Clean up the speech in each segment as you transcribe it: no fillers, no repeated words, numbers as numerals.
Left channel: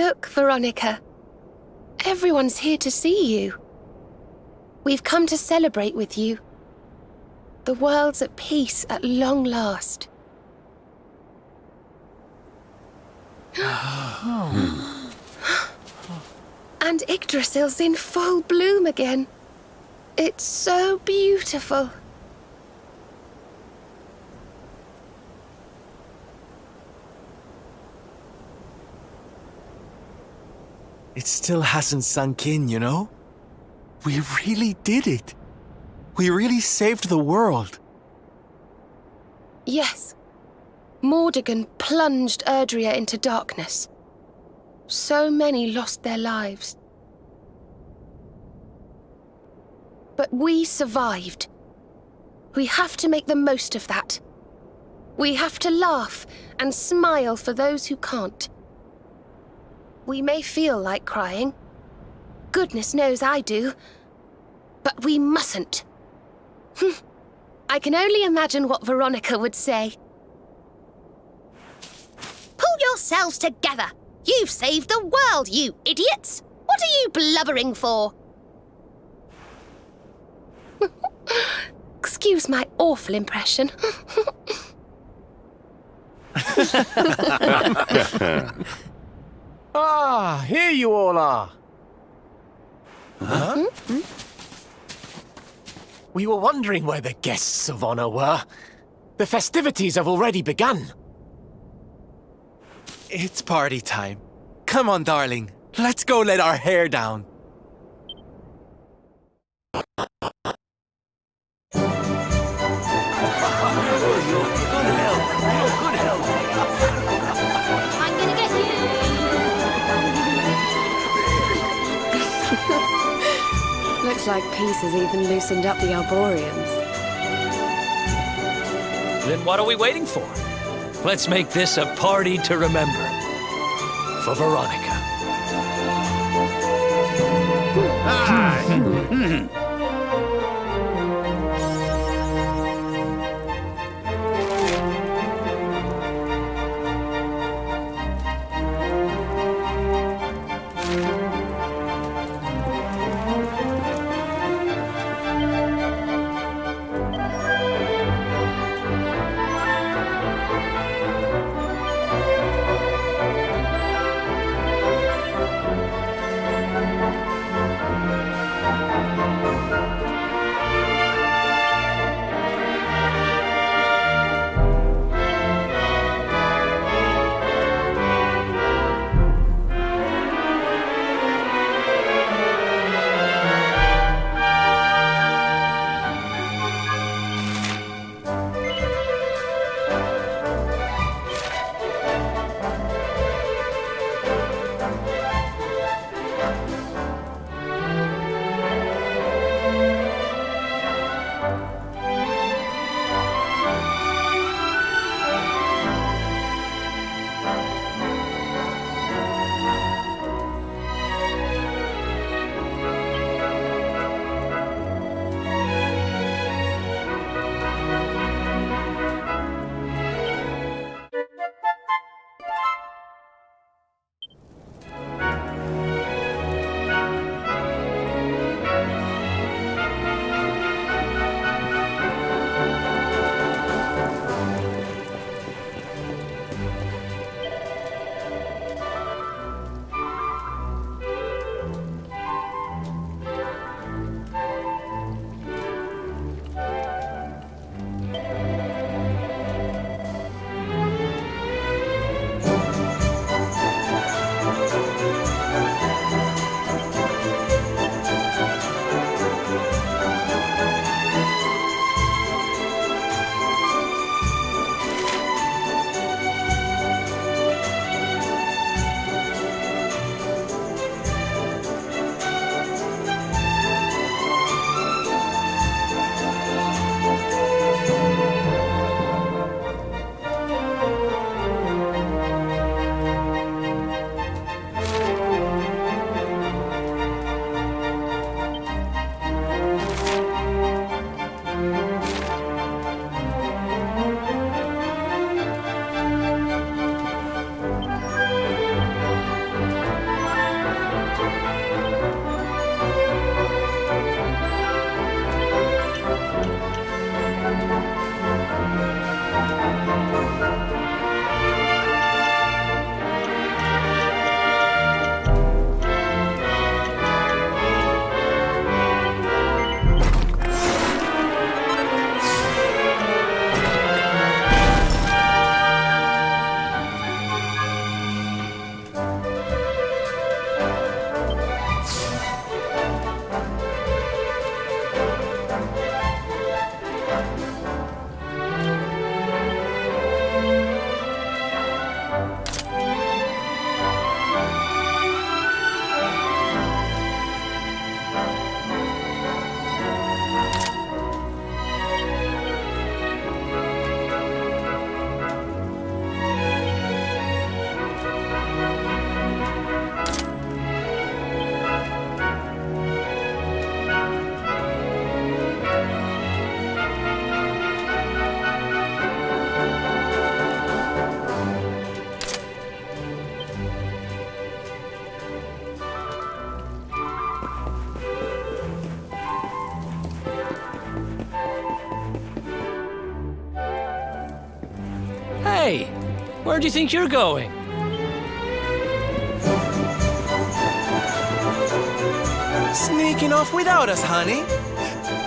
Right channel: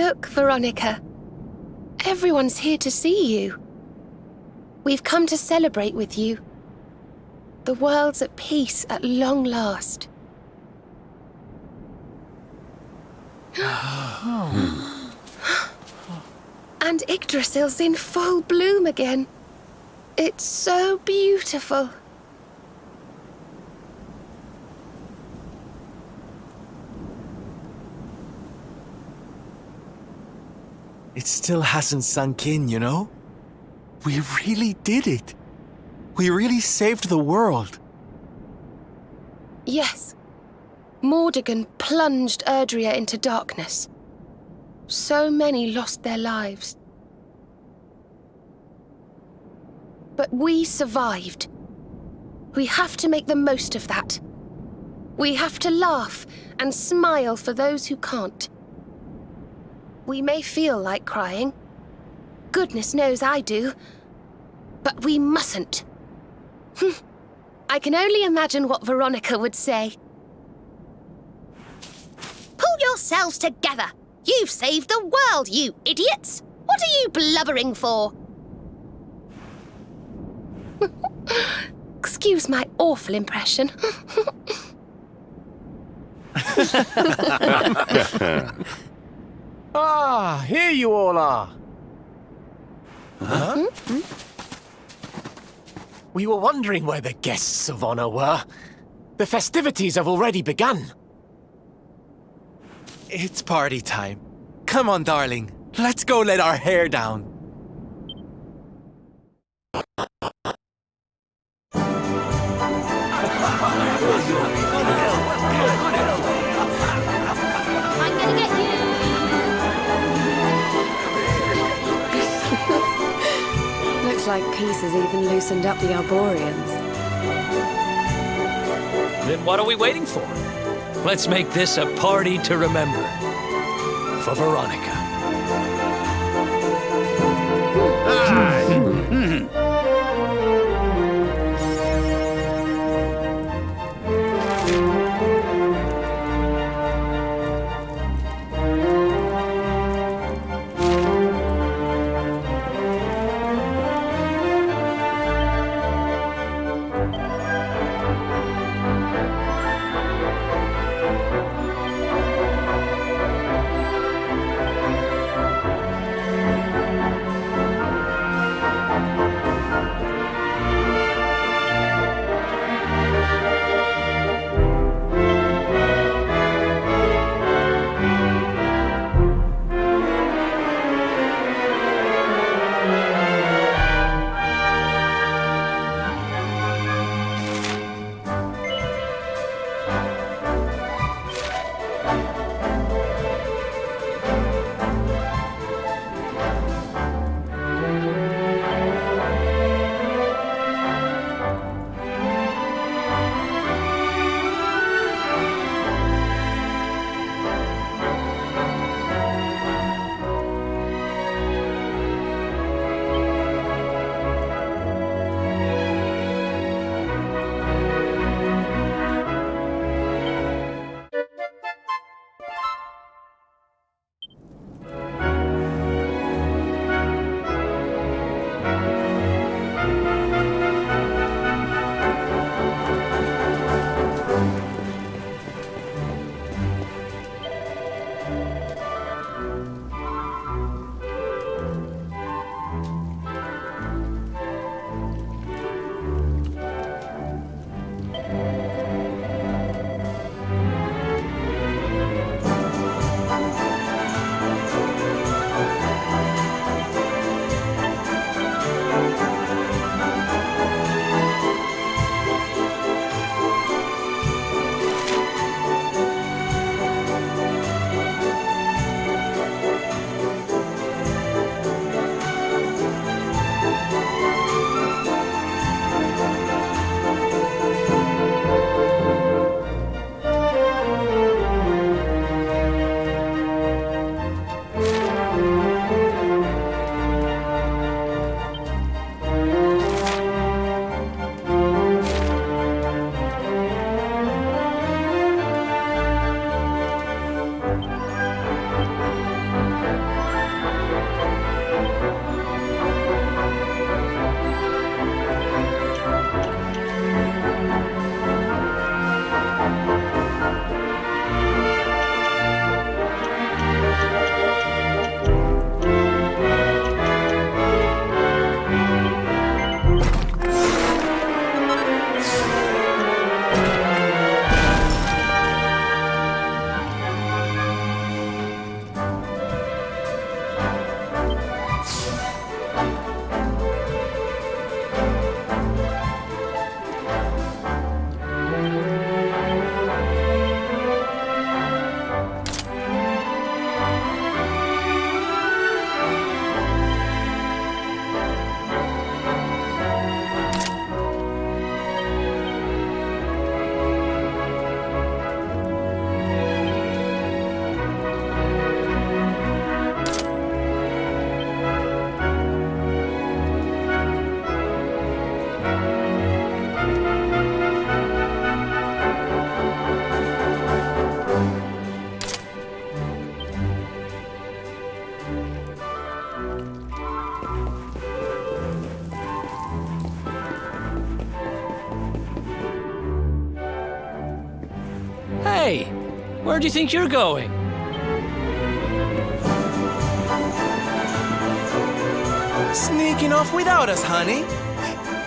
Look, Veronica. Everyone's here to see you. We've come to celebrate with you. The world's at peace at long last. And Yggdrasil's in full bloom again. It's so beautiful. It still hasn't sunk in, you know? We really did it. We really saved the world. Yes. Mordegon plunged Erdrea into darkness. So many lost their lives. But we survived. We have to make the most of that. We have to laugh and smile for those who can't. We may feel like crying. Goodness knows I do. But we mustn't. I can only imagine what Veronica would say. Pull yourselves together! You've saved the world, you idiots! What are you blubbering for? Excuse my awful impression. Ah, here you all are. Huh? We were wondering where the guests of honor were. The festivities have already begun. It's party time. Come on, darling. Let's go let our hair down. I'm gonna get you! Looks like peace has even loosened up the Arborians. Then what are we waiting for? Let's make this a party to remember. For Veronica. Hey, where do you think you're going? Sneaking off without us, honey.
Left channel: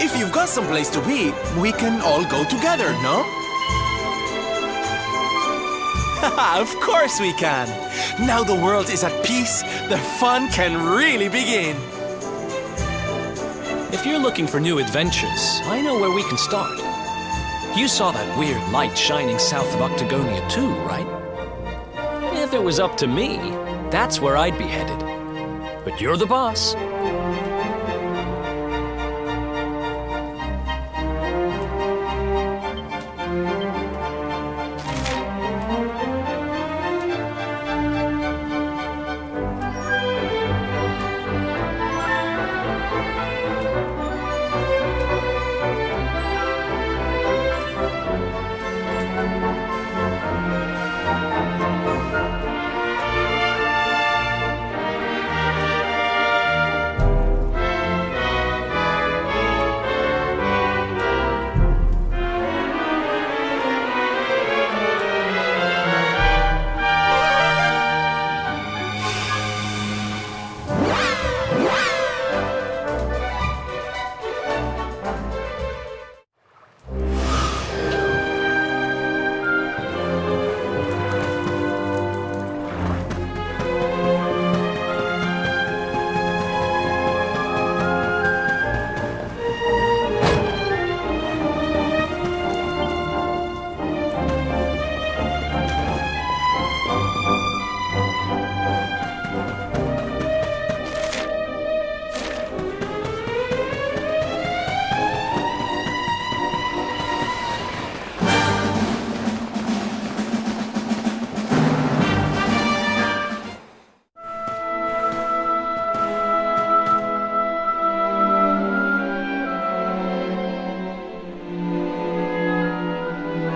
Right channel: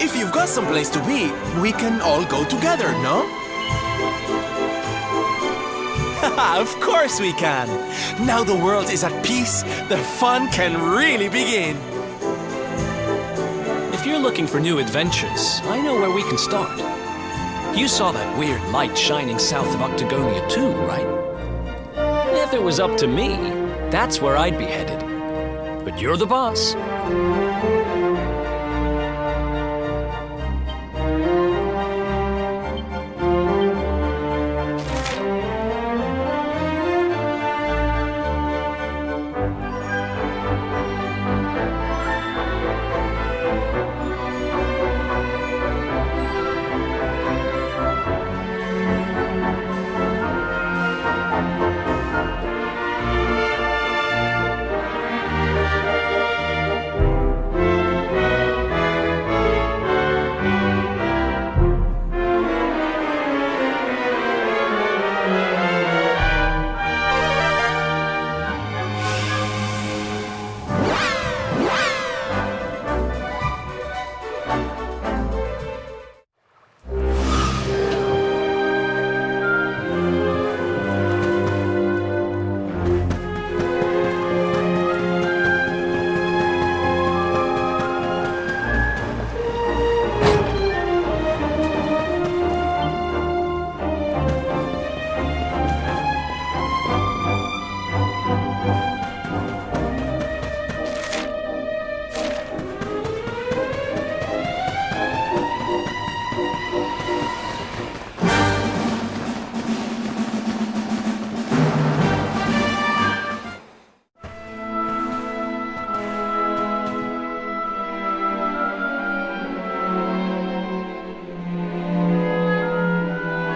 If you've got someplace to be, we can all go together, no? Of course we can. Now the world is at peace, the fun can really begin. If you're looking for new adventures, I know where we can start. You saw that weird light shining south of Octagonia too, right? If it was up to me, that's where I'd be headed. But you're the boss.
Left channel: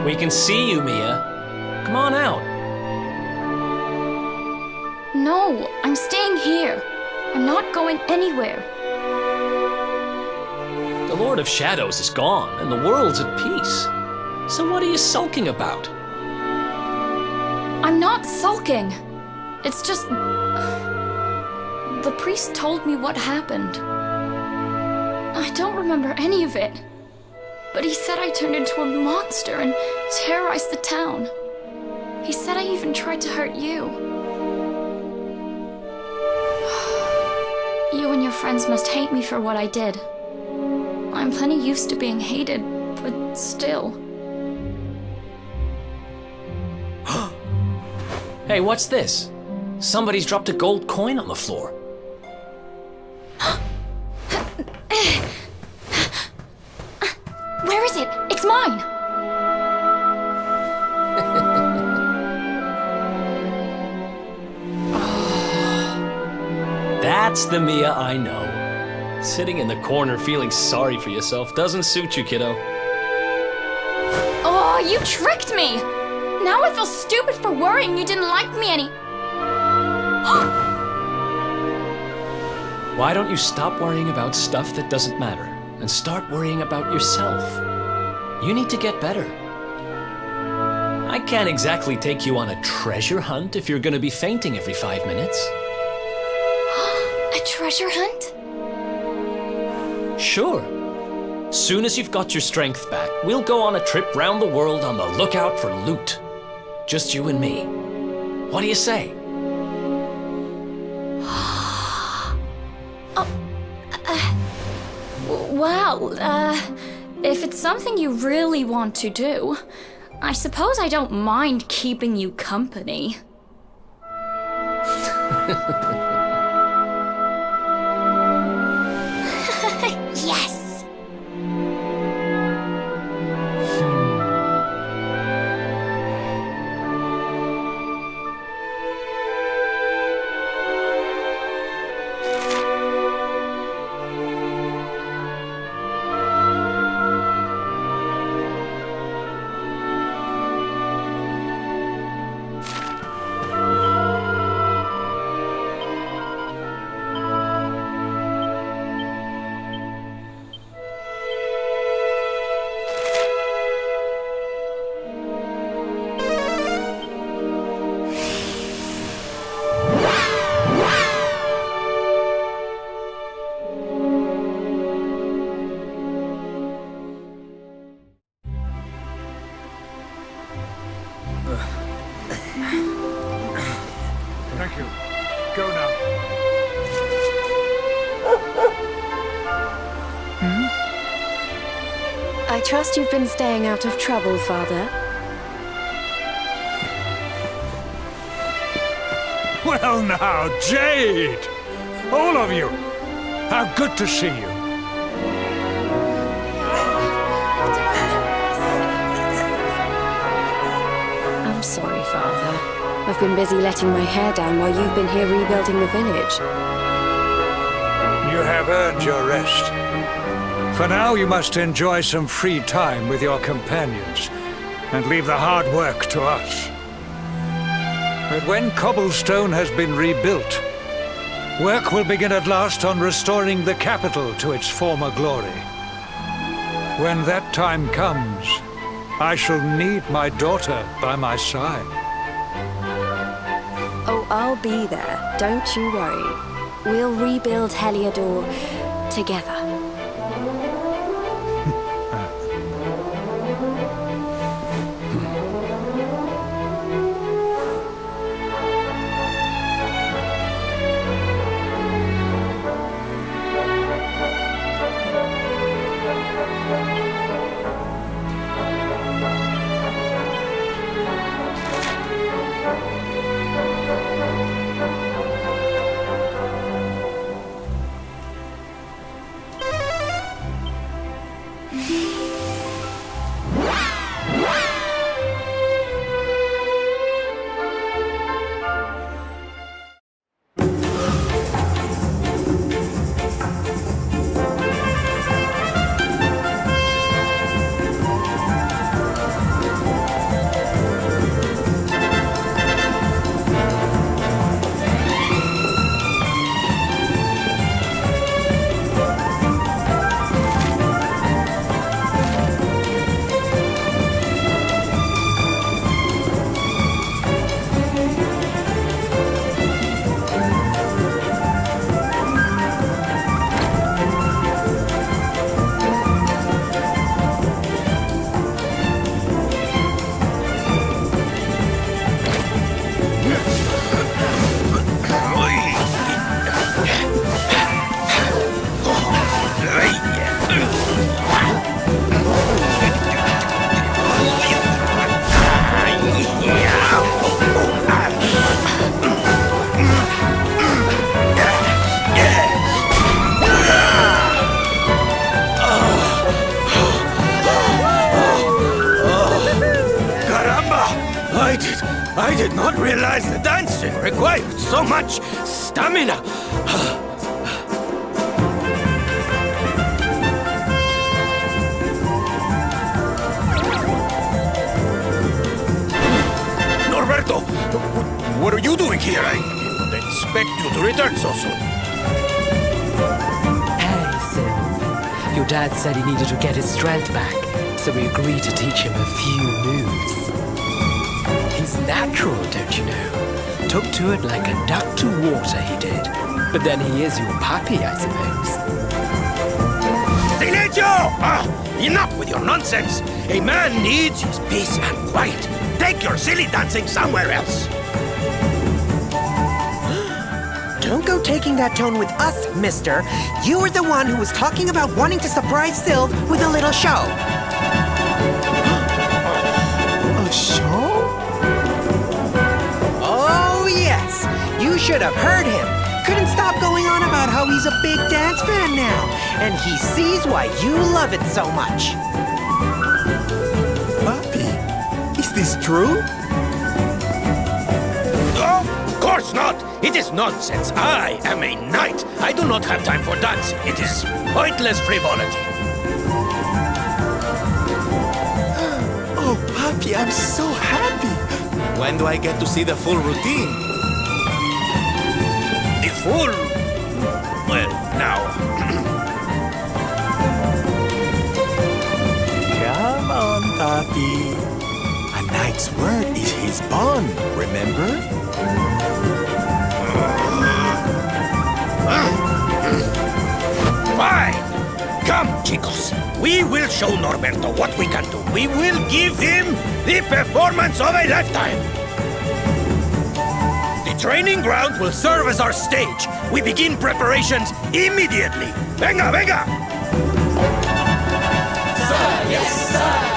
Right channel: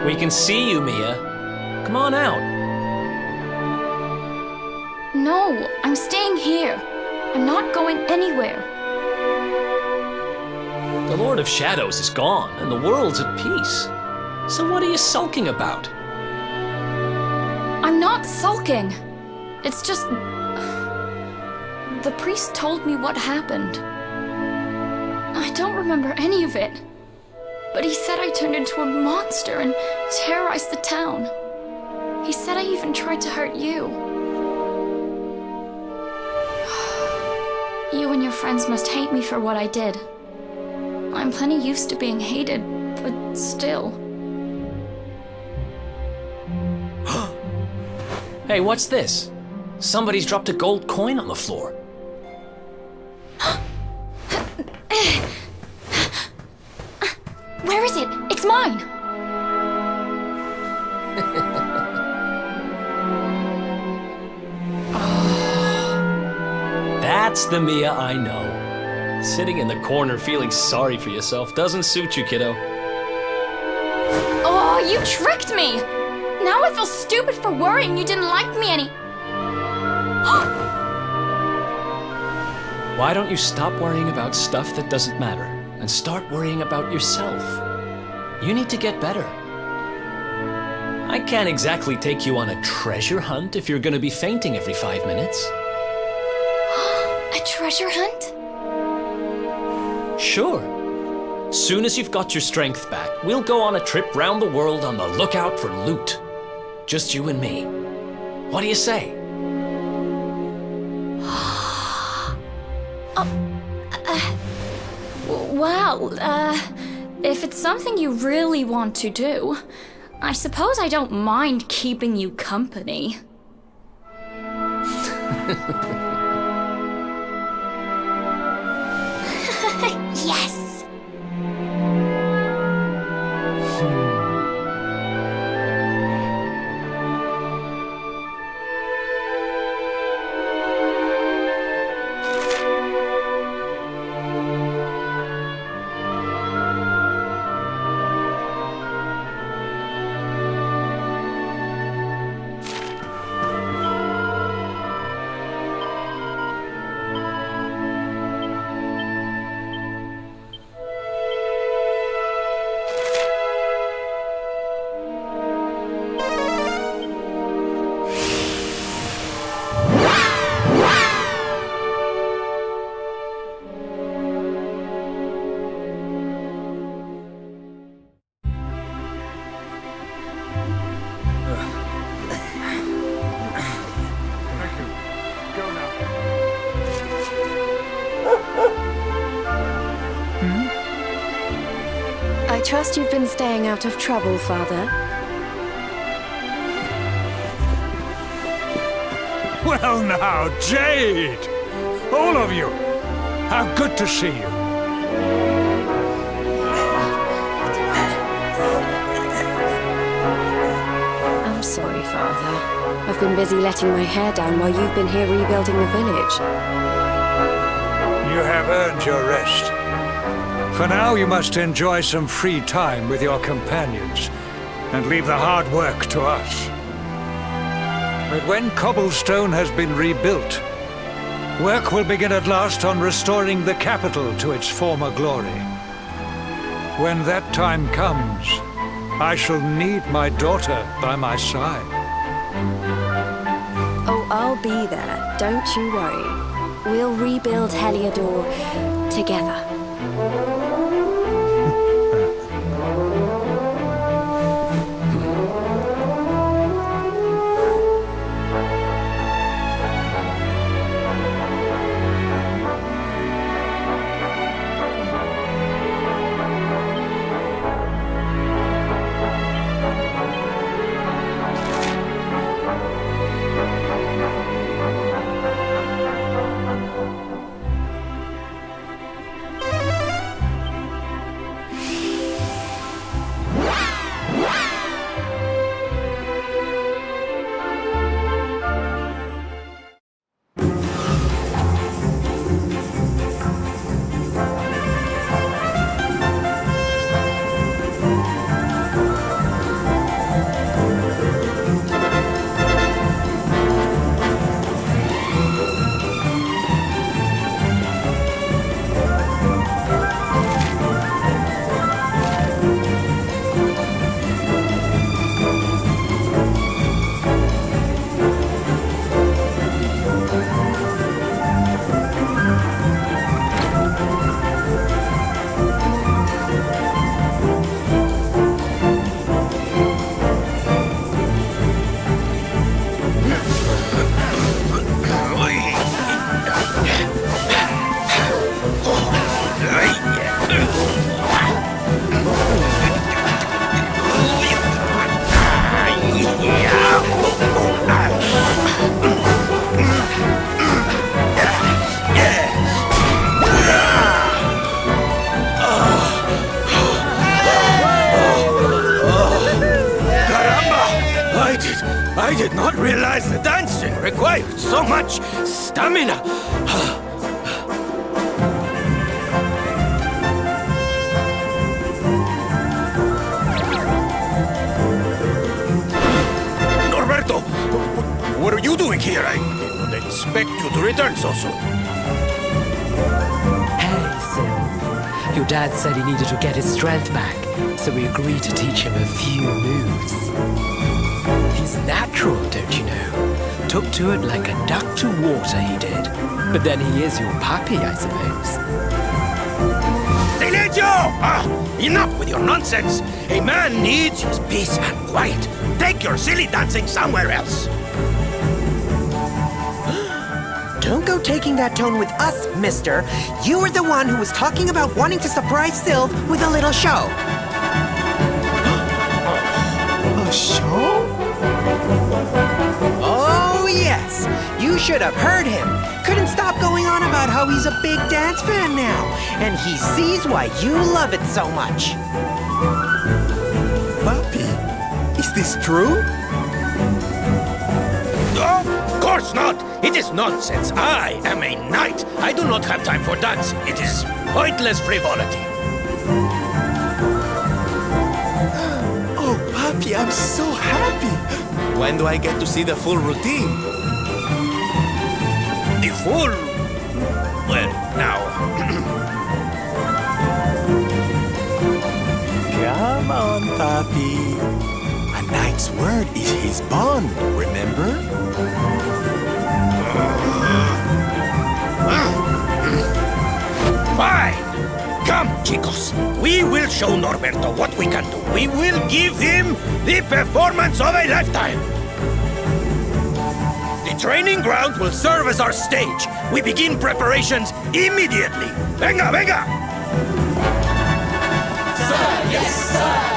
We can see you, Mia. Come on out. No, I'm staying here. I'm not going anywhere. The Lord of Shadows is gone, and the world's at peace. So what are you sulking about? I'm not sulking. It's just... The priest told me what happened. I don't remember any of it. But he said I turned into a monster and terrorized the town. He said I even tried to hurt you. You and your friends must hate me for what I did. I'm plenty used to being hated, but still. Hey, what's this? Somebody's dropped a gold coin on the floor. Where is it? It's mine! That's the Mia I know. Sitting in the corner feeling sorry for yourself doesn't suit you, kiddo. Oh, you tricked me! Now I feel stupid for worrying you didn't like me any... Why don't you stop worrying about stuff that doesn't matter and start worrying about yourself? You need to get better. I can't exactly take you on a treasure hunt if you're gonna be fainting every 5 minutes. A treasure hunt? Sure. Soon as you've got your strength back, we'll go on a trip round the world on the lookout for loot. Just you and me. What do you say? Wow, If it's something you really want to do, I suppose I don't mind keeping you company. Yes! Thank you. Go now. I trust you've been staying out of trouble, Father. Well now, Jade! All of you! How good to see you. I'm sorry, Father. I've been busy letting my hair down while you've been here rebuilding the village. You have earned your rest. For now, you must enjoy some free time with your companions and leave the hard work to us. But when cobblestone has been rebuilt, work will begin at last on restoring the capital to its former glory. When that time comes, I shall need my daughter by my side. Oh, I'll be there. Don't you worry. We'll rebuild Heliodor together. I did not realize the dancing required so much stamina. Norberto, what are you doing here? I did not expect you to return so soon. Hey, Sil. Your dad said he needed to get his strength back, so we agreed to teach him a few moves. He's natural, don't you know? Took to it like a duck to water, he did. But then he is your puppy, I suppose. Silencio! Enough with your nonsense! A man needs his peace and quiet. Take your silly dancing somewhere else. Don't go taking that tone with us, mister. You were the one who was talking about wanting to surprise Sylv with a little show. A show? Oh, yes. You should have heard him. Couldn't stop going on about how he's a big dance fan now. And he sees why you love it so much. Papi, is this true? Of course not! It is nonsense. I am a knight. I do not have time for dancing. It is pointless frivolity. Oh, Papi, I'm so happy. When do I get to see the full routine? The full... Well, now... Come on, Papi. A knight's word is his bond, remember? Fine! Come, chicos. We will show Norberto what we can do. We will give him the performance of a lifetime. The training ground will serve as our stage. We begin preparations immediately. Venga, venga! Sir, yes, sir!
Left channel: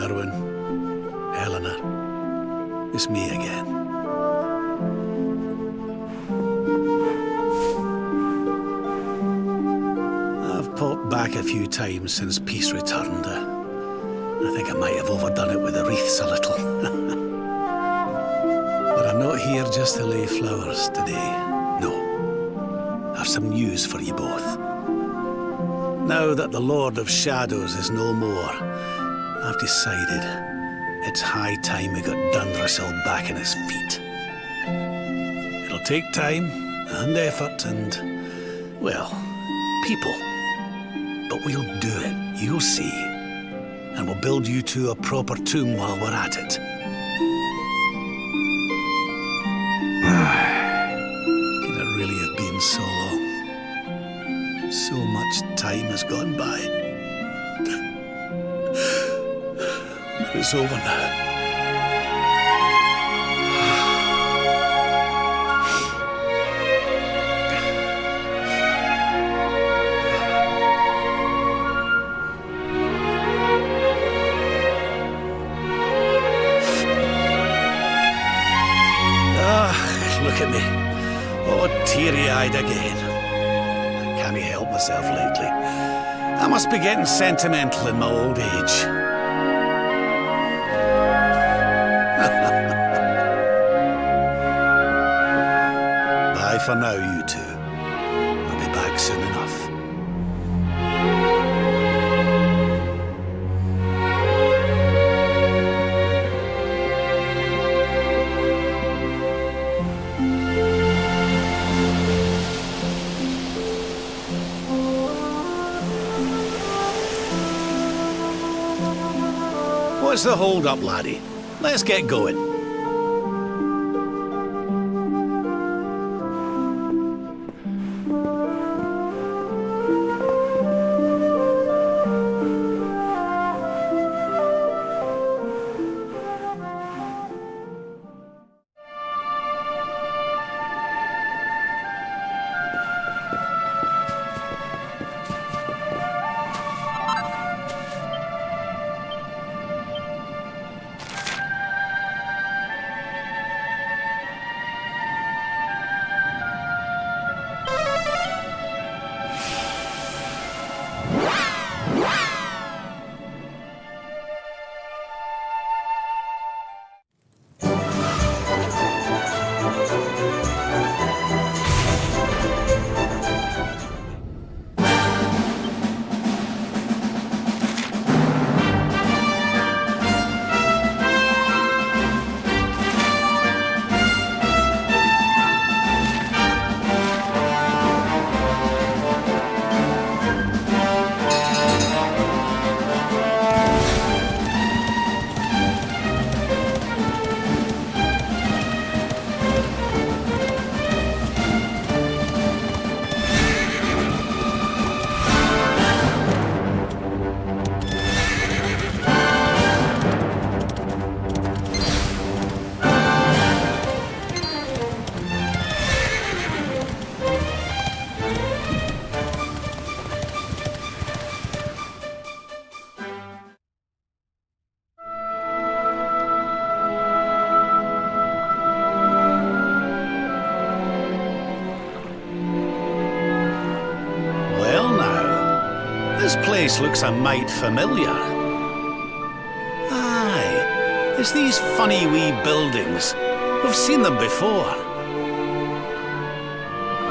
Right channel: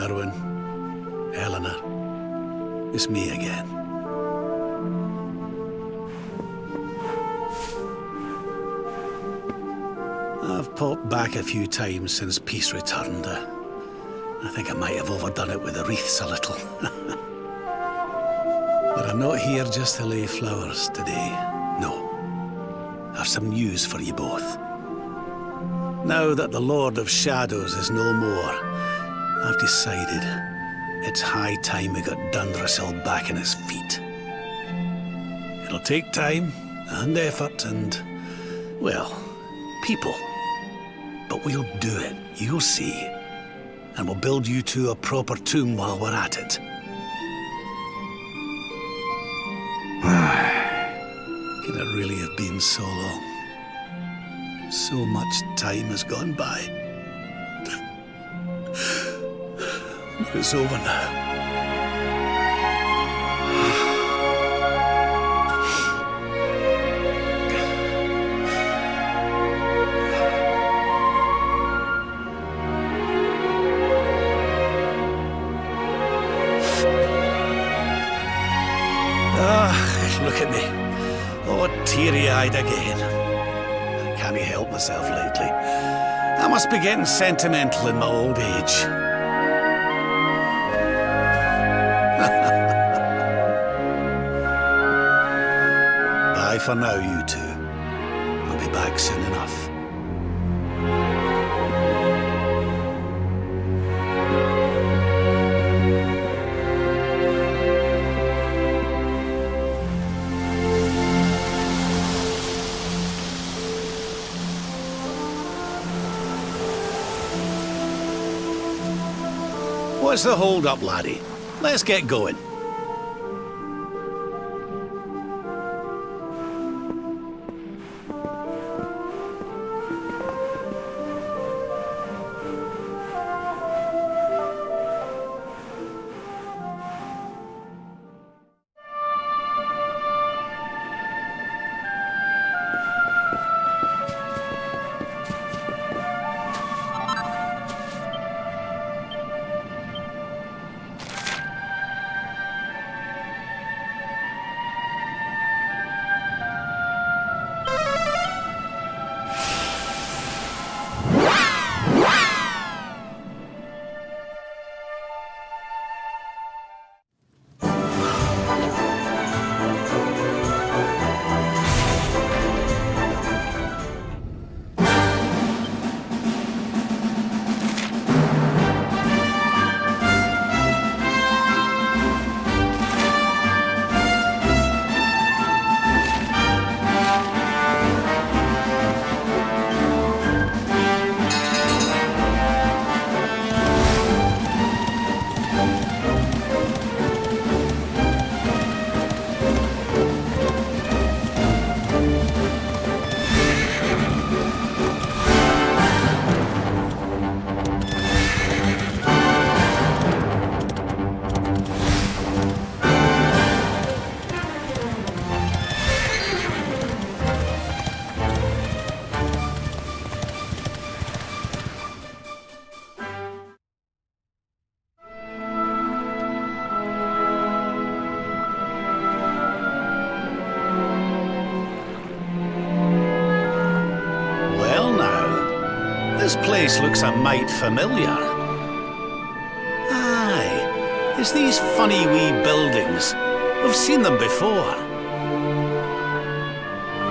Erwin, Eleanor, it's me again. I've popped back a few times since peace returned. I think I might have overdone it with the wreaths a little. But I'm not here just to lay flowers today. No. I've some news for you both. Now that the Lord of Shadows is no more, I've decided It's high time we got Dundrussel back on his feet. It'll take time and effort and, well, people. But we'll do it, you'll see. And we'll build you two a proper tomb while we're at it. Can it really have been so long? So much time has gone by. But it's over now. Look at me. Oh, teary-eyed again. I can't help myself lately. I must be getting sentimental in my old age. Bye for now, you two. I'll be back soon enough. What's the hold-up, laddie? Let's get going. This place looks a mite familiar. Aye, it's these funny wee buildings. We've seen them before.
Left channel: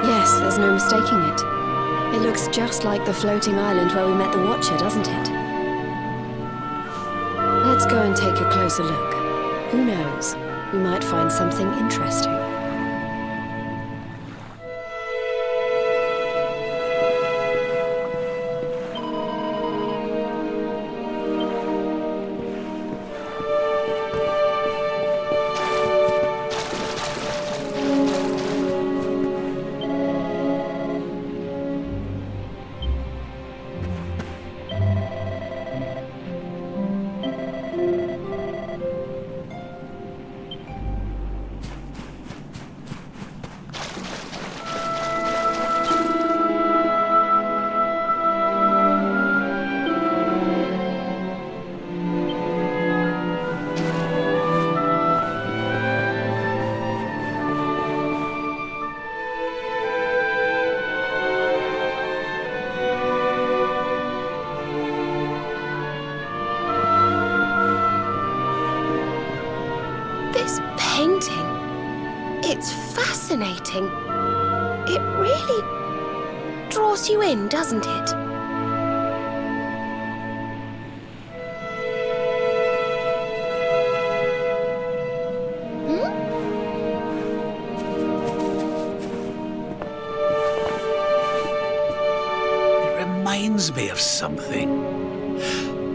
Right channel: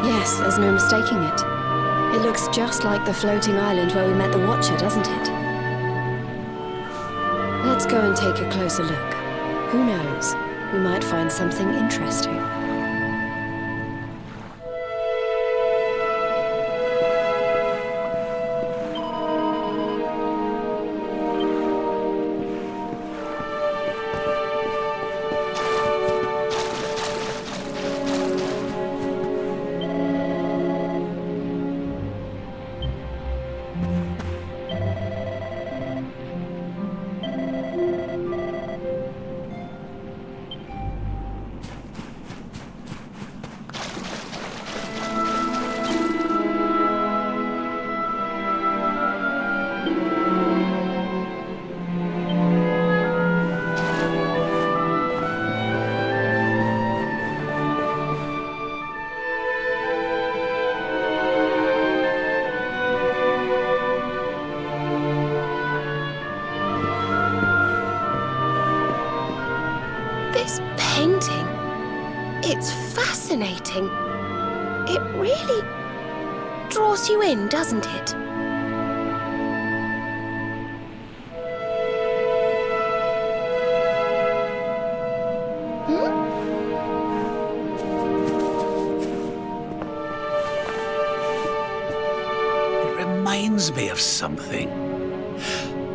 Yes, there's no mistaking it. It looks just like the floating island where we met the Watcher, doesn't it? Let's go and take a closer look. Who knows? We might find something interesting. This painting, it's fascinating. It really draws you in, doesn't it? reminds me of something.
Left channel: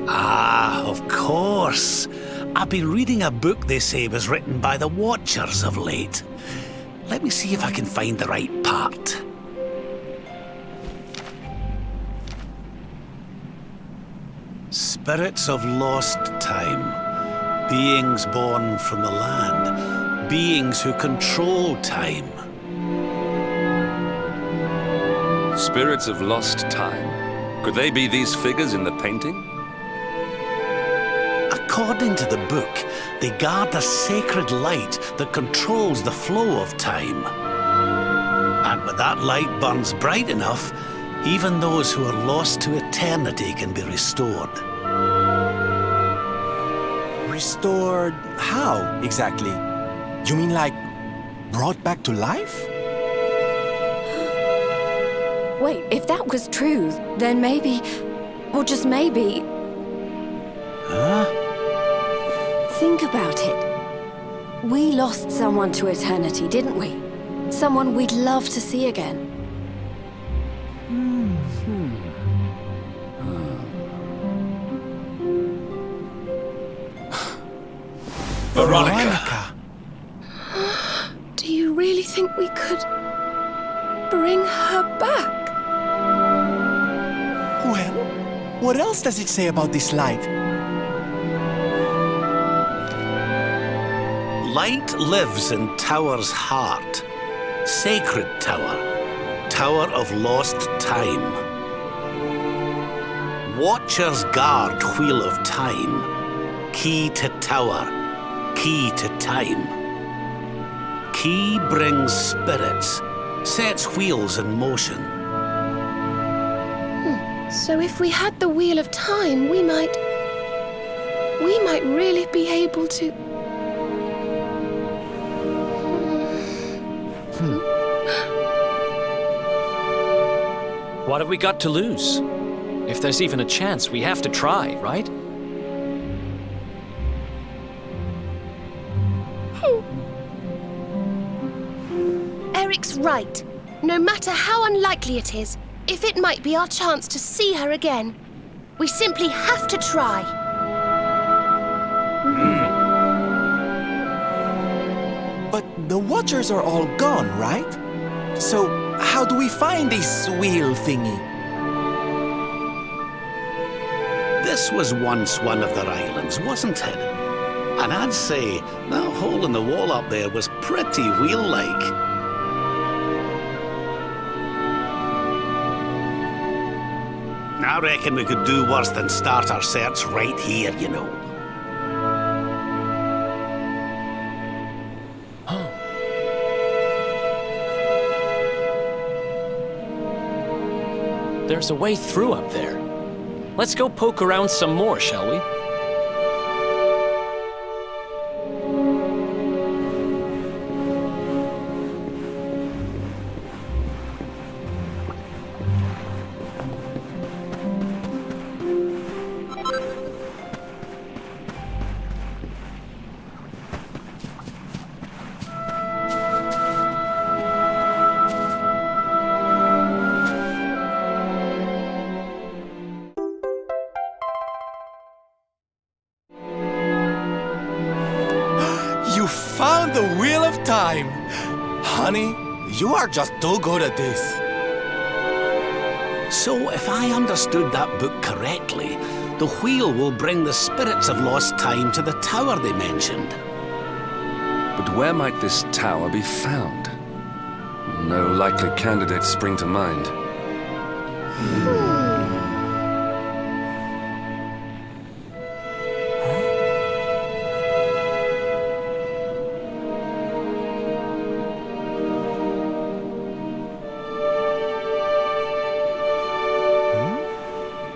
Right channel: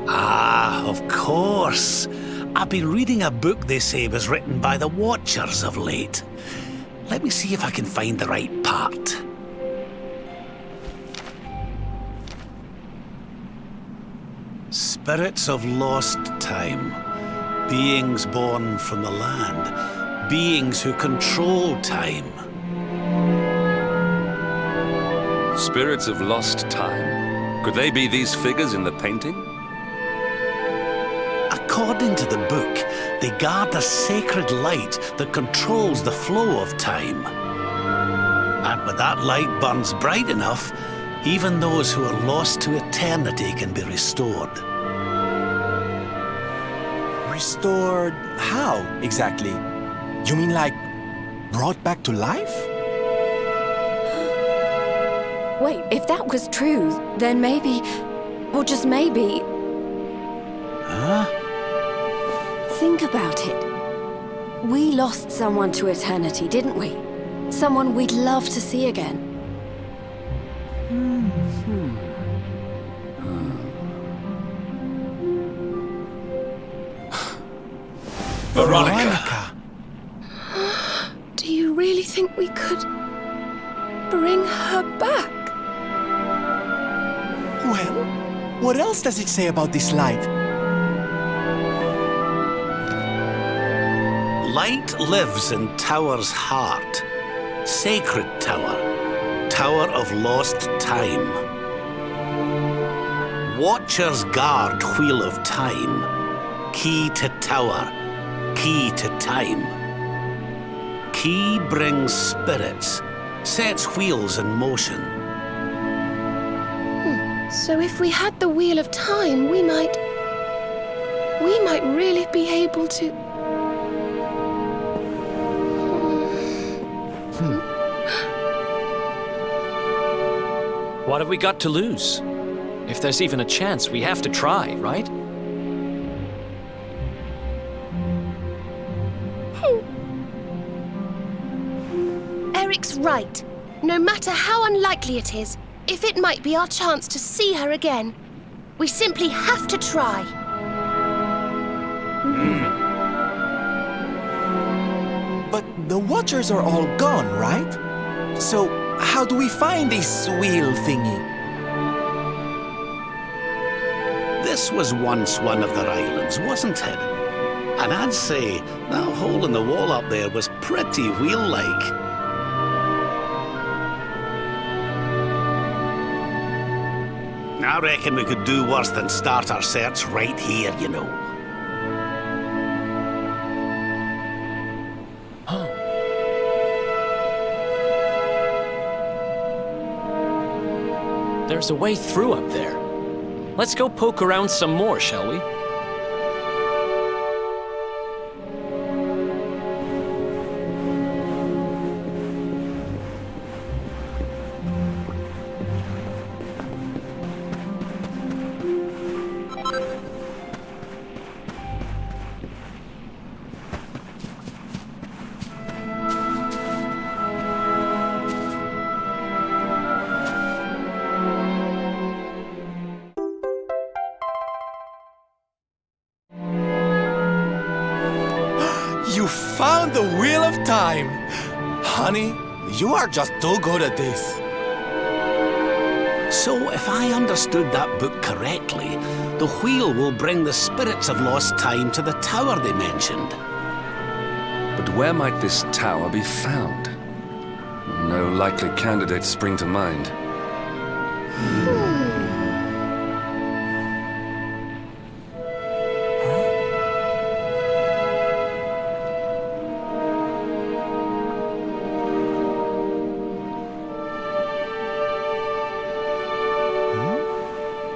Ah, of course. I've been reading a book they say was written by the Watchers of late. Let me see if I can find the right part. Spirits of lost time. Beings born from the land. Beings who control time. Spirits of lost time? Could they be these figures in the painting? According to the book, they guard a sacred light that controls the flow of time. And when that light burns bright enough, even those who are lost to eternity can be restored. Restored how, exactly? You mean like brought back to life? Wait, if that was true, then maybe, or just maybe... Huh? Think about it. We lost someone to eternity, didn't we? Someone we'd love to see again. Veronica! Do you really think we could bring her back? Well, what else does it say about this light? Light lives in Tower's heart. Sacred Tower. Tower of lost time. Watchers guard Wheel of Time. Key to Tower. Key to time. Key brings spirits. Sets wheels in motion. So if we had the Wheel of Time, we might really be able to... What have we got to lose? If there's even a chance, we have to try, right? Eric's right. No matter how unlikely it is, if it might be our chance to see her again, we simply have to try. But the Watchers are all gone, right? So how do we find this wheel thingy? This was once one of their islands, wasn't it? And I'd say that hole in the wall up there was pretty wheel-like. I reckon we could do worse than start our search right here, you know. There's a way through up there. Let's go poke around some more, shall we? You found the Wheel of Time! Honey, you are just too good at this. So, if I understood that book correctly, the wheel will bring the spirits of lost time to the tower they mentioned. But where might this tower be found? No likely candidates spring to mind.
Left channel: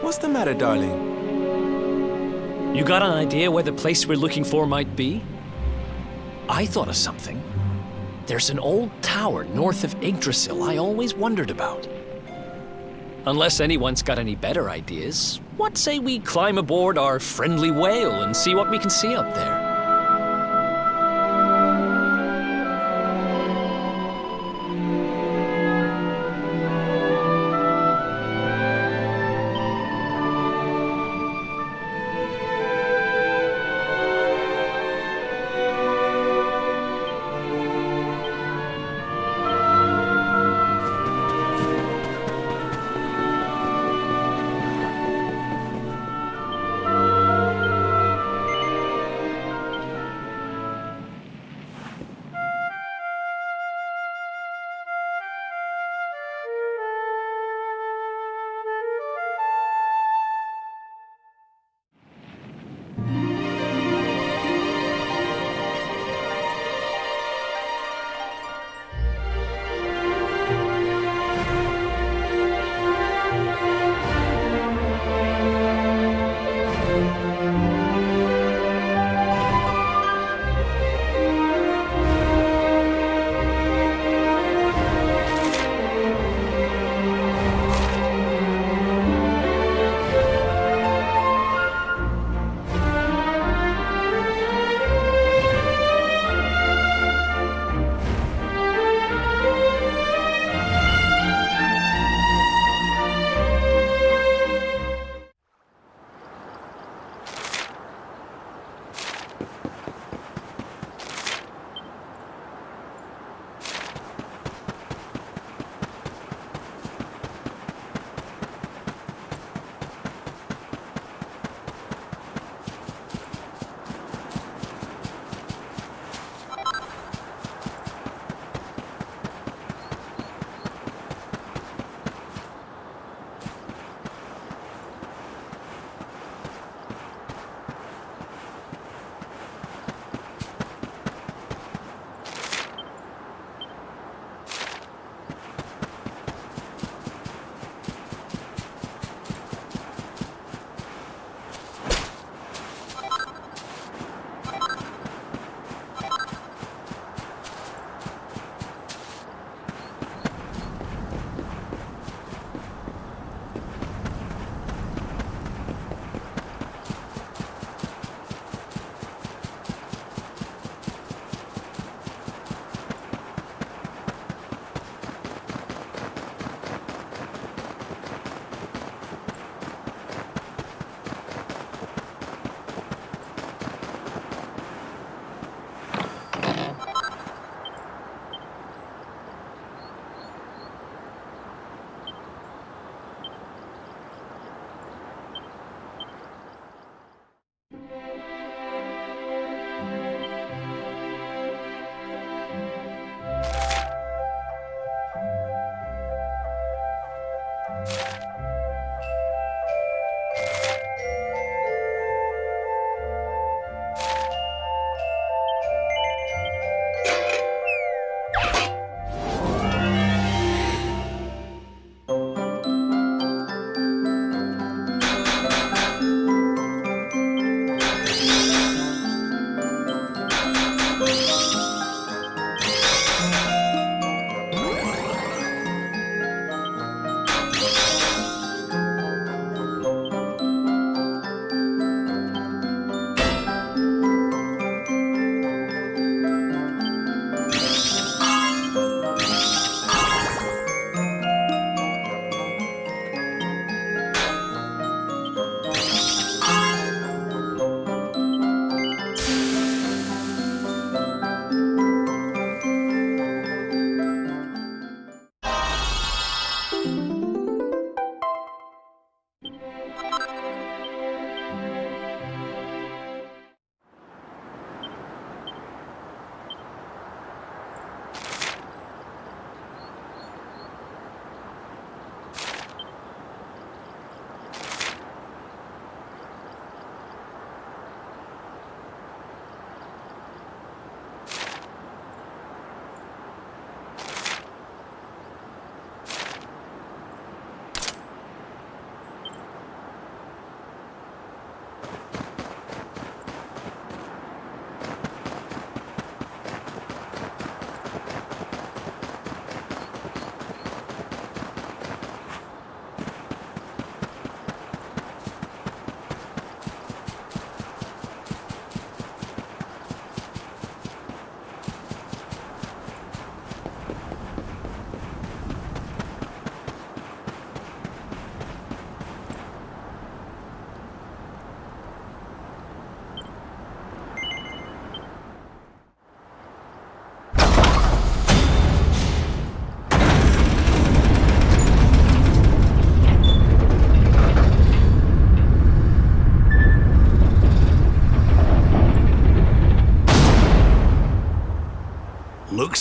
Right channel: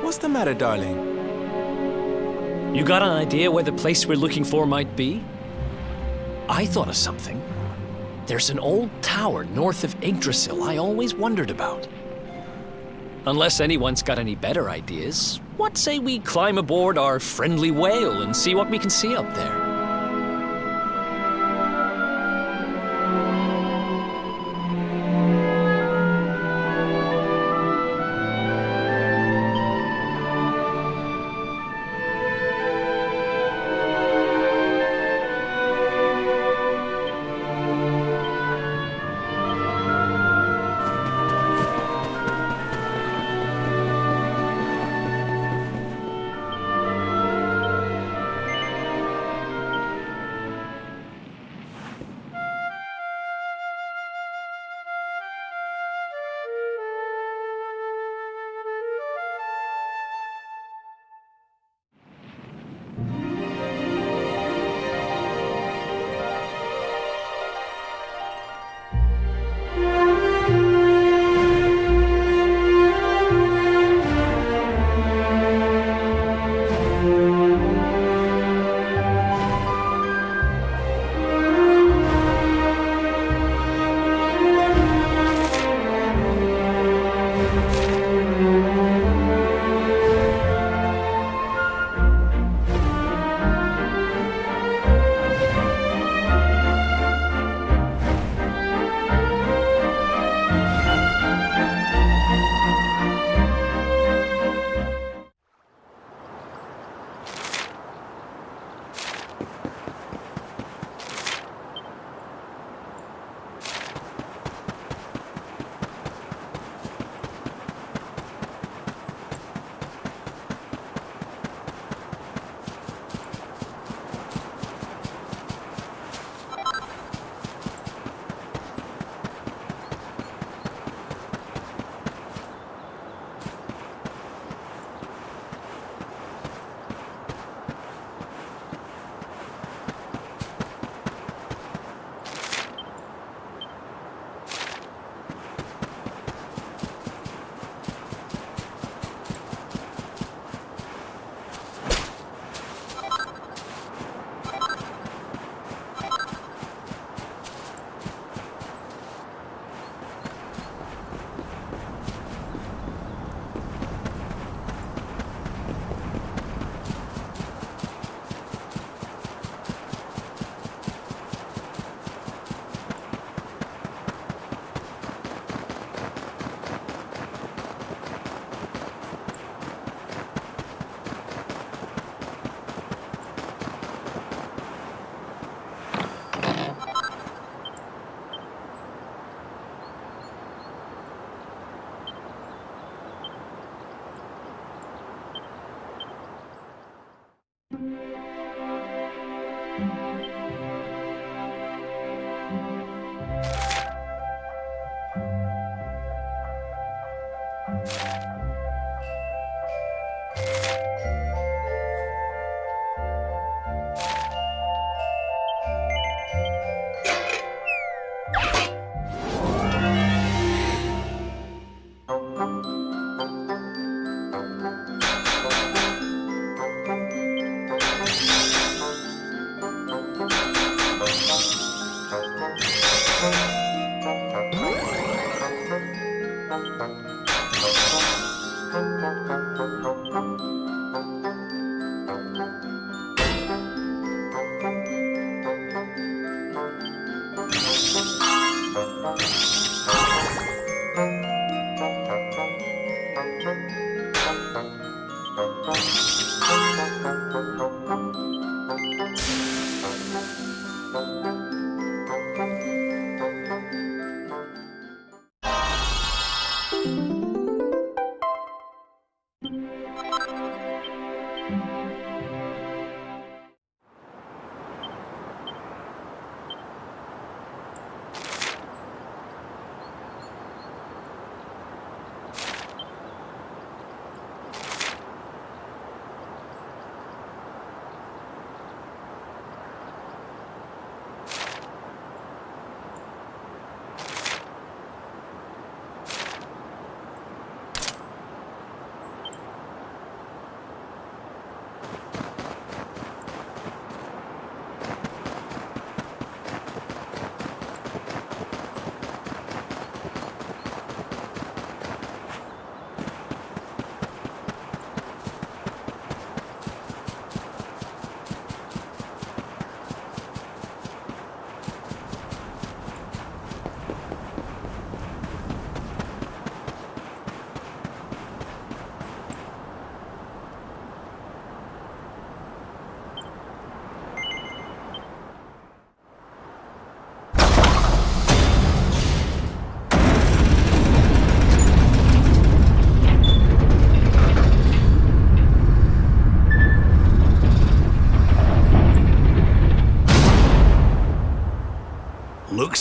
What's the matter, darling? You got an idea where the place we're looking for might be? I thought of something. There's an old tower north of Yggdrasil I always wondered about. Unless anyone's got any better ideas, what say we climb aboard our friendly whale and see what we can see up there?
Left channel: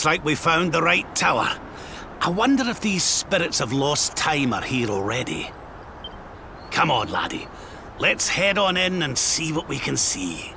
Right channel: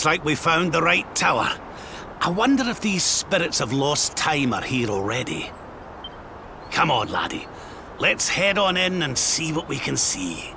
Looks like we found the right tower. I wonder if these spirits of lost time are here already. Come on, laddie. Let's head on in and see what we can see.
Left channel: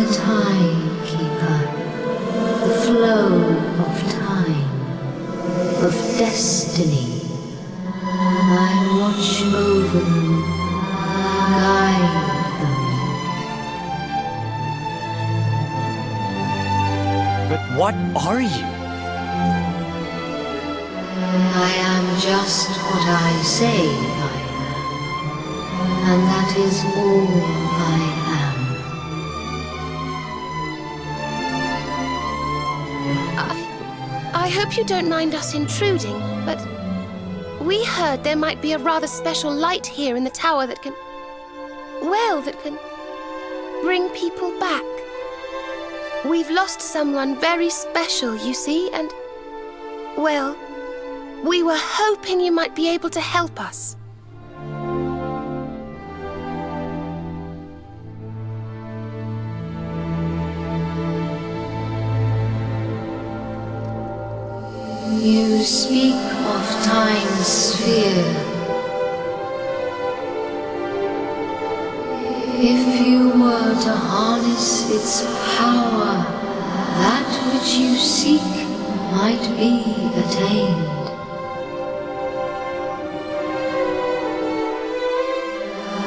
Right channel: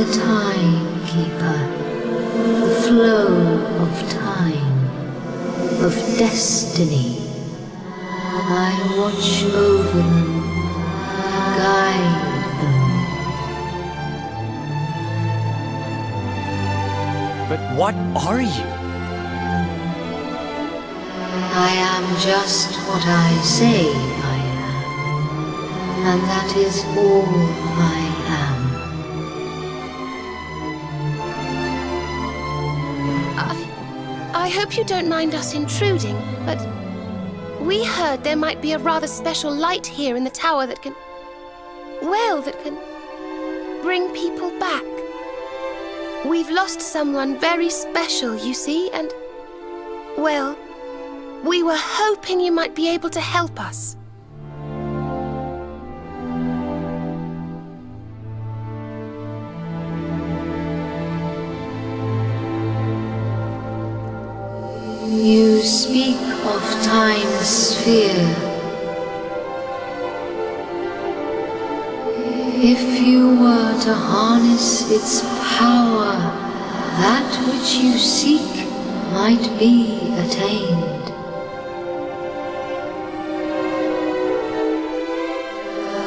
the timekeeper, the flow of time, of destiny. I watch over them, guide them. But what are you? I am just what I say I am, and that is all I am. I hope you don't mind us intruding, but we heard there might be a rather special light here in the tower that can... well, that can bring people back. We've lost someone very special, you see, and... well, we were hoping you might be able to help us. You speak of time's sphere. If you were to harness its power, that which you seek might be attained.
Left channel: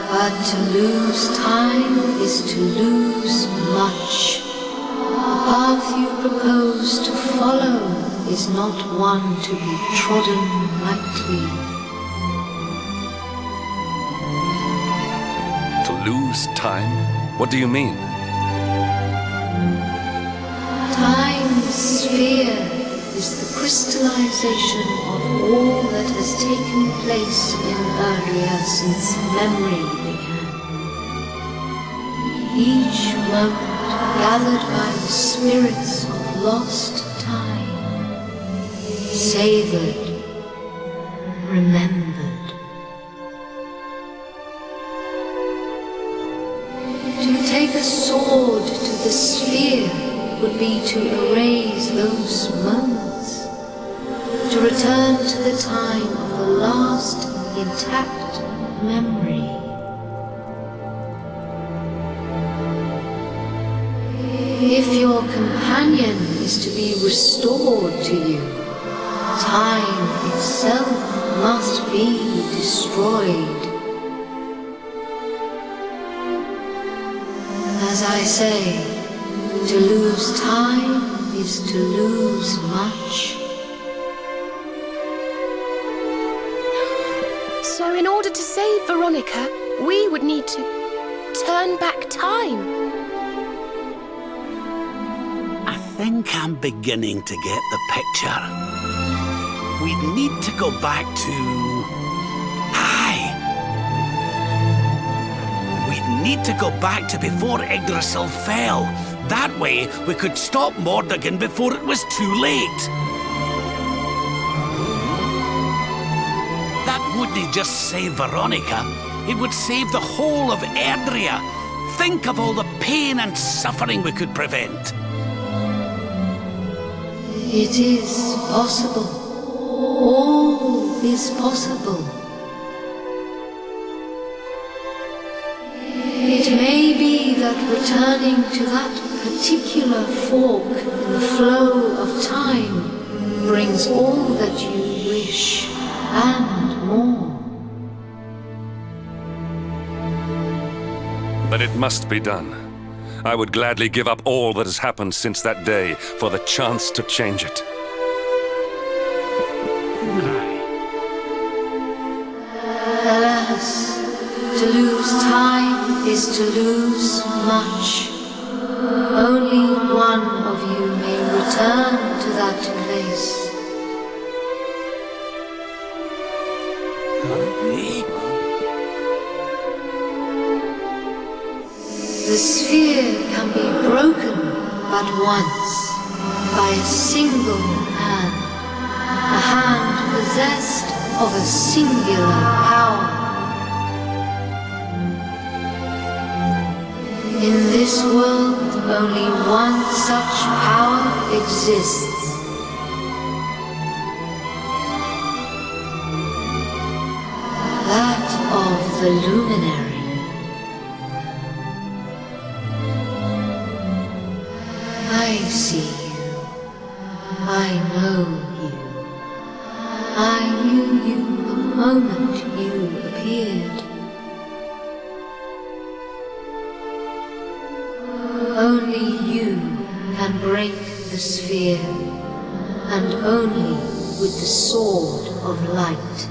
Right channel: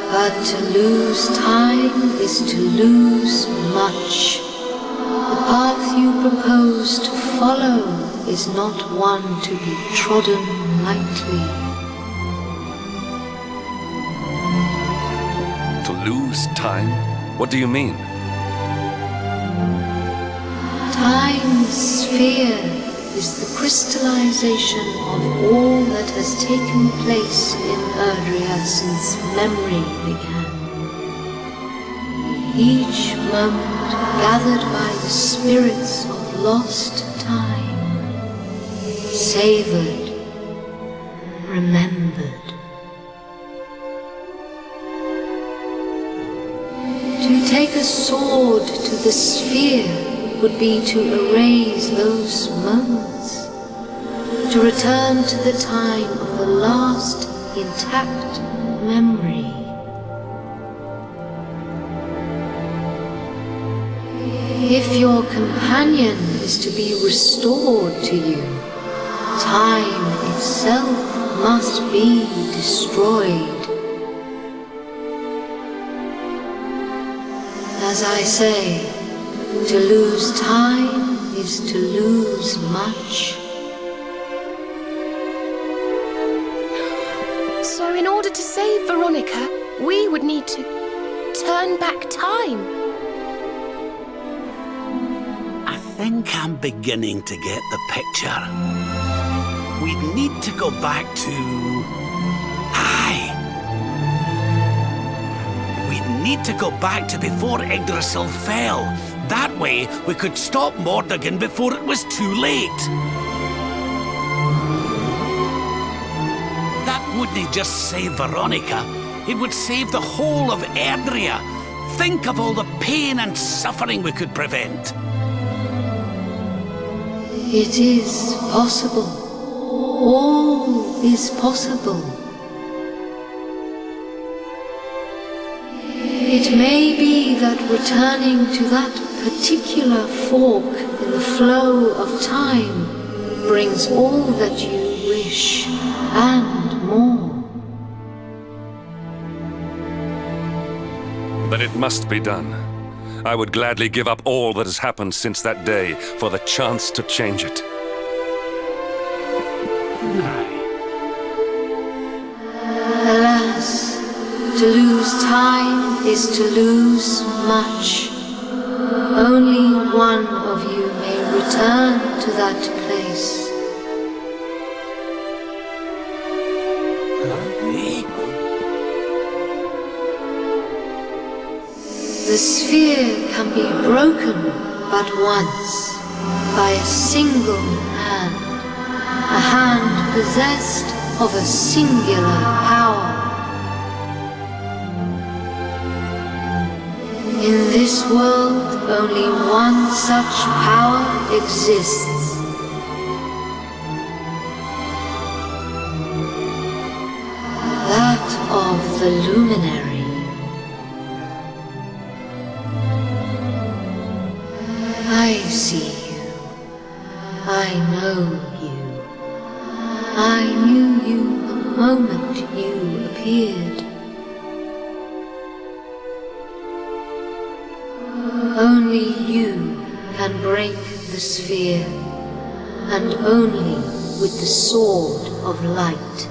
But to lose time is to lose much. The path you propose to follow is not one to be trodden lightly. To lose time? What do you mean? Time's sphere is the crystallization of all that has taken place in Erdrea since memory began. Each moment gathered by the spirits of lost time, savored, remembered. To take a sword to the sphere would be to erase those moments, to return to the time of the last intact memory. If your companion is to be restored to you, time itself must be destroyed. As I say, to lose time is to lose much. So in order to save Veronica, we would need to turn back time. I think I'm beginning to get the picture. We'd need to go back to... We'd need to go back to before Yggdrasil fell. That way, we could stop Mordegon before it was too late. That wouldn't just save Veronica. It would save the whole of Erdrea. Think of all the pain and suffering we could prevent. It is possible. All is possible. It may be that returning to that particular fork in the flow of time brings all that you wish and more. But it must be done. I would gladly give up all that has happened since that day for the chance to change it. Alas, to lose time is to lose much. Only one of you may return to that place. The sphere can be broken but once, by a single hand, a hand possessed of a singular power. In this world, only one such power exists. That of the luminary. I know you. I knew you the moment you appeared. Only you can break the sphere, and only with the sword of light.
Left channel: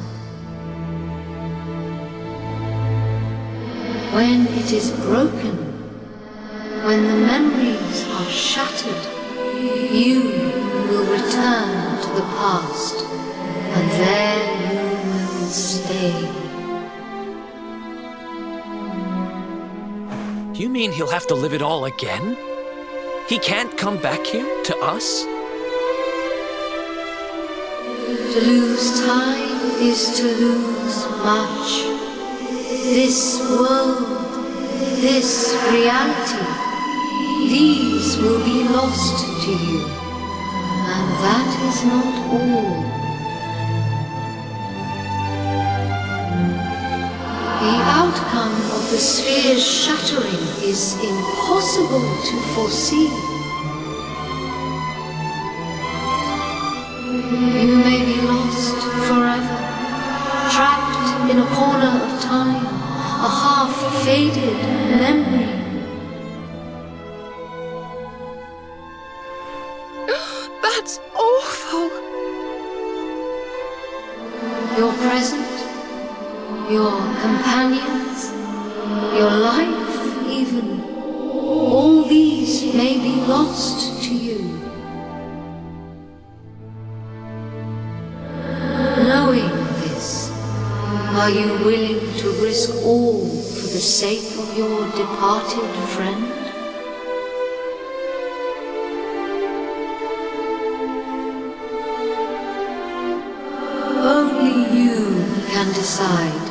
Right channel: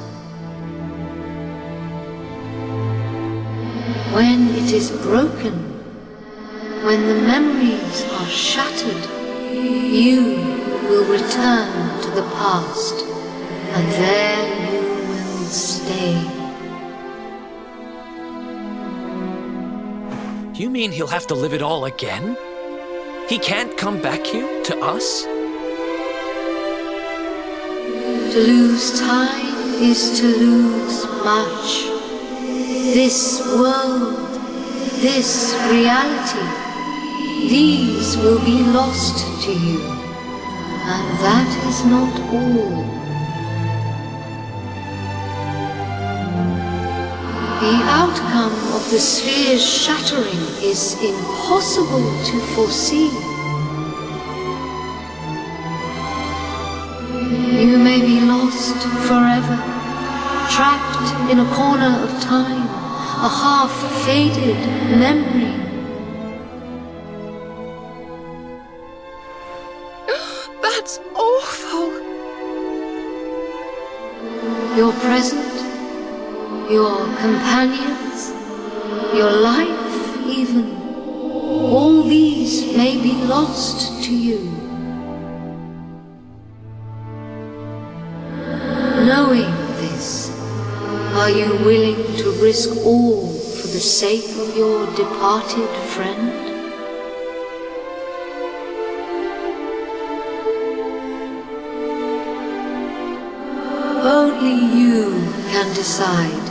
When it is broken, when the memories are shattered, you will return to the past, and there you will stay. You mean he'll have to live it all again? He can't come back here to us? To lose time is to lose much. This world, this reality, these will be lost to you, and that is not all. The outcome of the sphere's shattering is impossible to foresee. You may be lost forever, trapped in a corner of time, a half-faded memory. That's awful. Your present, your companions, your life even, all these may be lost to you. Knowing this, are you willing to risk all for the sake of your departed friend? Only you can decide.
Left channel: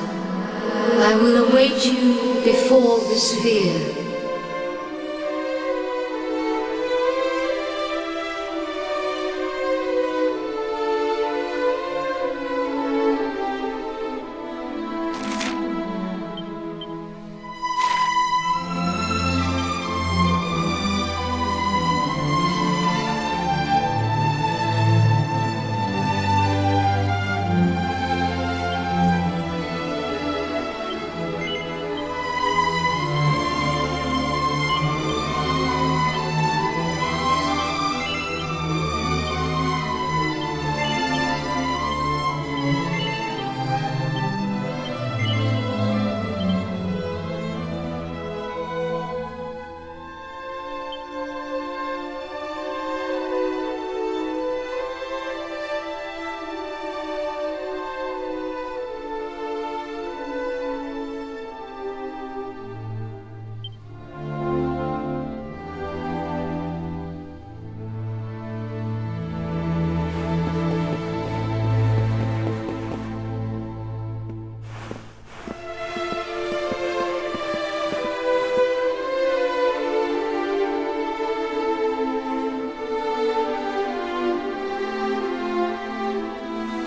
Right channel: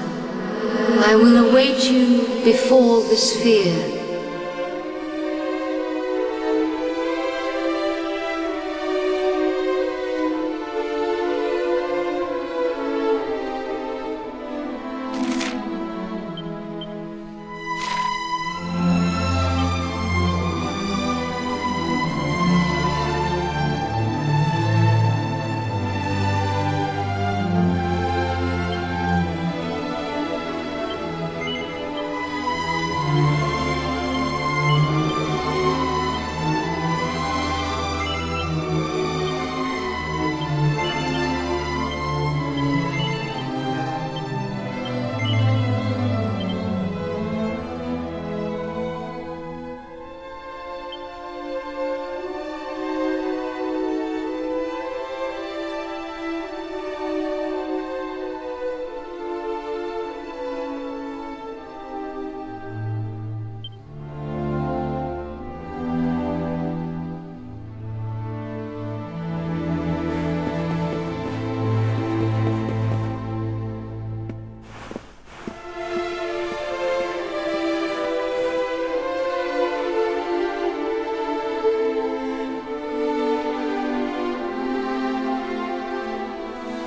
I will await you before the sphere.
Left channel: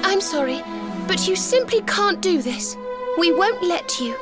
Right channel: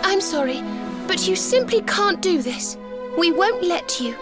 I'm sorry, but you simply can't do this. We won't let you.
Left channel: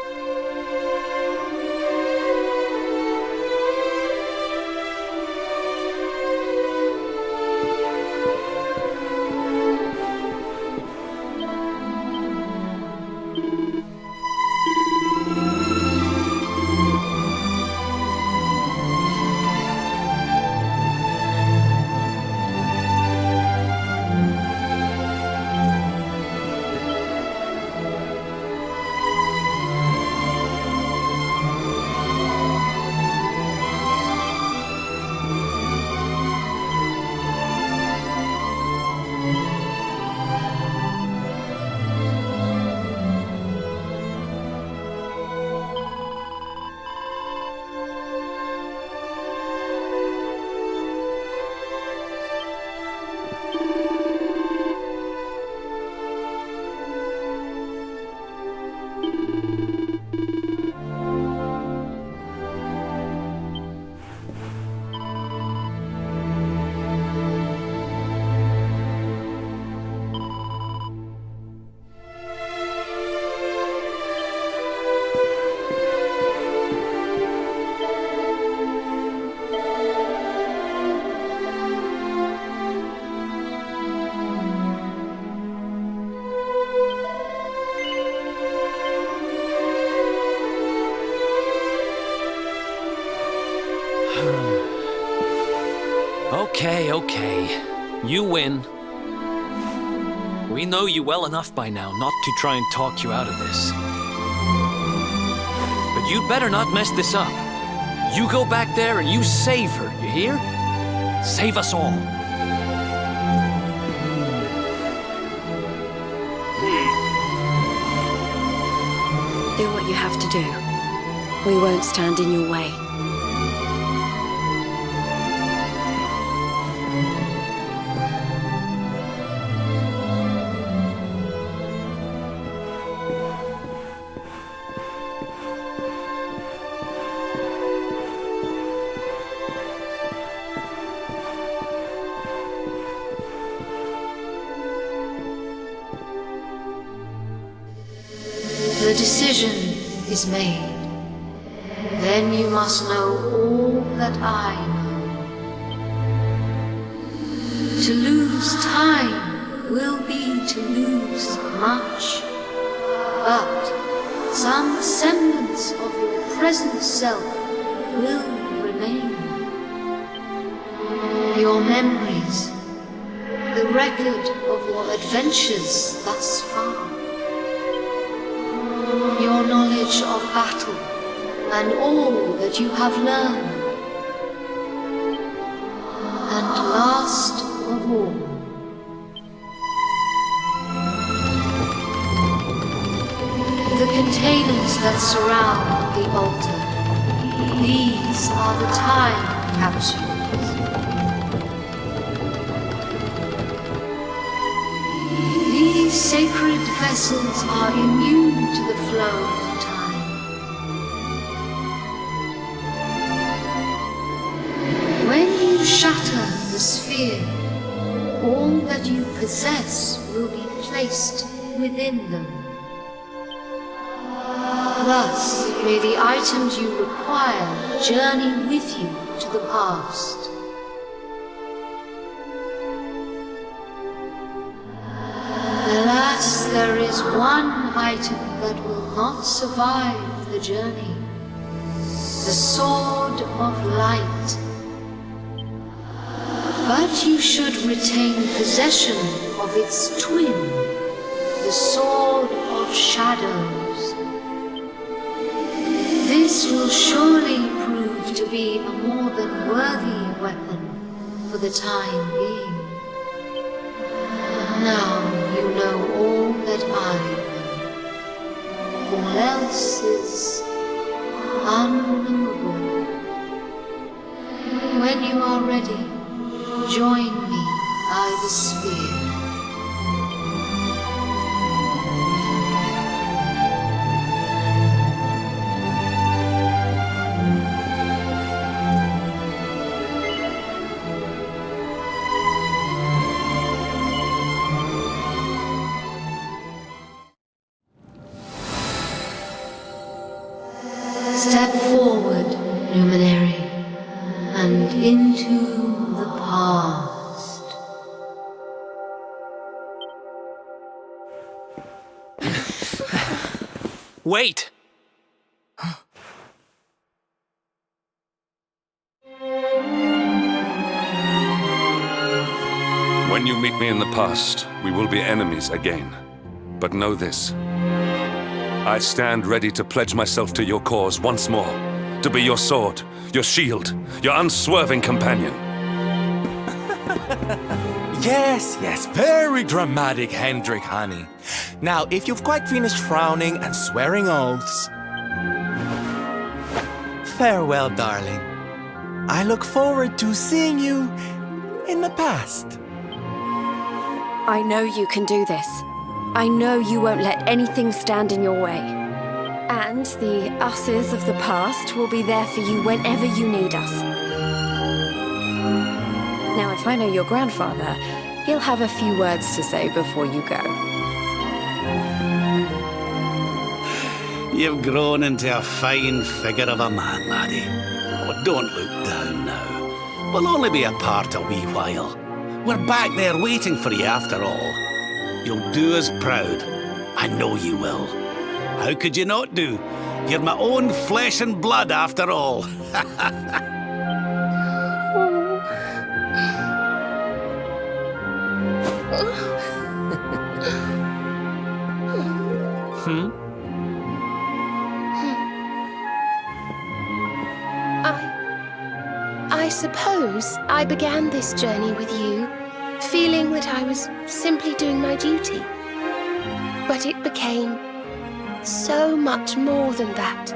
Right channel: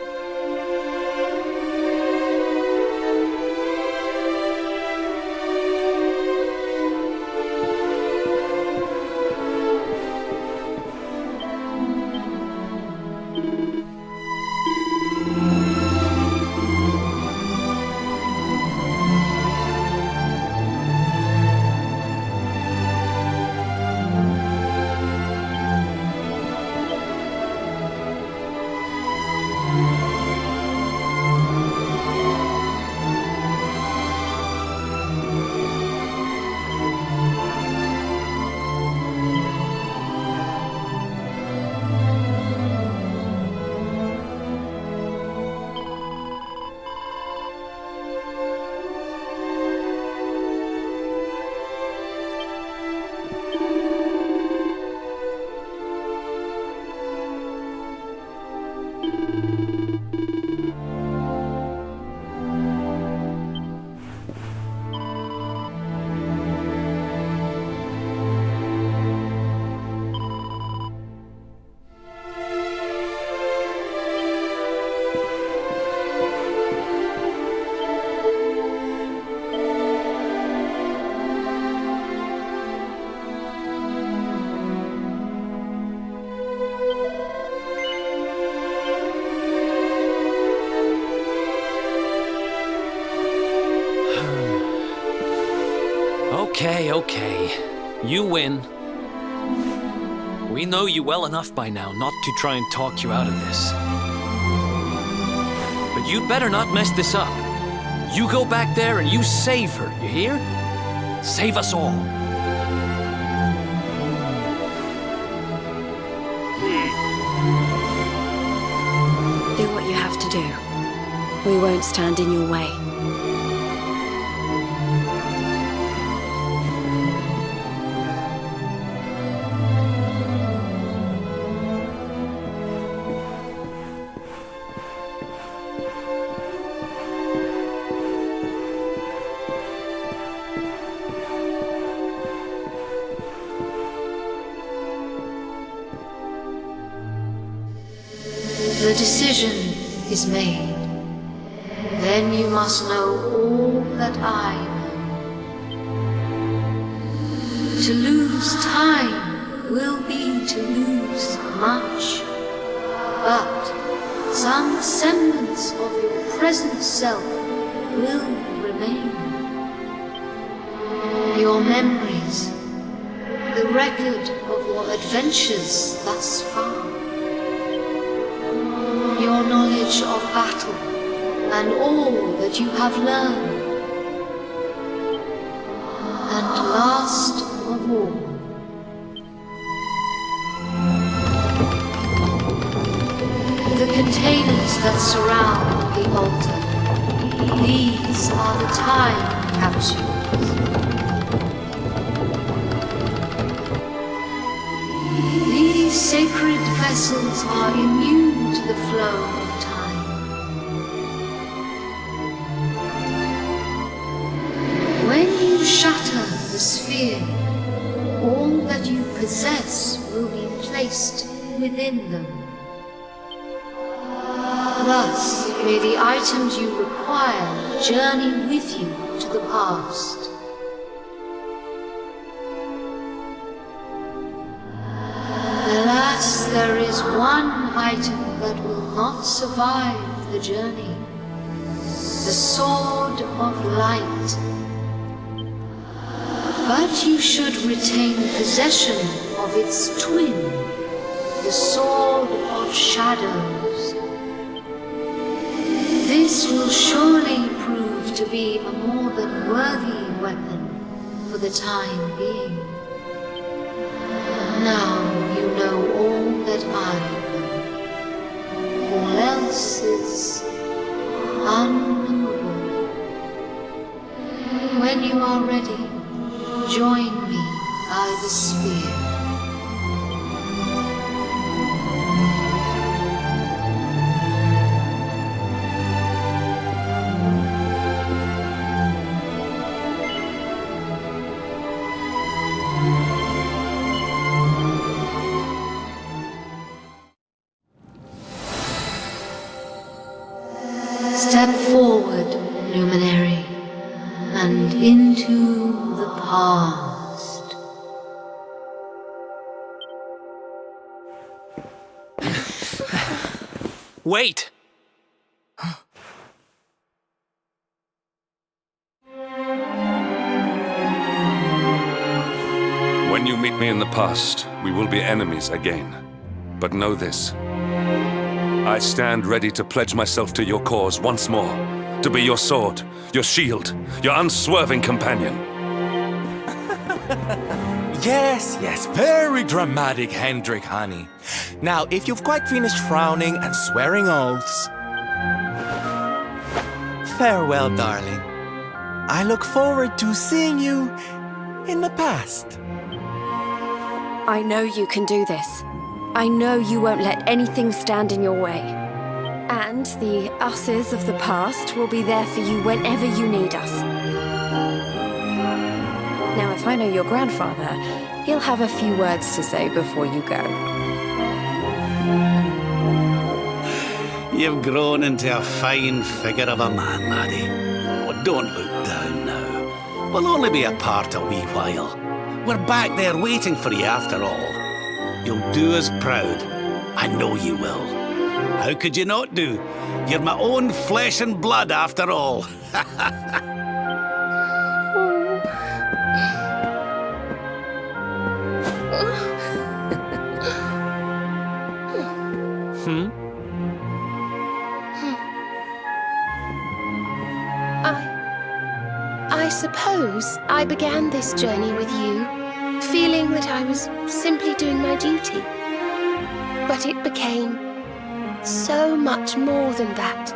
Okay. You win. We know you well enough by now not to try and talk you out of this. But you'd better not mess this up. You go back there and you save her, you hear? Save us all. Do what you have to do. We won't stand in your way. The decision is made. Then you must know all that I know. To lose time will be to lose much, but some semblance of your present self will remain. Your memories, the record of your adventures thus far, your knowledge of battle, and all that you have learned. And last of all, the containers that surround the altar. These are the time capsules. These sacred vessels are immune to the flow of time. When you shatter the sphere, all that you possess will be placed within them. Thus, may the items you require journey with you to the past. Alas, there is one item that will not survive the journey. The Sword of Light. But you should retain possession of its twin, the Sword of Shadows. This will surely prove to be a more than worthy weapon for the time being. Now you know all that I know. All else is unknowable. When you are ready, join me by the sphere. Step forward, luminary, and into the past. Wait! When you meet me in the past, we will be enemies again. But know this. I stand ready to pledge myself to your cause once more. To be your sword, your shield, your unswerving companion. Yes, very dramatic, Hendrik, honey. Now, if you've quite finished frowning and swearing oaths, farewell, darling. I look forward to seeing you in the past. I know you can do this. I know you won't let anything stand in your way. And the uses of the past will be there for you whenever you need us. Now, if I know your grandfather, he'll have a few words to say before you go. You've grown into a fine figure of a man, laddie. Oh, don't look down now. We'll only be apart a wee while. We're back there waiting for you after all. You'll do us proud. I know you will. How could you not do? You're my own flesh and blood after all. I suppose I began this journey with you, feeling that I was simply doing my duty. But it became so much more than that.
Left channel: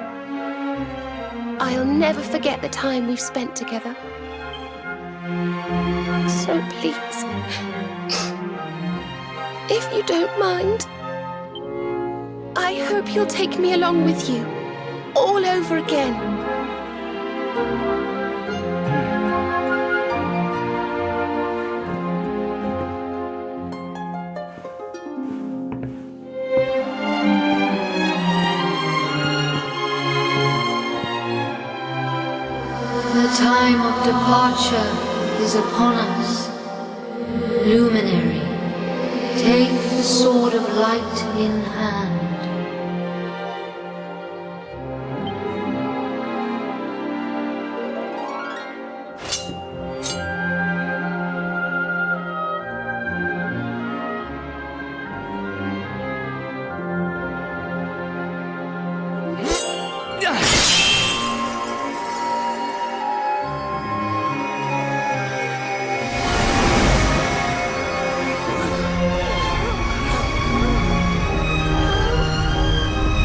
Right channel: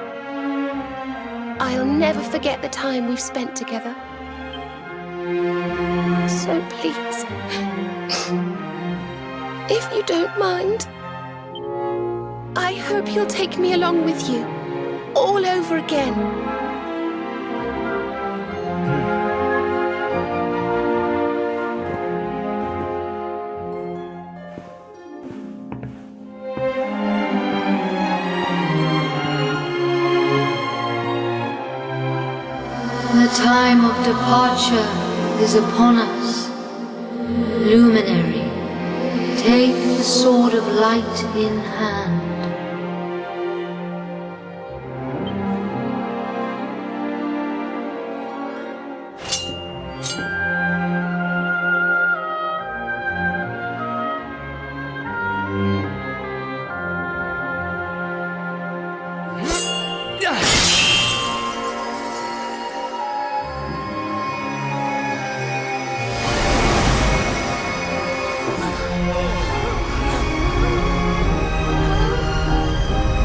I'll never forget the time we've spent together. So please, if you don't mind, I hope you'll take me along with you, all over again. The time of departure is upon us. Luminary, take the sword of light in hand.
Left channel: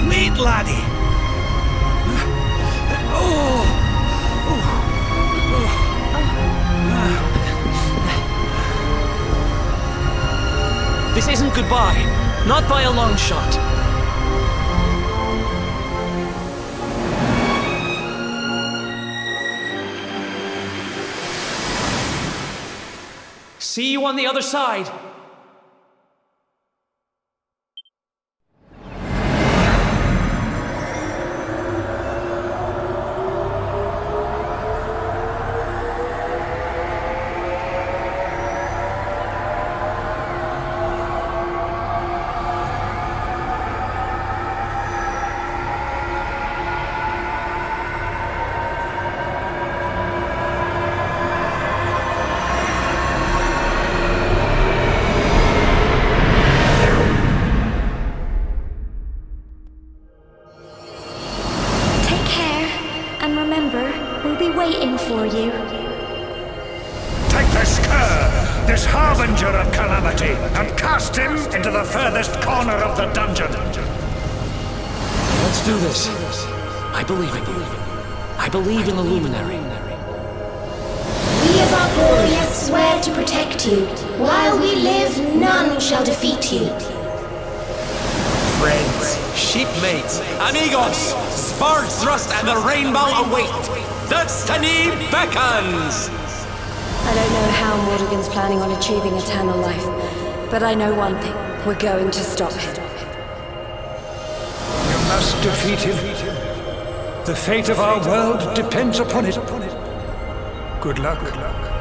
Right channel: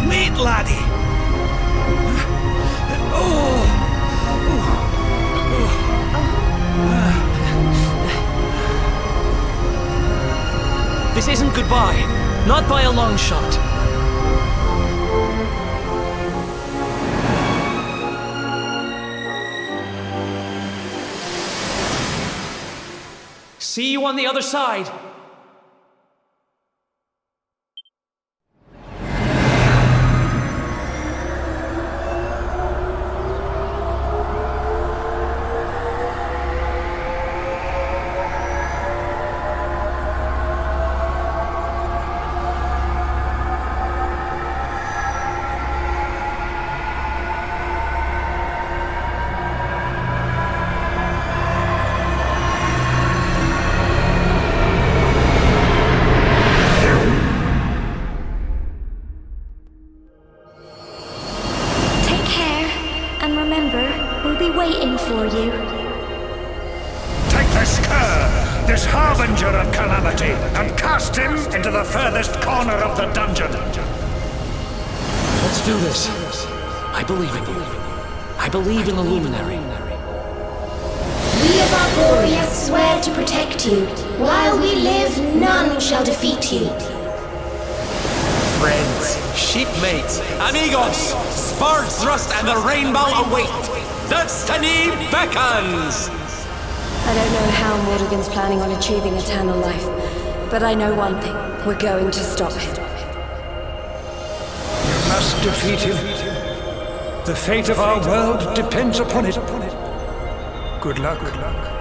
Wait, laddie! This isn't goodbye. Not by a long shot. See you on the other side. And remember, we'll be waiting for you. Take this cur, this harbinger of calamity, and cast him into the furthest corner of the dungeon. Let's do this. I believe in you. I believe in the Luminary. We of Arborea swear to protect you. While we live, none shall defeat you. Friends, shipmates, amigos, swords thrust and the rainbow await. Destiny beckons! I don't know how Mordegon's planning on achieving eternal life, but I know one thing. We're going to stop him. You must defeat him. The fate of our world depends upon it. Good luck. Good luck.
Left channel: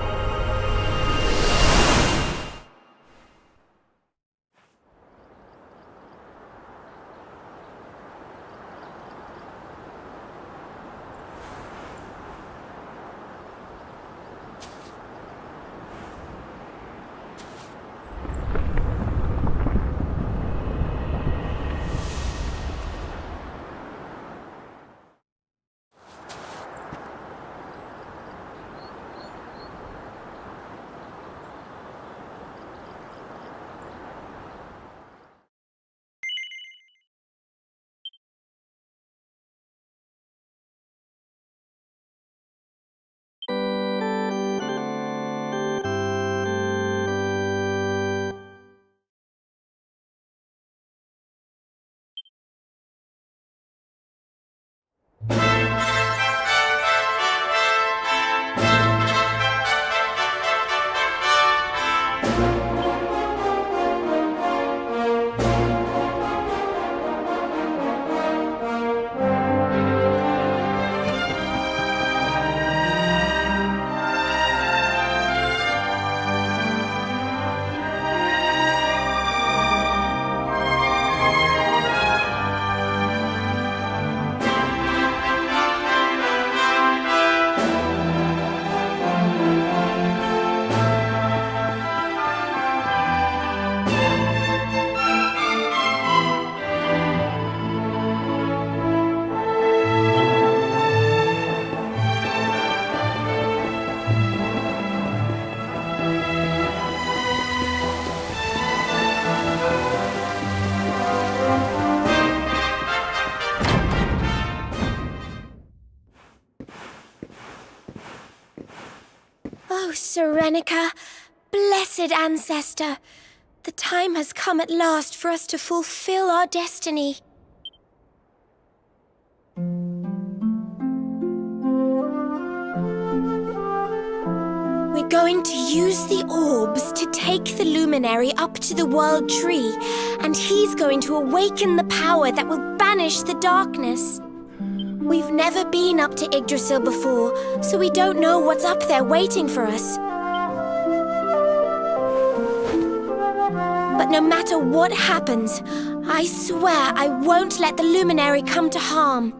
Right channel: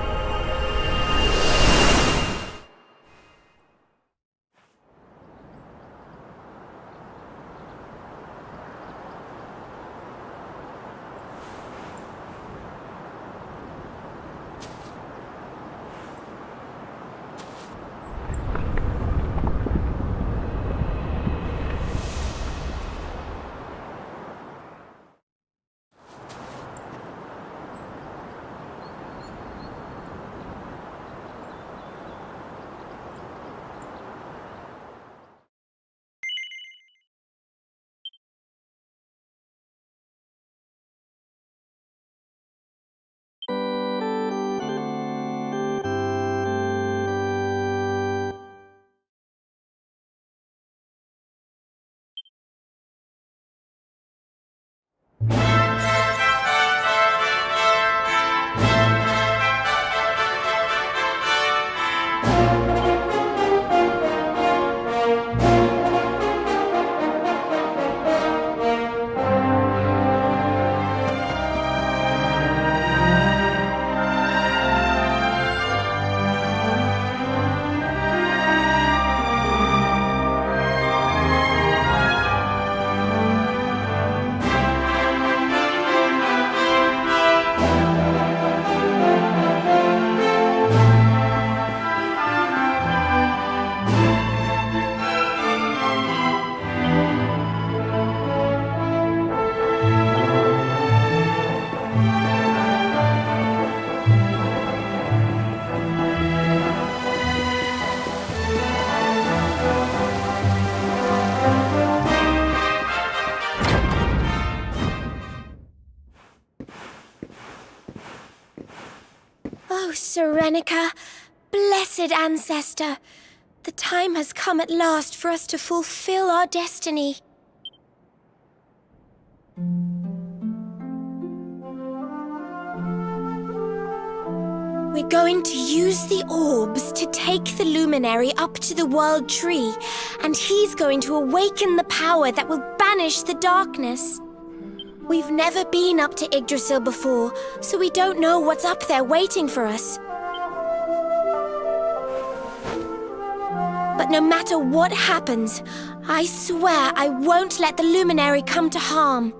Serenica, blessed ancestor, the time has come at last for us to fulfill our destiny. We're going to use the orbs to take the luminary up to the World Tree, and he's going to awaken the power that will banish the darkness. We've never been up to Yggdrasil before, so we don't know what's up there waiting for us. But no matter what happens, I swear I won't let the luminary come to harm.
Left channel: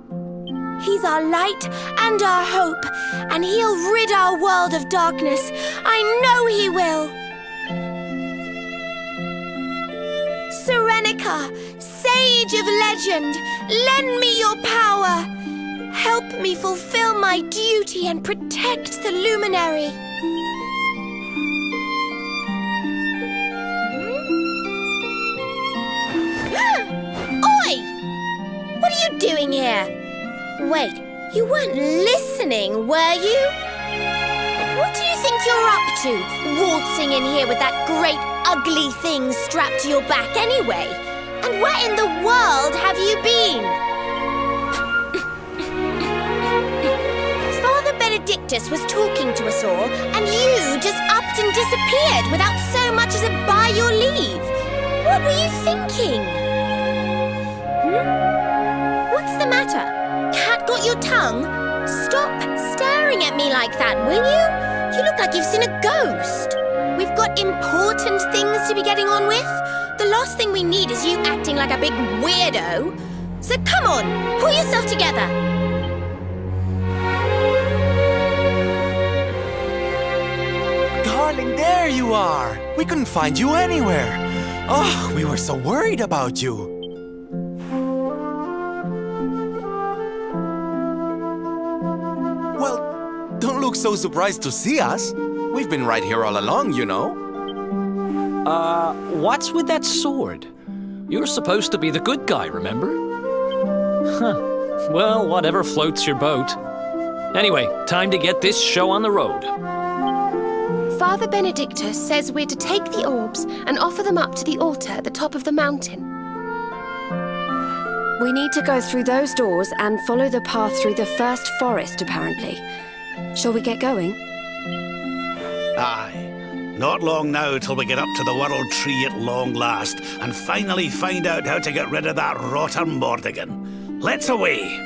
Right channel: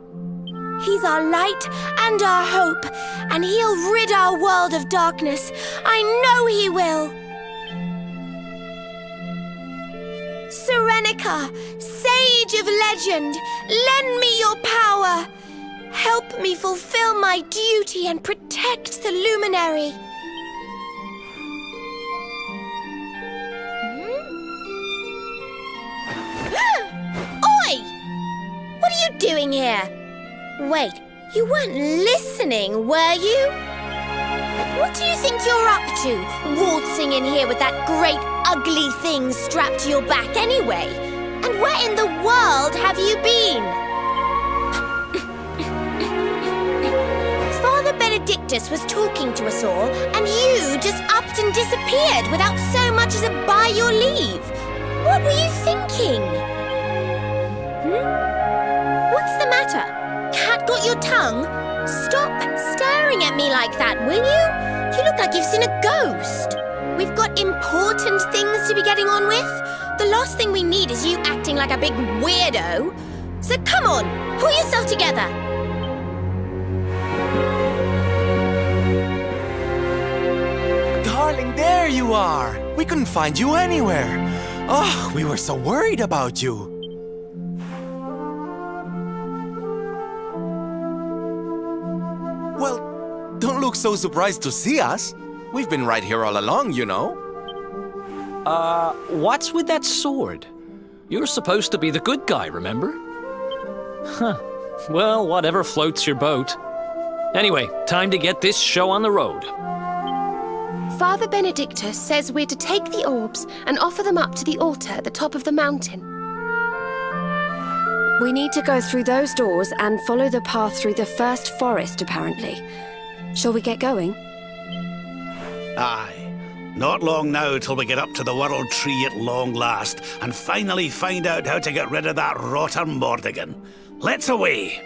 He's our light and our hope, and he'll rid our world of darkness. I know he will. Serenica, sage of legend, lend me your power. Help me fulfill my duty and protect the luminary. Oi! What are you doing here? Wait, you weren't listening, were you? What do you think you're up to, waltzing in here with that great ugly thing strapped to your back anyway? And where in the world have you been? Father Benedictus was talking to us all, and you just upped and disappeared without so much as a by your leave. What were you thinking? What's the matter? Cat got your tongue? Stop staring at me like that, will you? You look like you've seen a ghost. We've got important things to be getting on with. The last thing we need is you acting like a big weirdo. So come on, pull yourself together. Darling, there you are! We couldn't find you anywhere. Oh, we were so worried about you. Well, don't look so surprised to see us. We've been right here all along, you know. What's with that sword? You're supposed to be the good guy, remember? Huh. Well, whatever floats your boat. Anyway, time to get this show on the road. Father Benedictus says we're to take the orbs and offer them up to the altar at the top of the mountain. We need to go through those doors and follow the path through the first forest, apparently. Shall we get going? Aye. Not long now till we get up to the World Tree at long last and finally find out how to get rid of that rotter Mordigan. Let's away!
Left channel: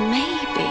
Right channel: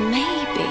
maybe.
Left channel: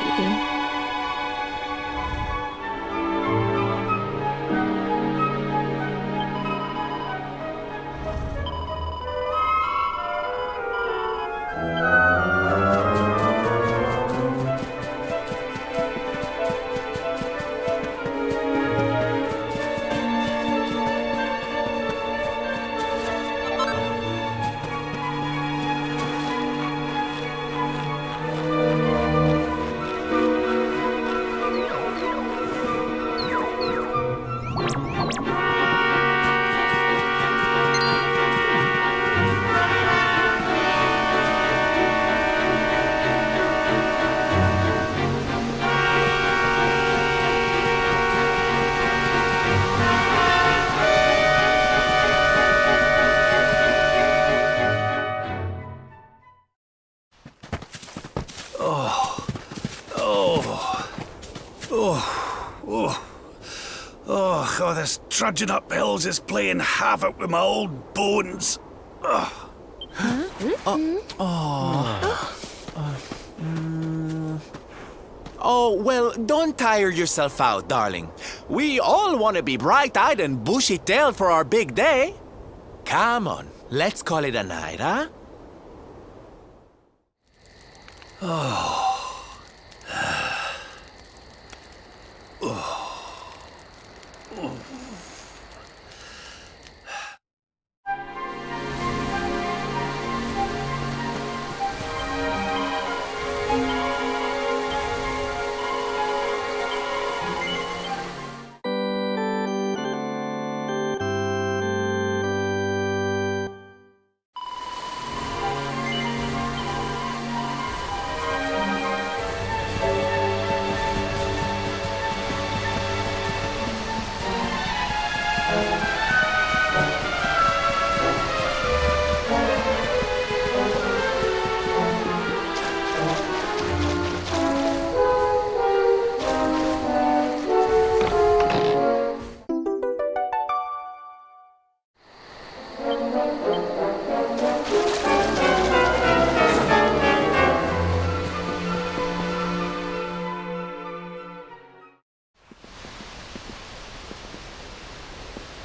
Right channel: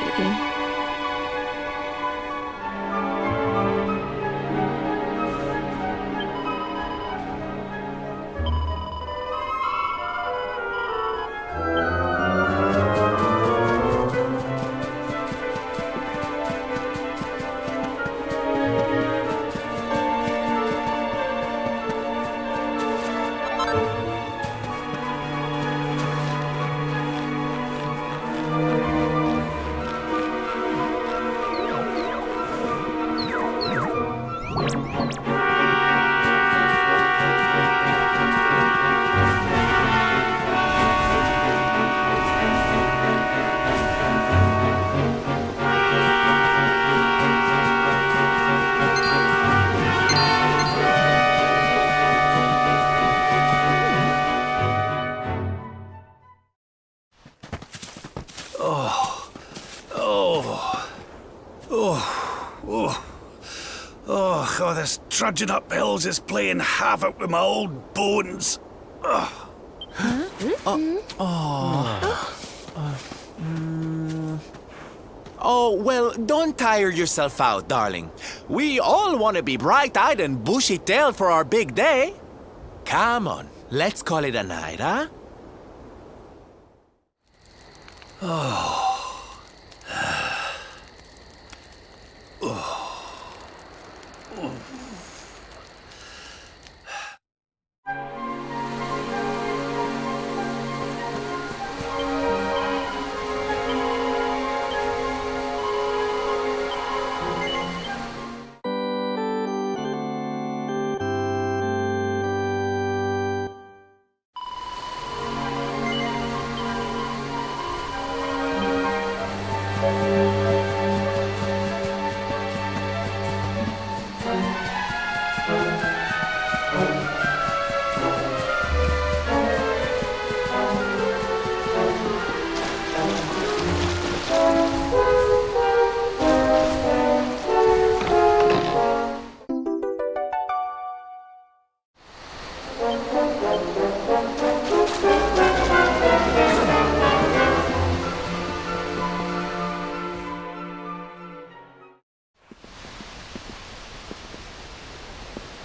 Oh, this trudging up hills is playing havoc with my old bones. Oh, well, don't tire yourself out, darling. We all want to be bright-eyed and bushy-tailed for our big day. Come on, let's call it a night, huh?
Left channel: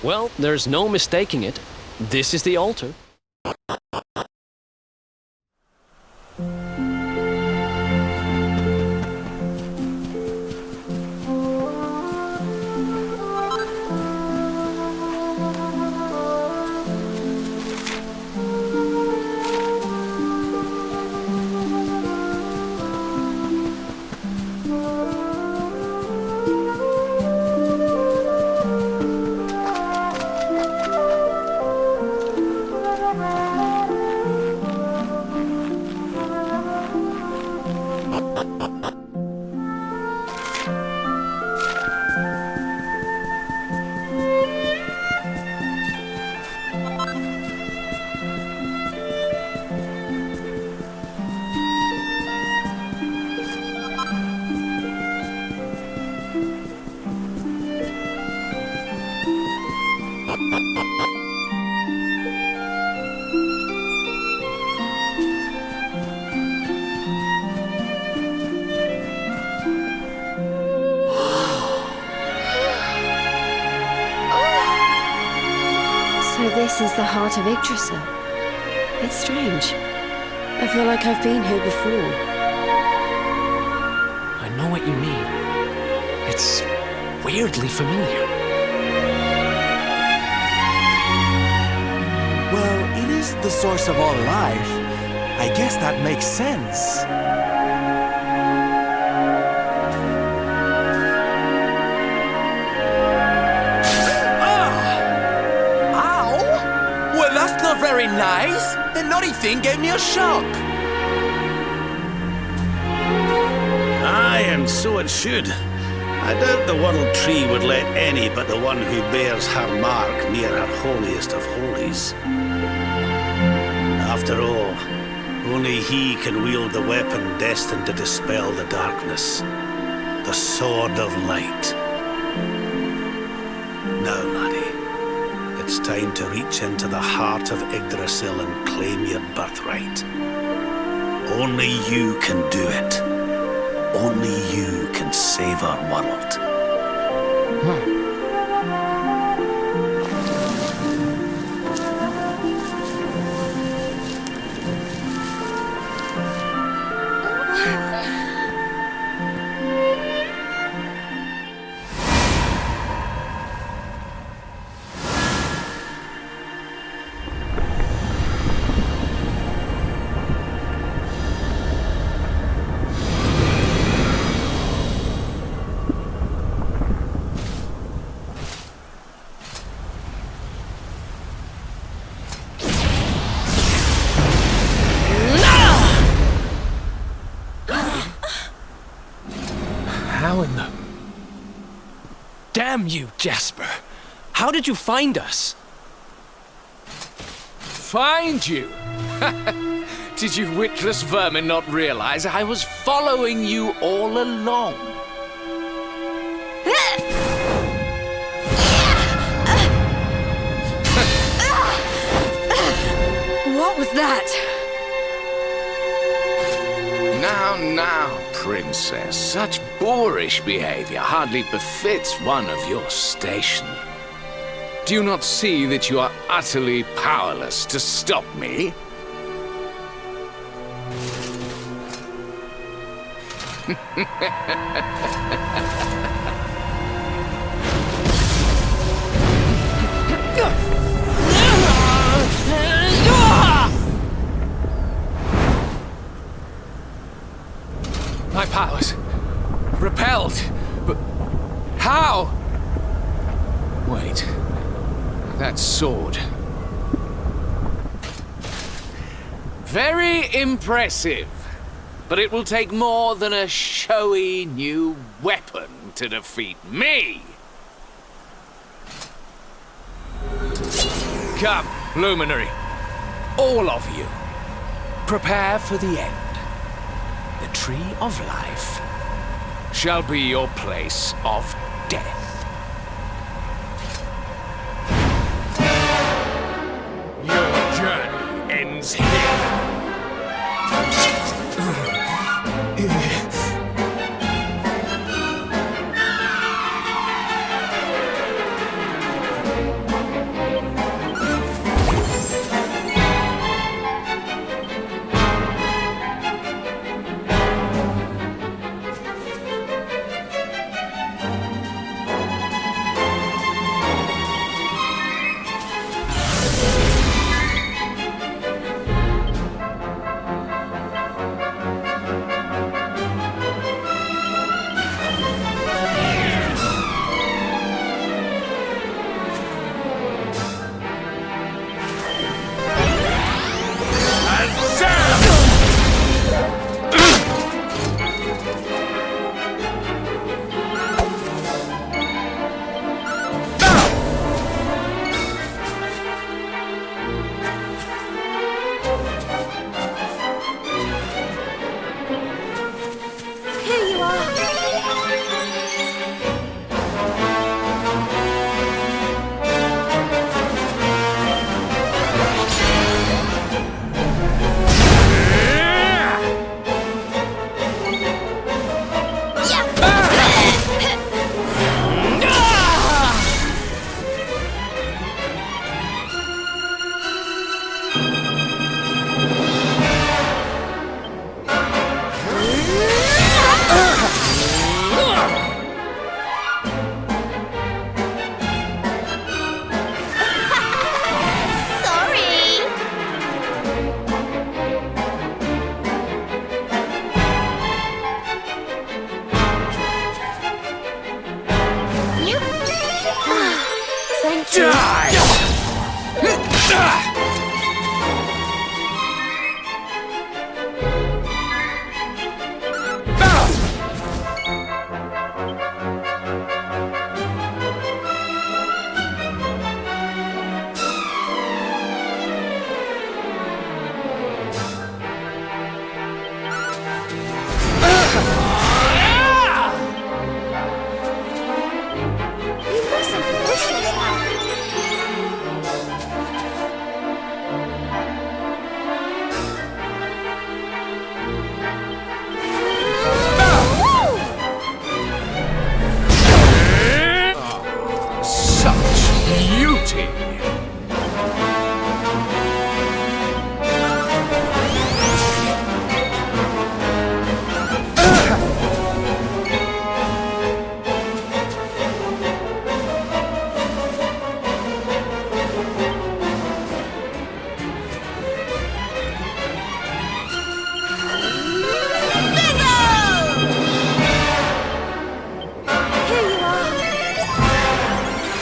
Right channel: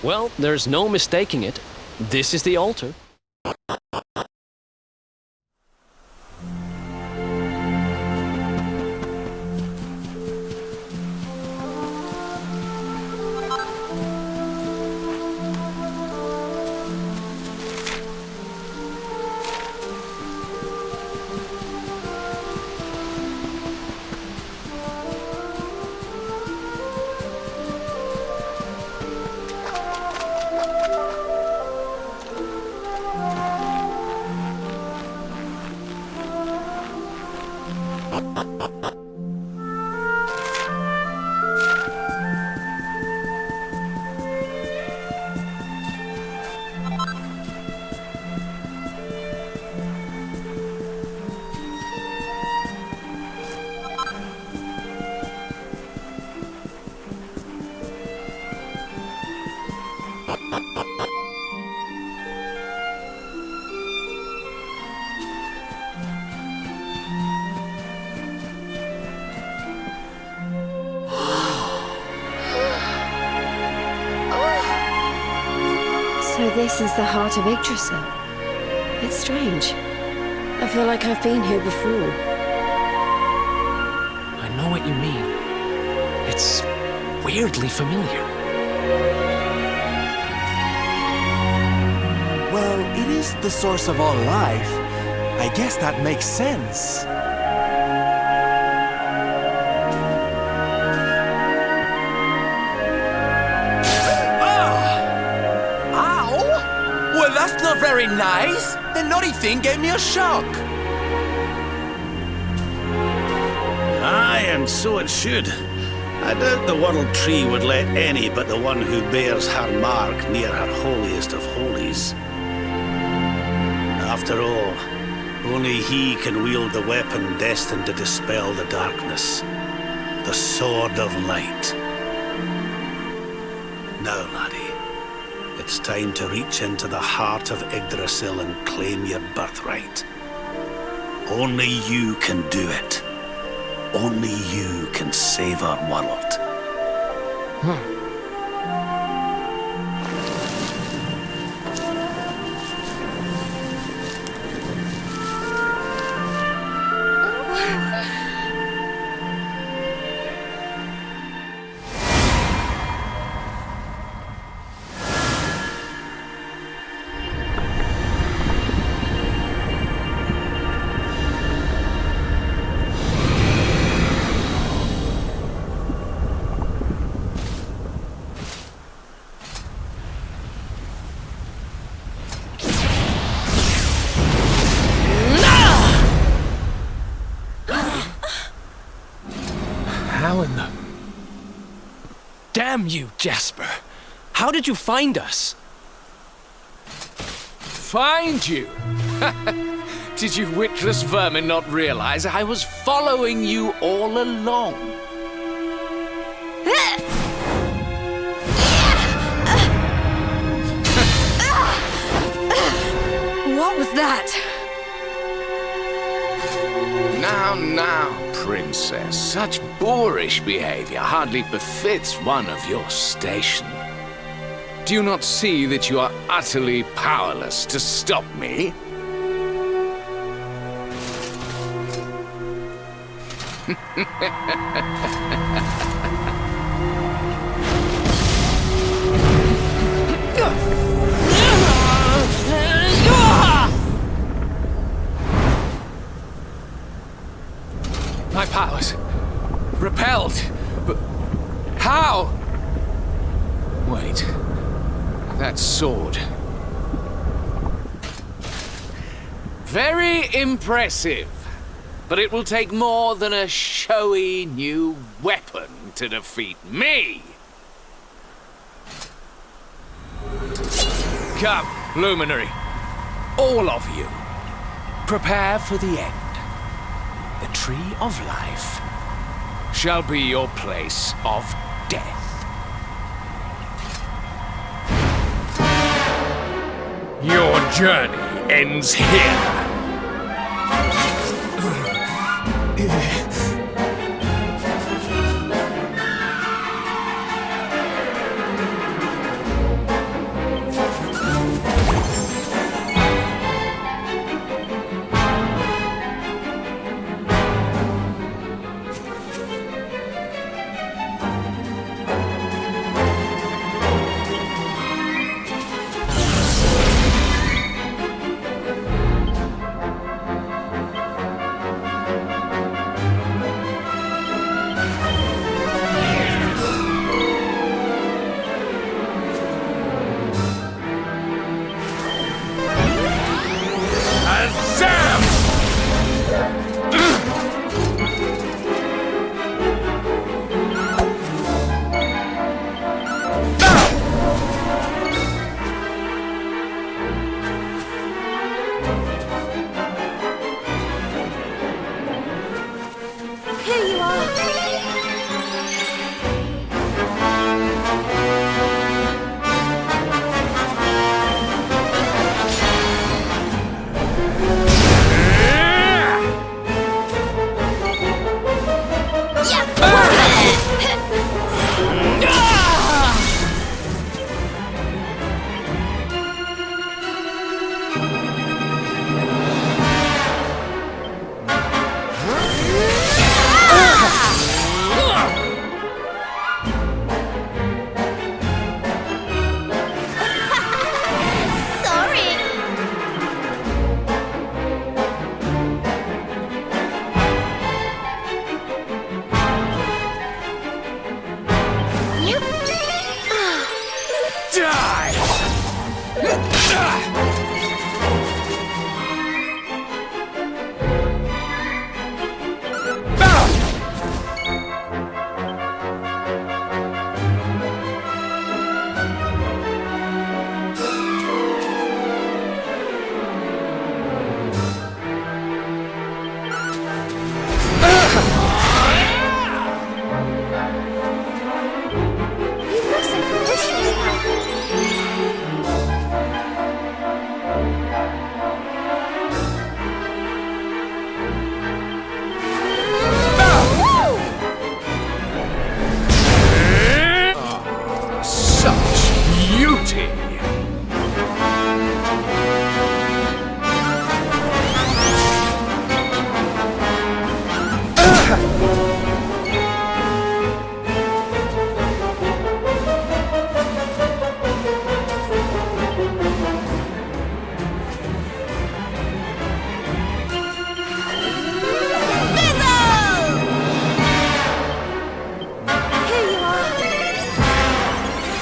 Well, there's no mistaking it. This is the altar. So this is the heart of Yggdrasil. It's strange. I feel like I've been here before. I know what you mean. It's weirdly familiar. Well, it is the source of all life. I guess that makes sense. Well, that's not very nice. The naughty thing gave me a shock. Aye, and so it should. I doubt the World Tree would let any but the one who bears her mark near her holiest of holies. After all, only he can wield the weapon destined to dispel the darkness. The Sword of Light. Now, laddie. It's time to reach into the heart of Yggdrasil and claim your birthright. Only you can do it. only you can save our world. How in the... Damn you, Jasper! How did you find us? Find you? Did you witless vermin not realize I was following you all along? What was that? Now, Princess. Such boorish behavior hardly befits one of your station. Do you not see that you are utterly powerless to stop me? My powers repelled, but how? Wait, that sword. Very impressive, but it will take more than a showy new weapon to defeat me. Come, Luminary, all of you, prepare for the end. The Tree of Life shall be your place of death. Your journey ends here. Here you are.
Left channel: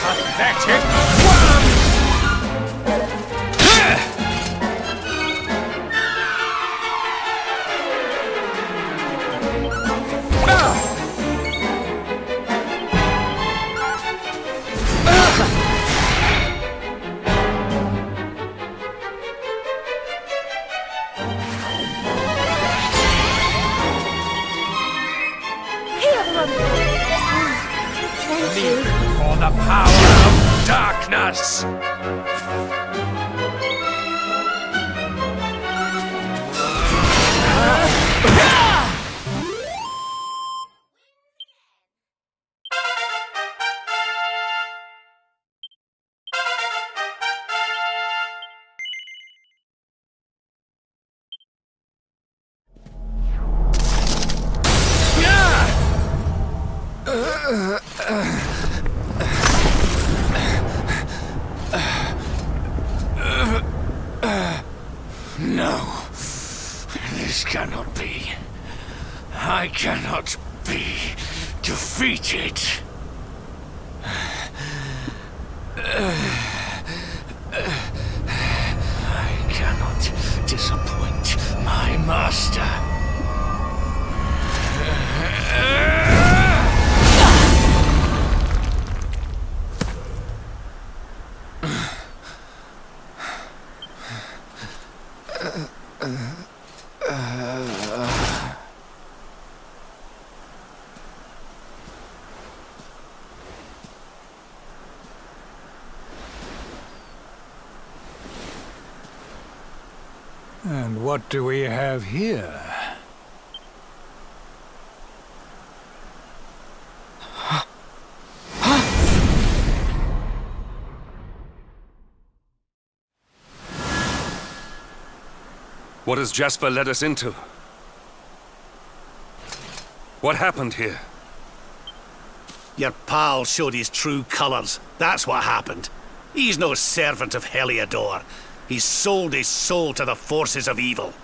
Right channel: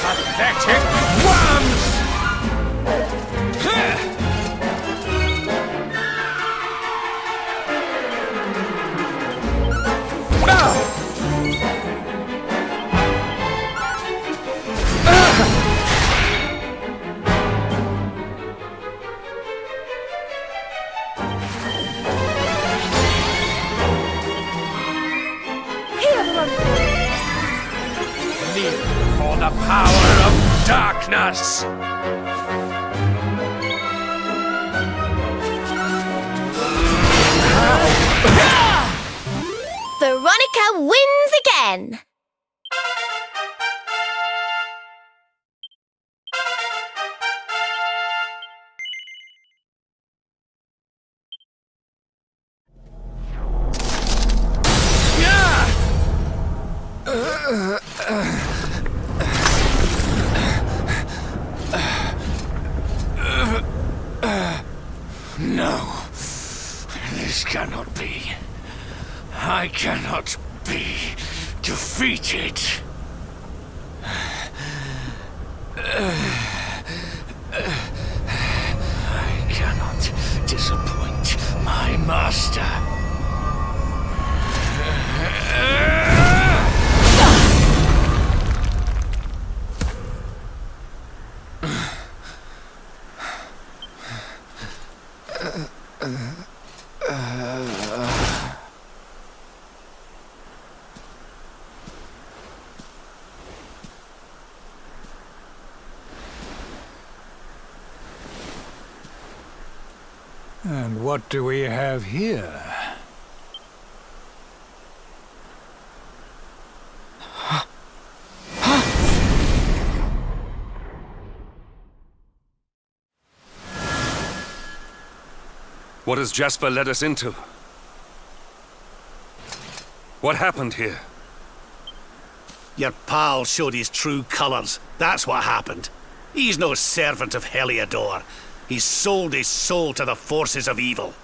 Pathetic worms! Kneel for the power of darkness! Veronica wins again. No, this cannot be. I cannot be defeated. I cannot disappoint my master. And what do we have here? What has Jasper led us into? What happened here? Your pal showed his true colours. That's what happened. He's no servant of Heliodor. He's sold his soul to the forces of evil.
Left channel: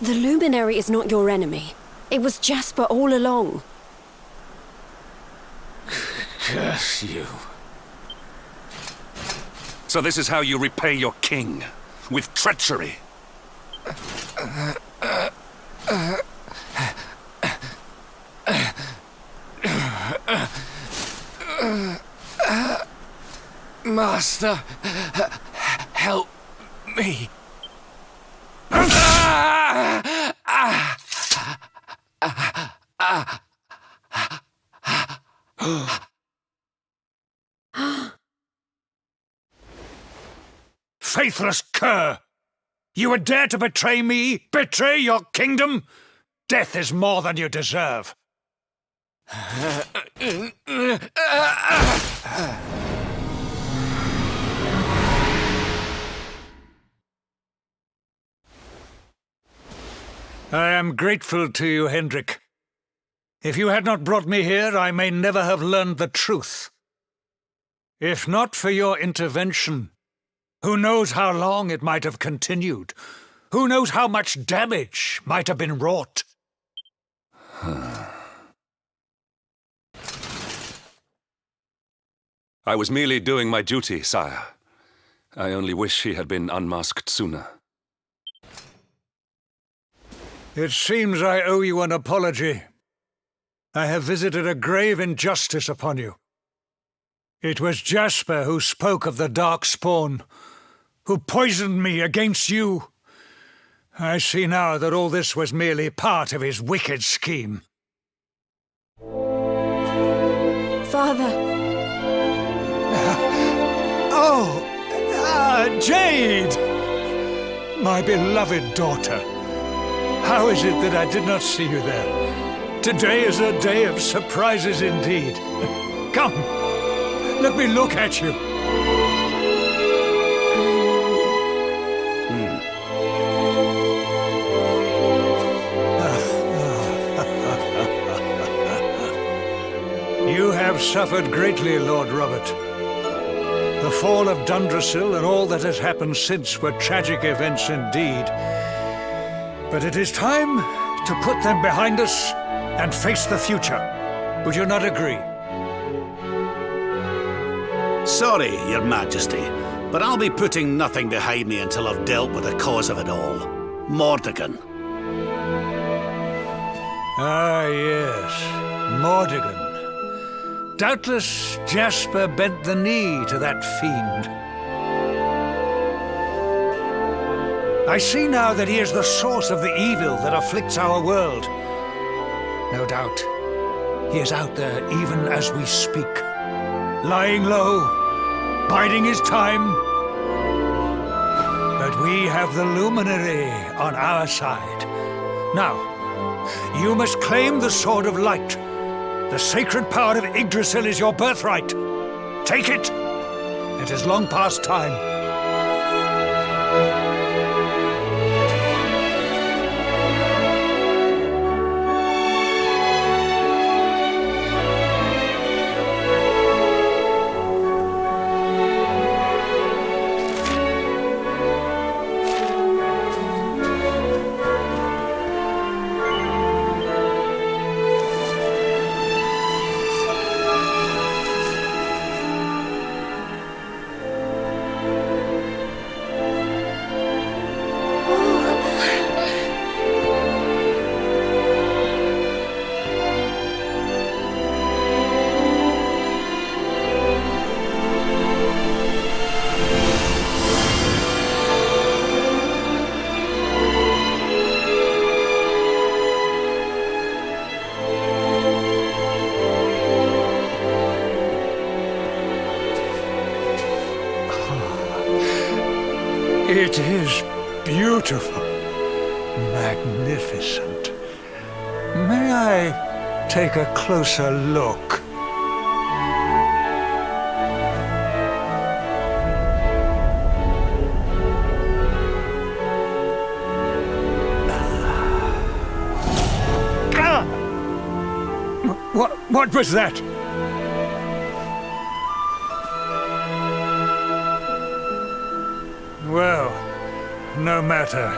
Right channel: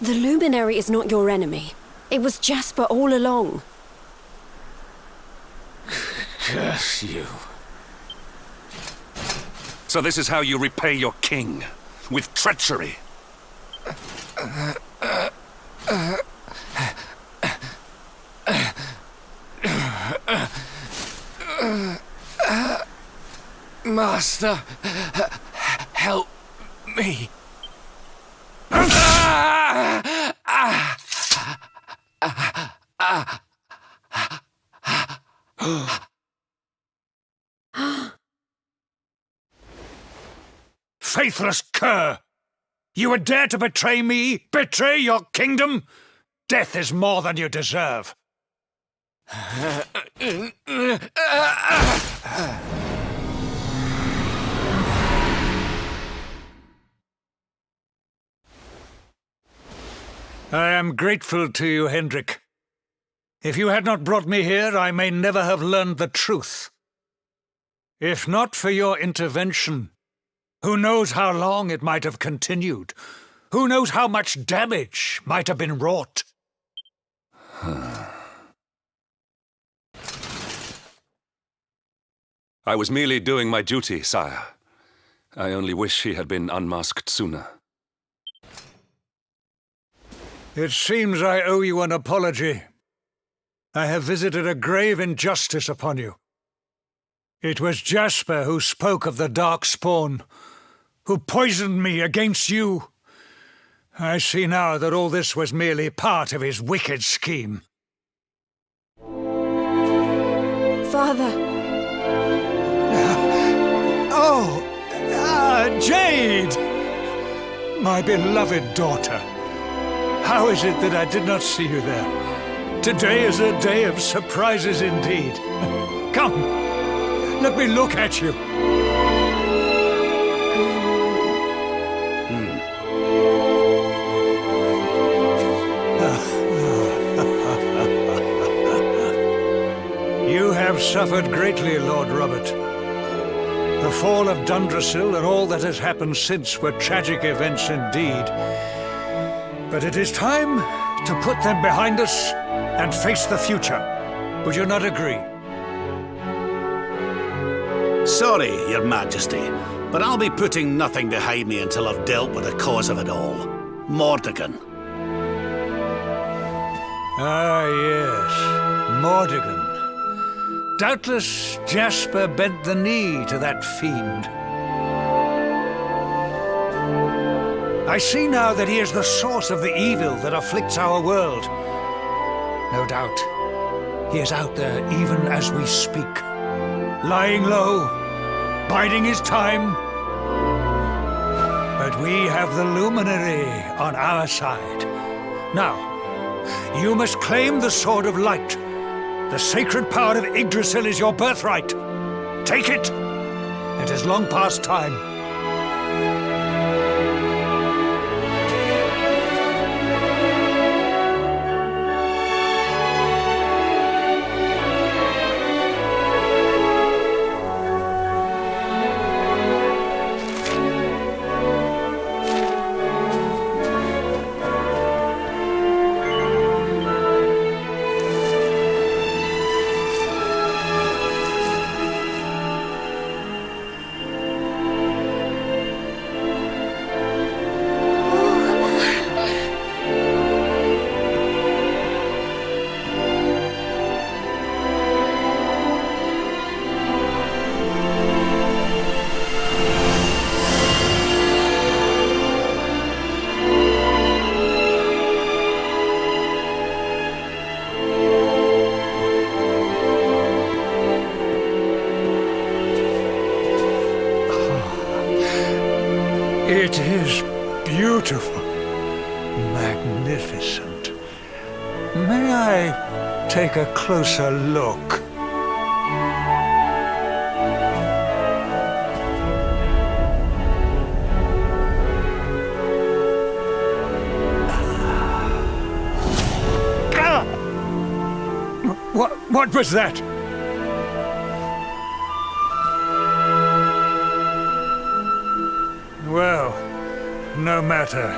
The Luminary is not your enemy. It was Jasper all along. Curse you. So this is how you repay your king? With treachery? Master, help me. Faithless cur! You would dare to betray me? Betray your kingdom? Death is more than you deserve. I am grateful to you, Hendrik. If you had not brought me here, I may never have learned the truth. If not for your intervention, who knows how long it might have continued? Who knows how much damage might have been wrought? I was merely doing my duty, sire. I only wish he had been unmasked sooner. It seems I owe you an apology. I have visited a grave injustice upon you. It was Jasper who spoke of the dark spawn, who poisoned me against you. I see now that all this was merely part of his wicked scheme. Father. Jade! My beloved daughter. How is it that I did not see you there? Today is a day of surprises indeed. Come, let me look at you. have suffered greatly, Lord Robert. The fall of Dundrasil and all that has happened since were tragic events indeed. But it is time to put them behind us and face the future. Would you not agree? Sorry, Your Majesty, but I'll be putting nothing behind me until I've dealt with the cause of it all. Mordegon. Ah, yes. Mordegon. Doubtless Jasper bent the knee to that fiend. I see now that he is the source of the evil that afflicts our world. No doubt, he is out there even as we speak. Lying low, biding his time. But we have the Luminary on our side. Now, you must claim the Sword of Light. The sacred power of Yggdrasil is your birthright. Take it. It is long past time. It is beautiful, magnificent. May I take a closer look? What was that? Well, no matter.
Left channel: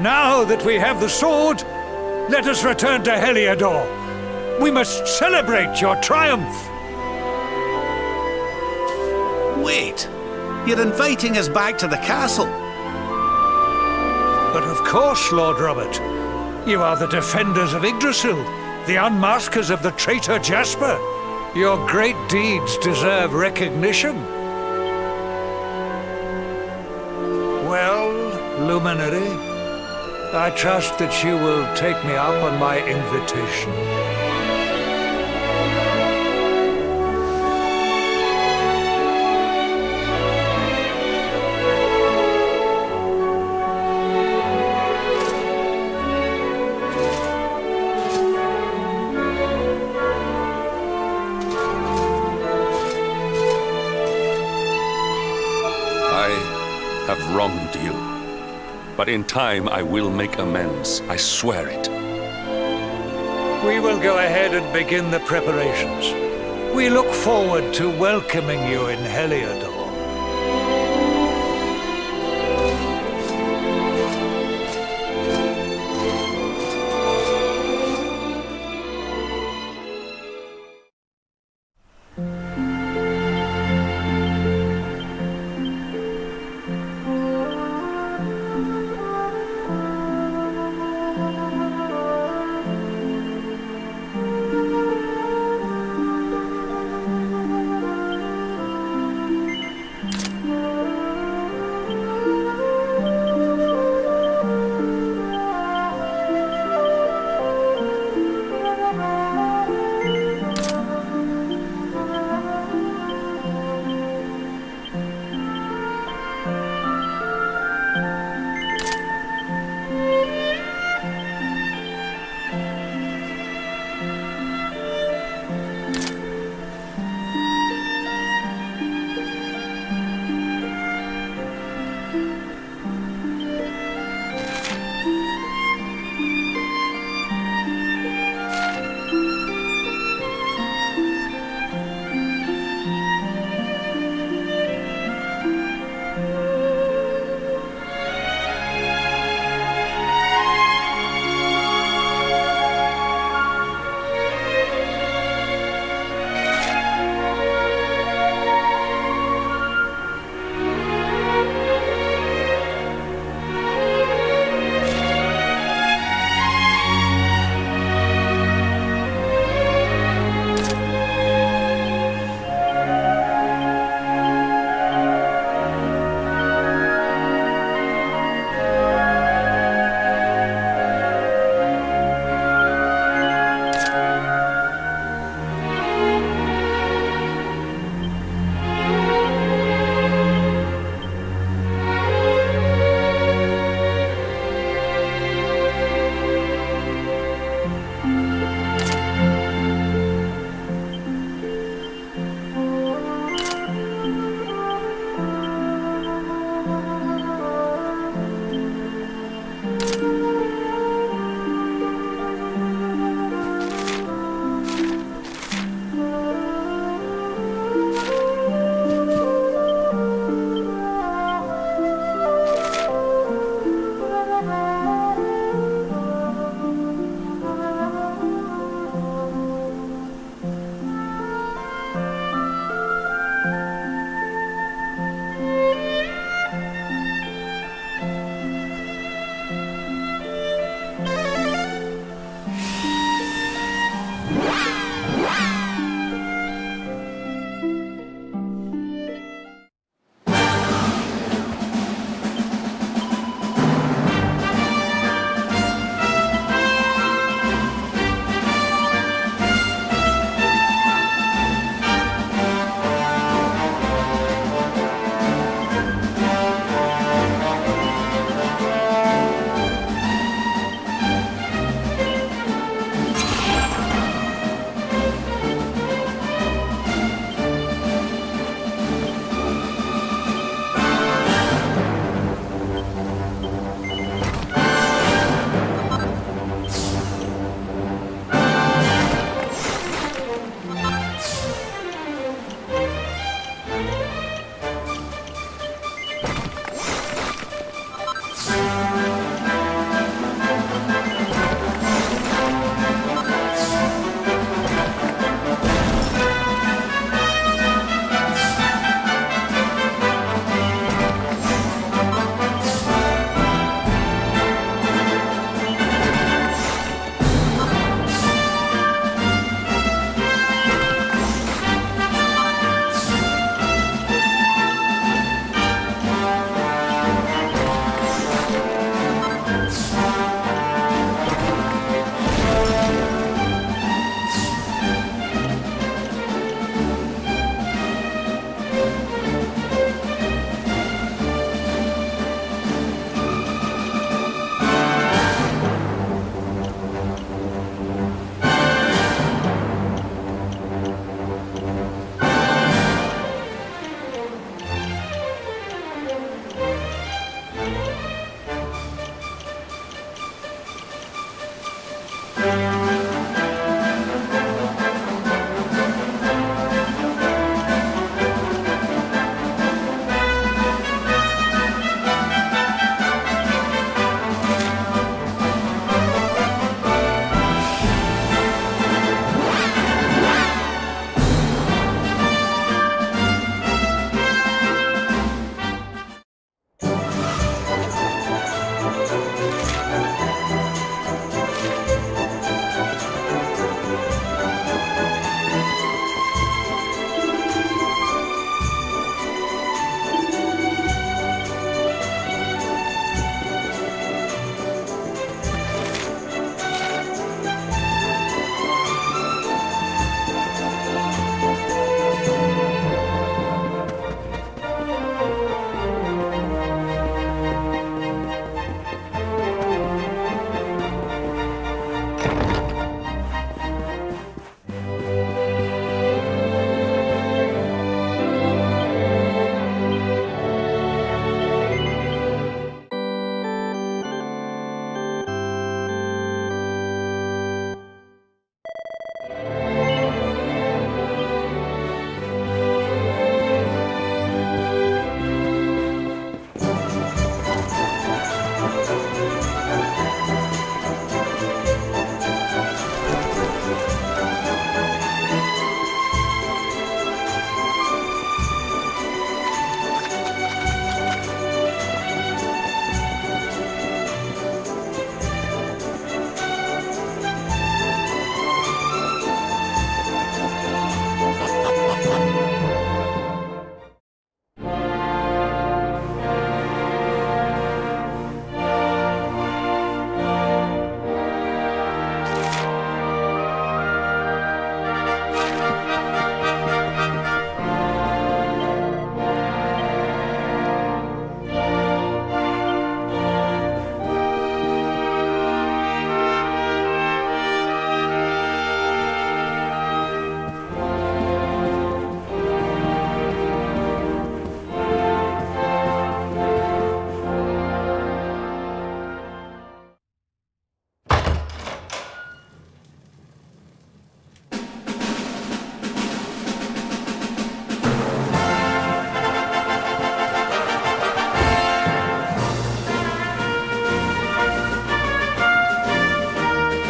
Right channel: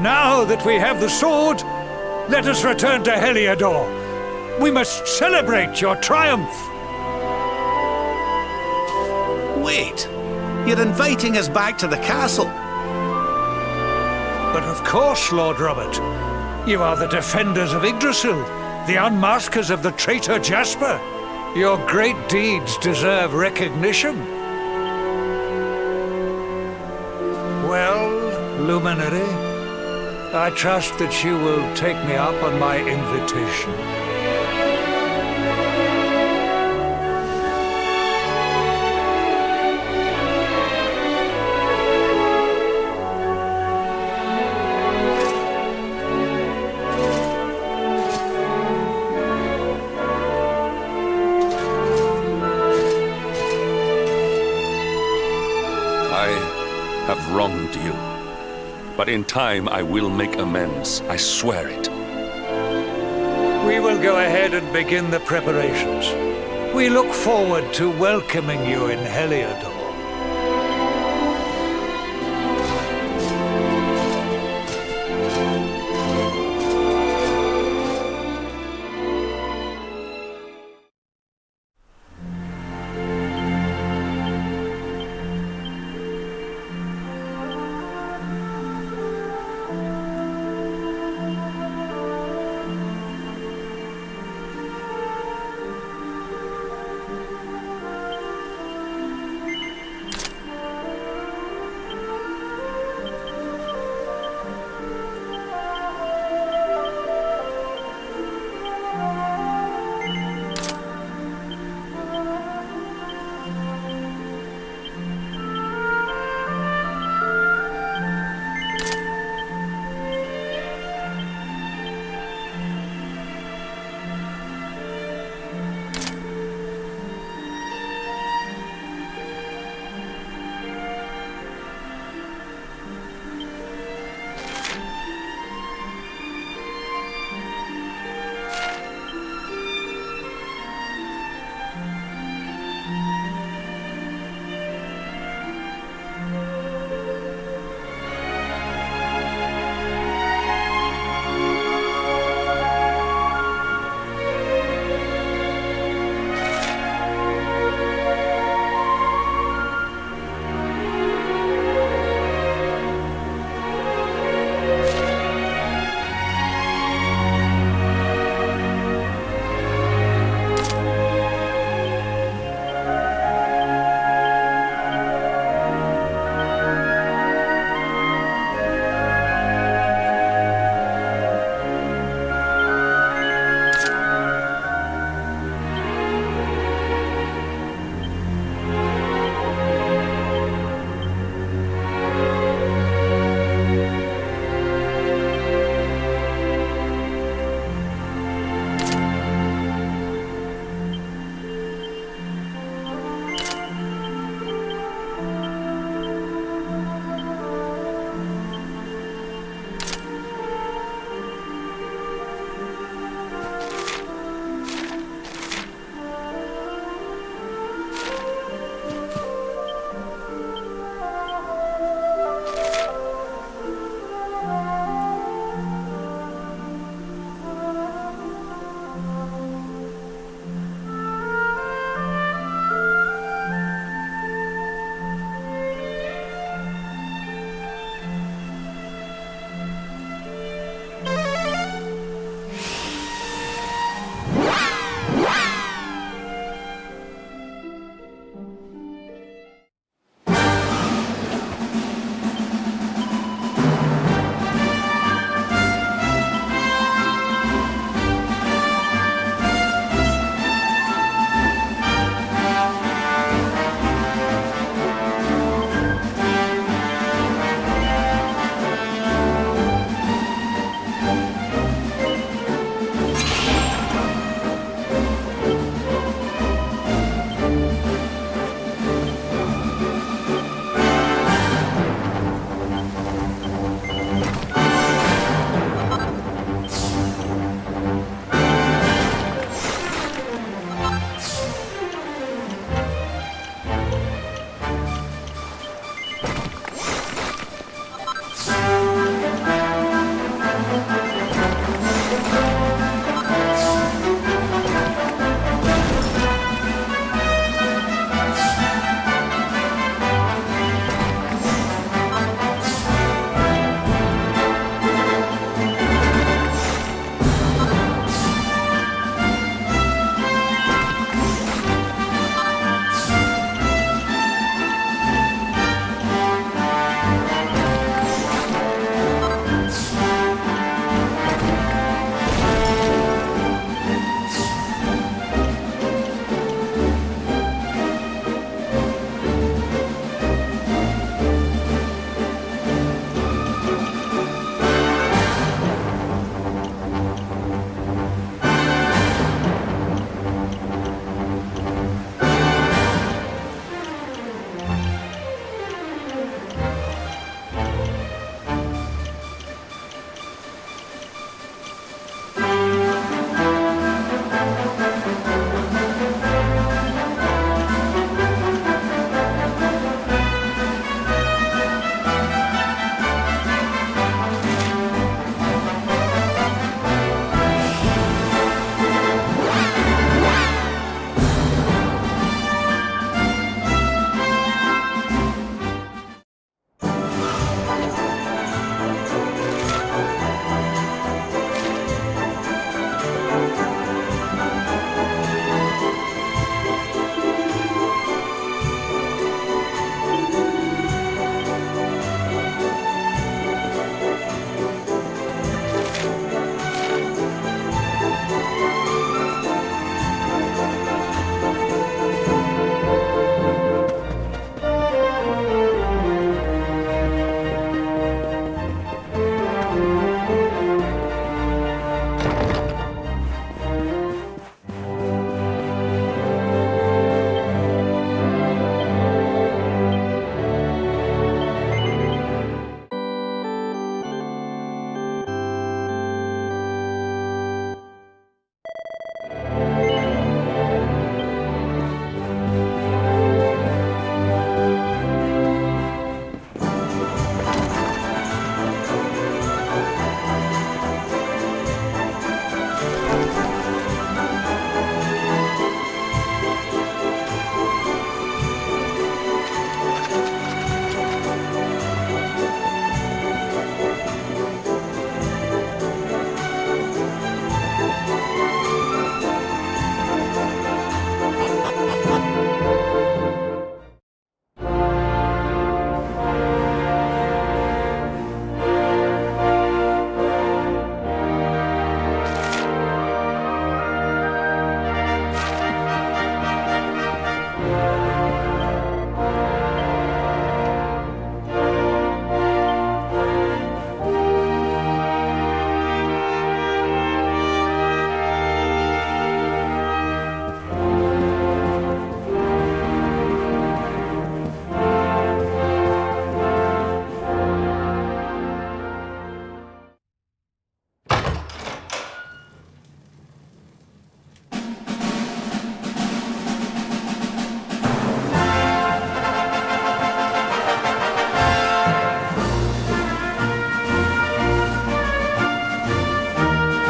Now that we have the sword, let us return to Heliodor. We must celebrate your triumph. Wait, you're inviting us back to the castle. But of course, Lord Robert. You are the defenders of Yggdrasil, the unmaskers of the traitor Jasper. Your great deeds deserve recognition. Well, Luminary, I trust that you will take me up on my invitation. I have wronged you. But in time I will make amends. I swear it. We will go ahead and begin the preparations. We look forward to welcoming you in Heliodor.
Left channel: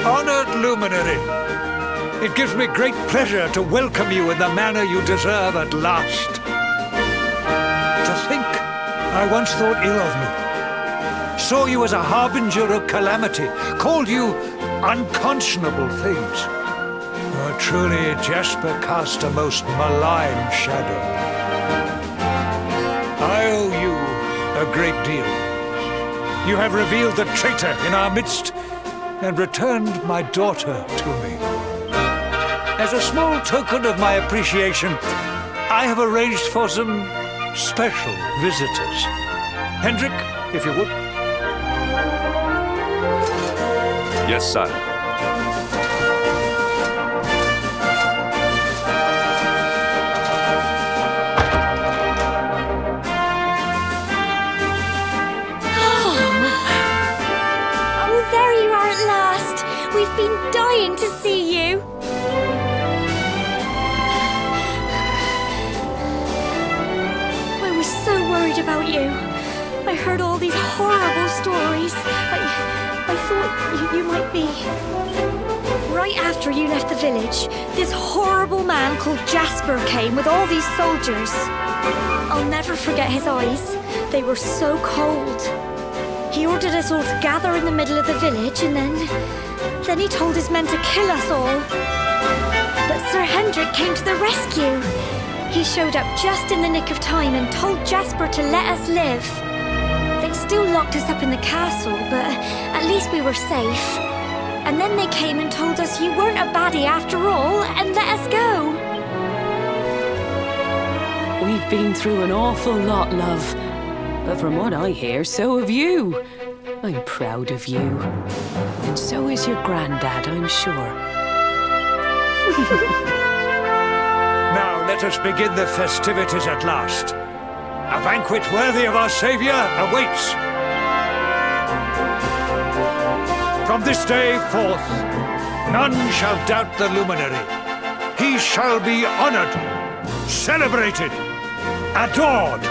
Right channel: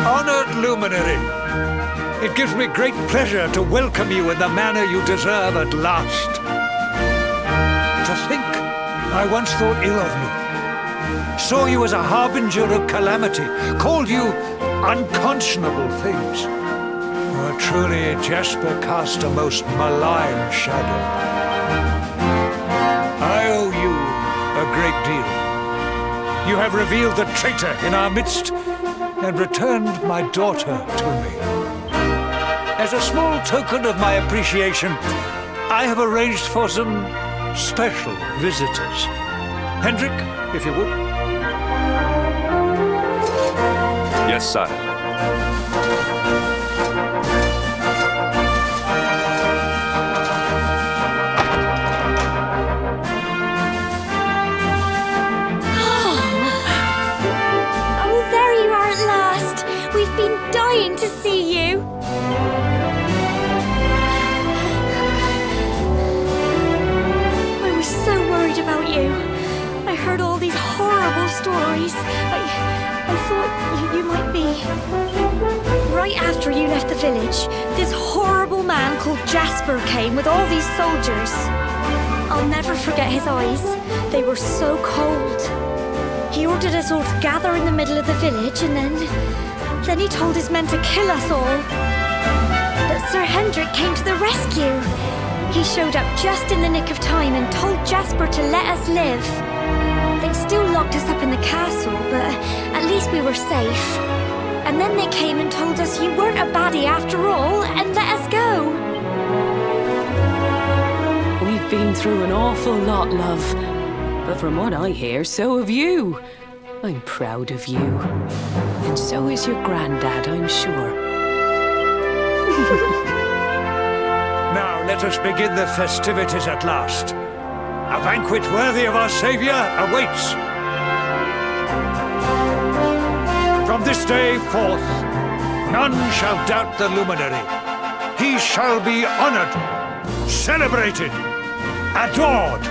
Honored luminary, it gives me great pleasure to welcome you in the manner you deserve at last. To think, I once thought ill of you, saw you as a harbinger of calamity, called you unconscionable things. Oh, truly, Jasper cast a most malign shadow. I owe you a great deal. You have revealed the traitor in our midst and returned my daughter to me. As a small token of my appreciation, I have arranged for some special visitors. Hendrik, if you would. Yes, sire. Oh, there you are at last. We've been dying to see you. I was so worried about you. I heard all these horrible stories. I thought you might be... Right after you left the village, this horrible man called Jasper came with all these soldiers. I'll never forget his eyes. They were so cold. He ordered us all to gather in the middle of the village and then he told his men to kill us all. But Sir Hendrik came to the rescue. He showed up just in the nick of time and told Jasper to let us live. They still locked us up in the castle, but at least we were safe. And then they came and told us you weren't a baddie after all and let us go. We've been through an awful lot, love. But from what I hear, so have you. I'm proud of you. And so is your granddad, I'm sure. Now let us begin the festivities at last. A banquet worthy of our Saviour awaits. From this day forth, none shall doubt the luminary. He shall be honoured, celebrated, adored.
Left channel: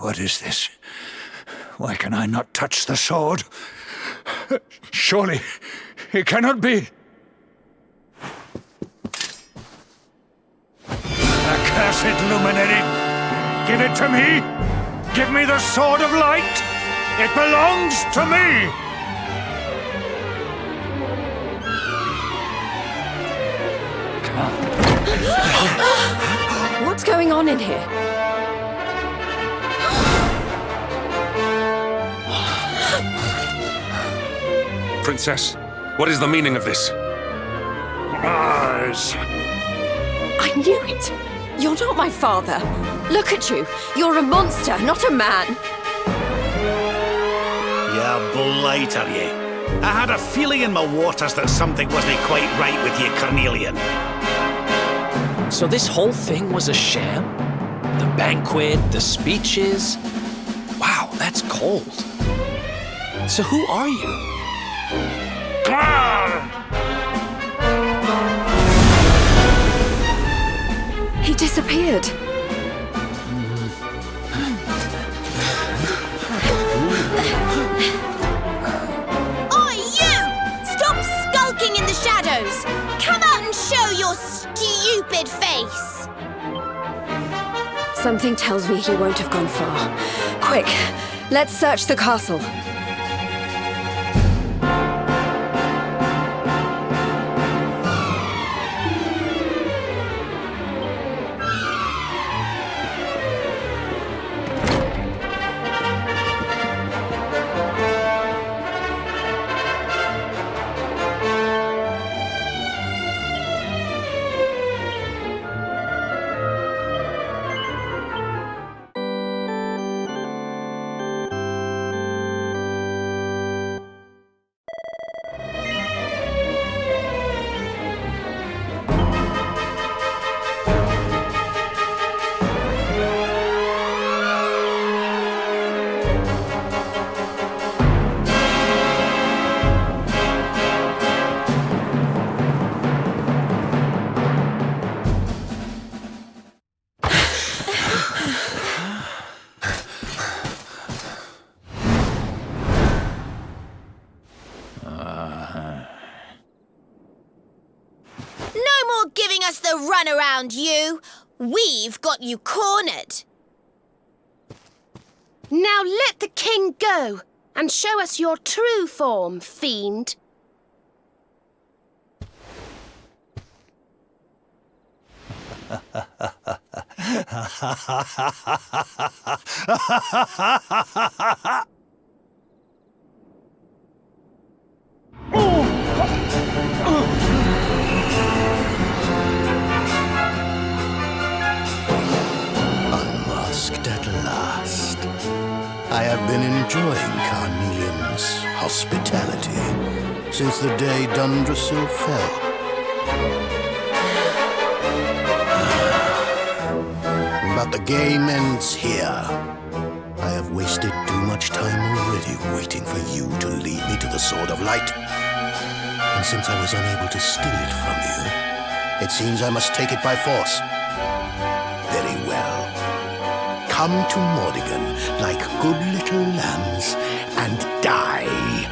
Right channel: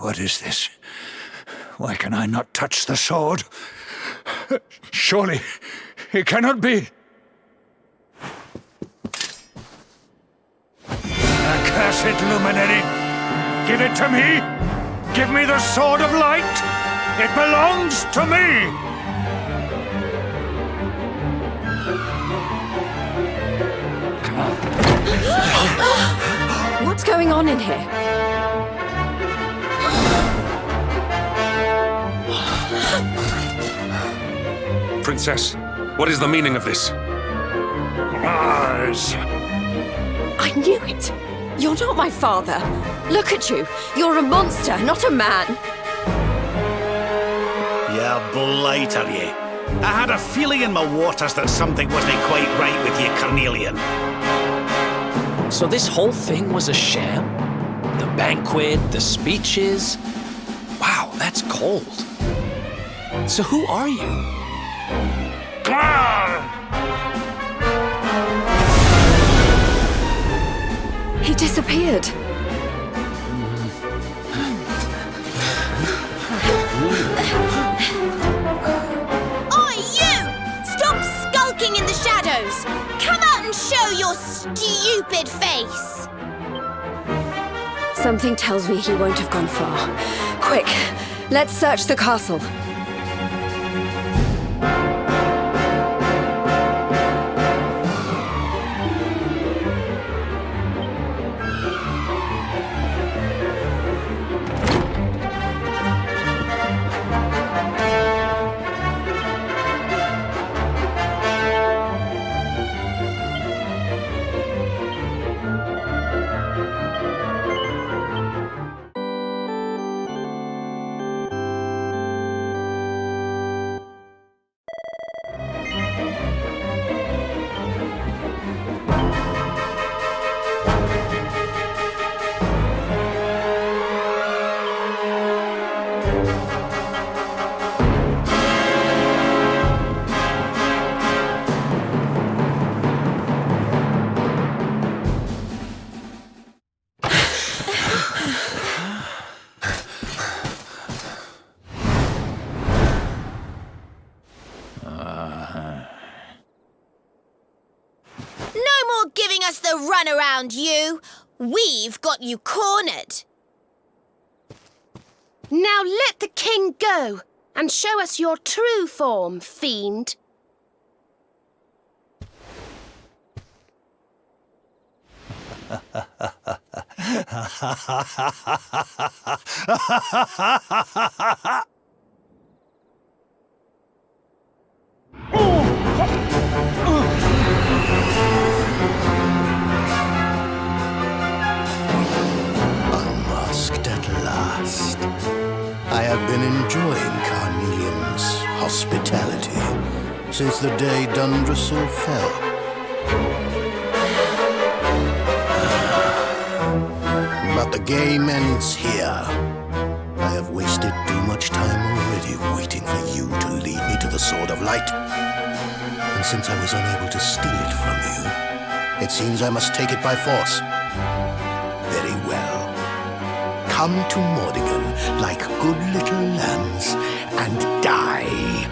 What is this? Why can I not touch the sword? Surely it cannot be. Accursed luminary! Give it to me! Give me the sword of light! It belongs to me! What's going on in here? Princess, what is the meaning of this? Mars! I knew it! You're not my father. Look at you. You're a monster, not a man. You blighter, you. I had a feeling in my waters that something wasn't quite right with you, Carnelian. So this whole thing was a sham? The banquet, the speeches? Wow, that's cold. So who are you? He disappeared. Oi, you! Stop skulking in the shadows! Come out and show your stupid face! Something tells me he won't have gone far. Quick, let's search the castle. Giving us the runaround, you! We've got you cornered! Now let the king go and show us your true form, fiend. Unmasked at last. I have been enjoying Carnelian's hospitality since the day Dundrasil fell. But the game ends here. I have wasted too much time already waiting for you to lead me to the Sword of Light. And since I was unable to steal it from you, it seems I must take it by force. Very well. Come to Mordigan like good little lambs and die.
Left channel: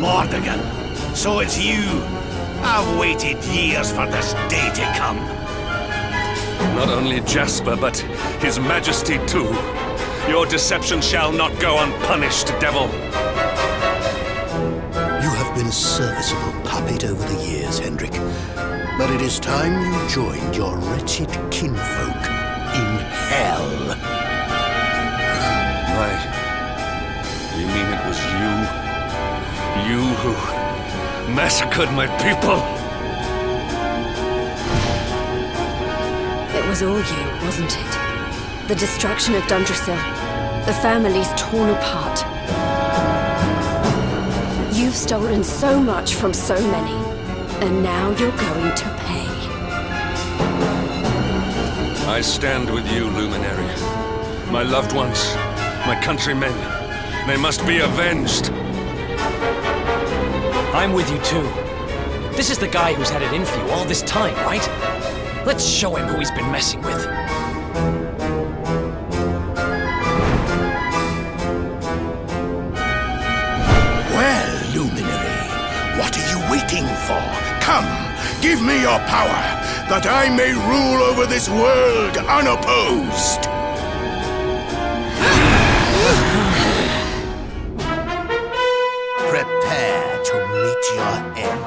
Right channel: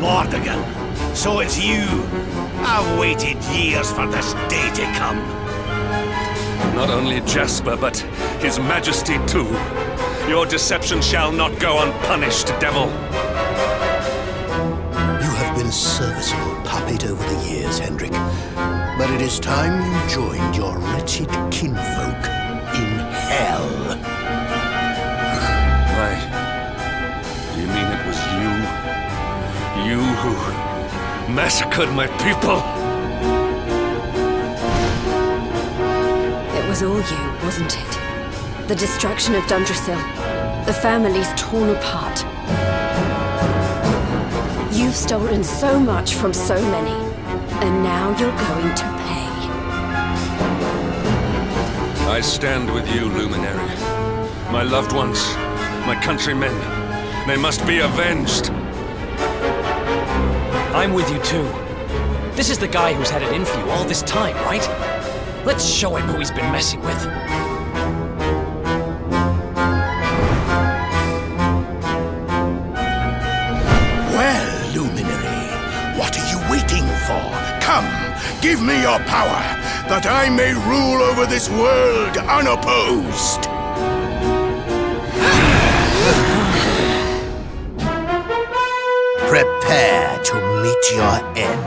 Mordigan, so it's you. I've waited years for this day to come. Not only Jasper, but His Majesty too. Your deception shall not go unpunished, devil. You have been a serviceable puppet over the years, Hendrik. But it is time you joined your wretched kinfolk in hell. Right. You mean it was you? You who massacred my people? It was all you, wasn't it? The destruction of Dundrasil. The families torn apart. You've stolen so much from so many. And now you're going to pay. I stand with you, Luminary. My loved ones, my countrymen, they must be avenged. I'm with you too. This is the guy who's had it in for you all this time, right? Let's show him who he's been messing with. Well, Luminary, what are you waiting for? Come, give me your power, that I may rule over this world unopposed. Prepare to meet your end.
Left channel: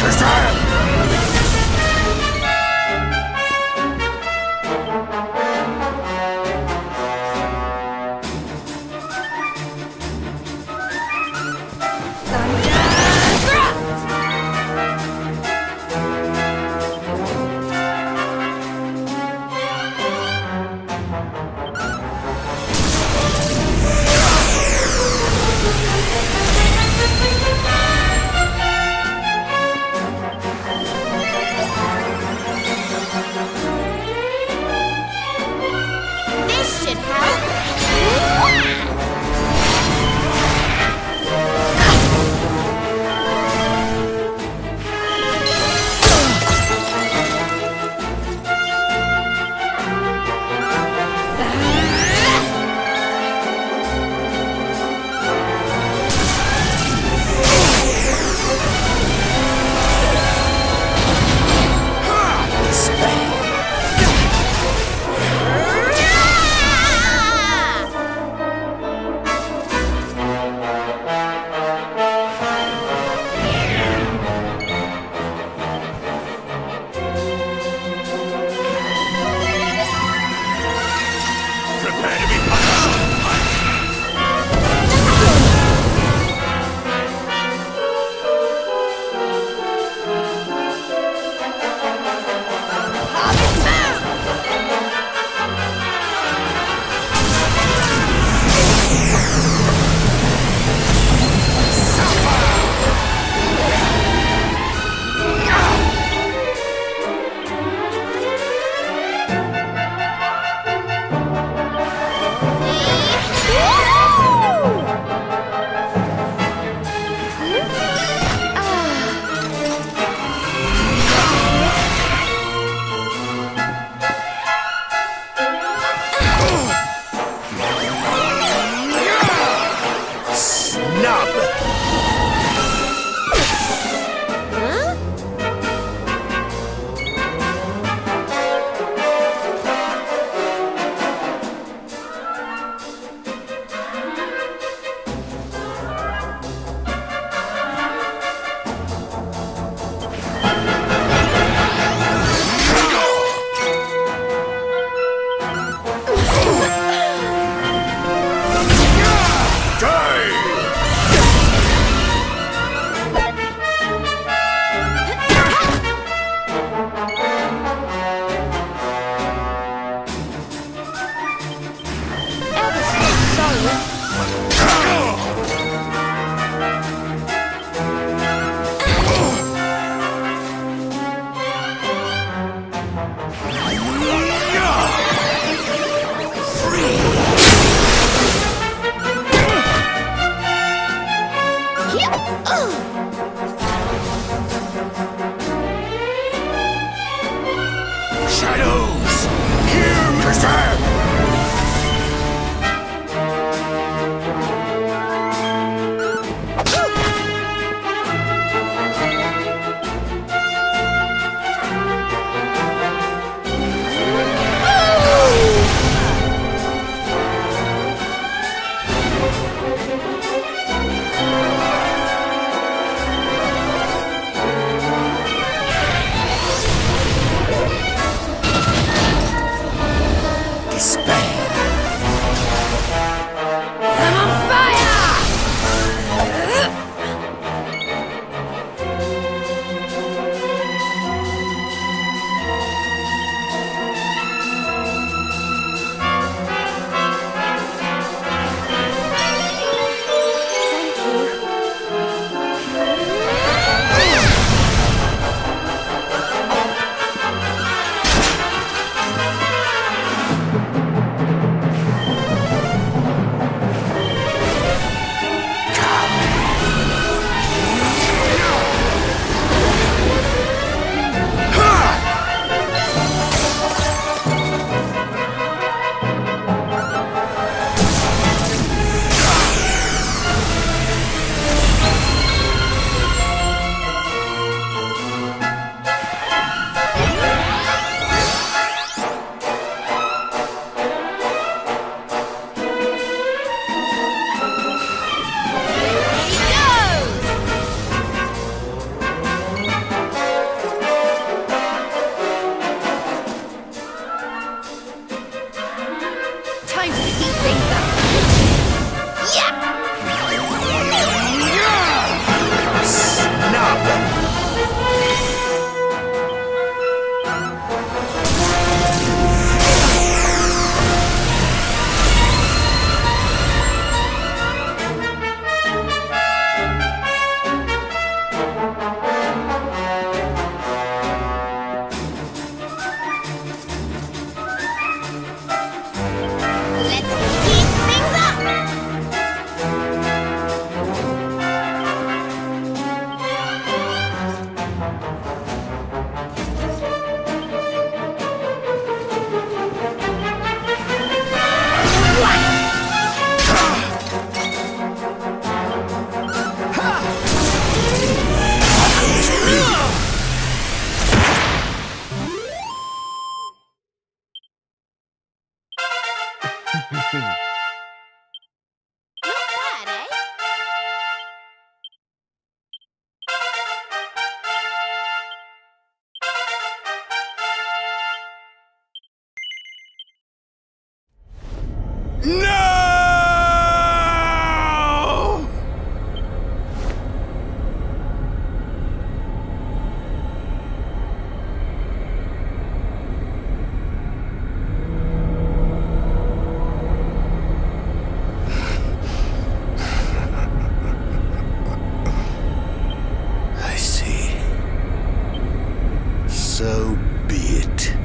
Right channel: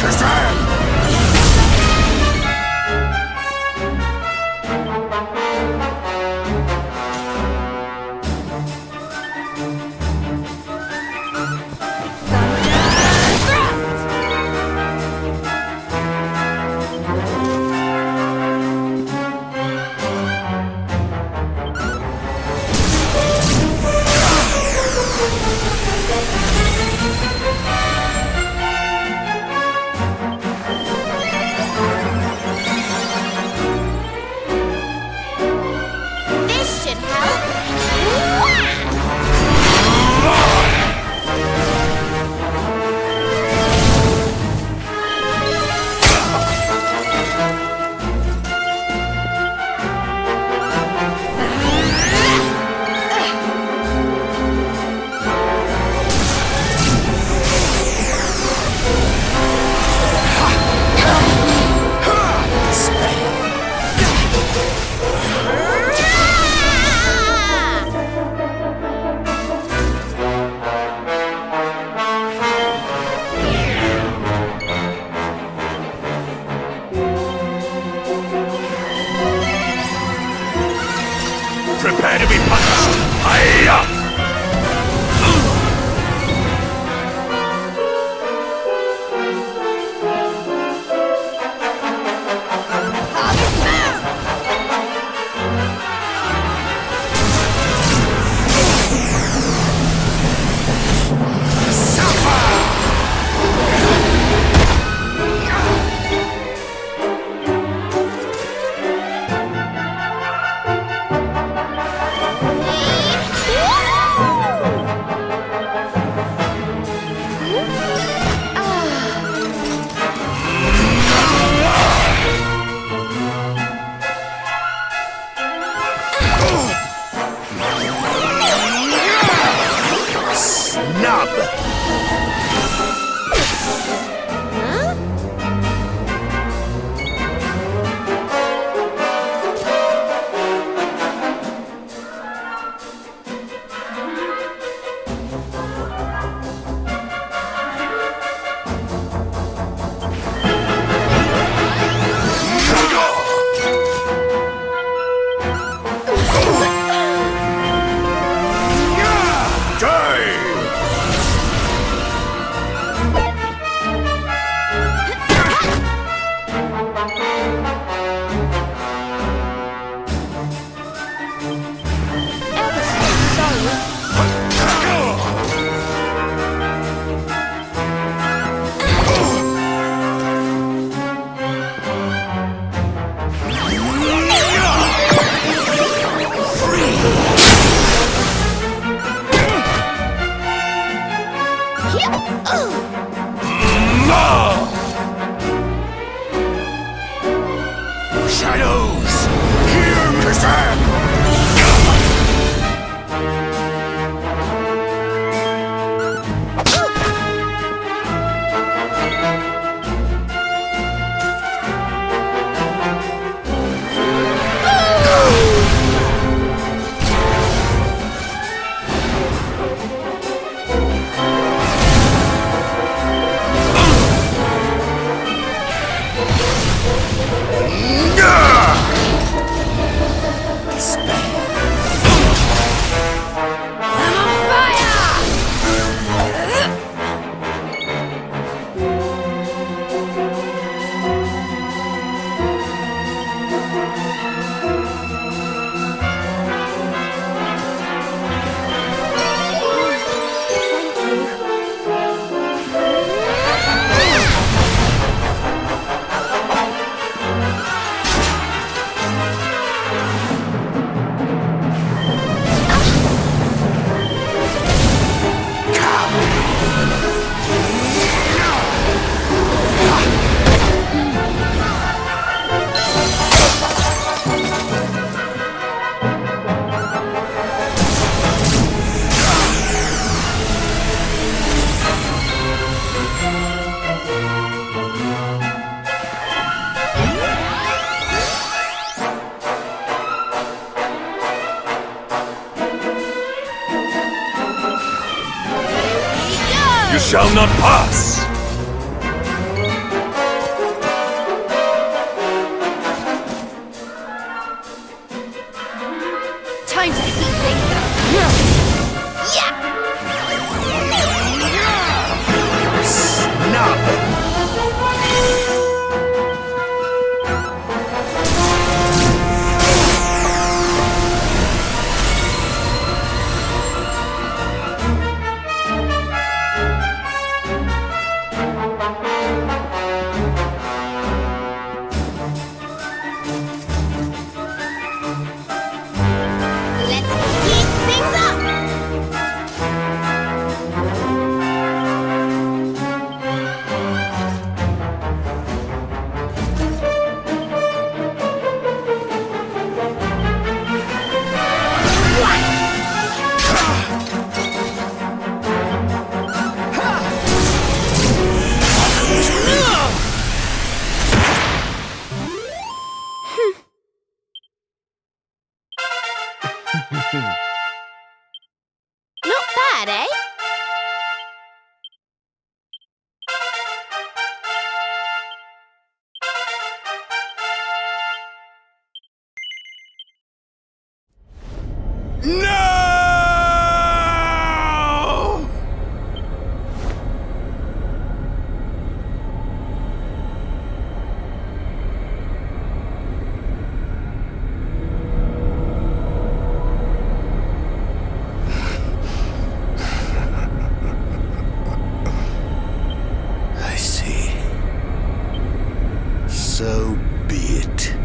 Kazam! This should help. Prepare to be punished! Hiya! Snub! Shadows! Hear me! Kazam! So be it.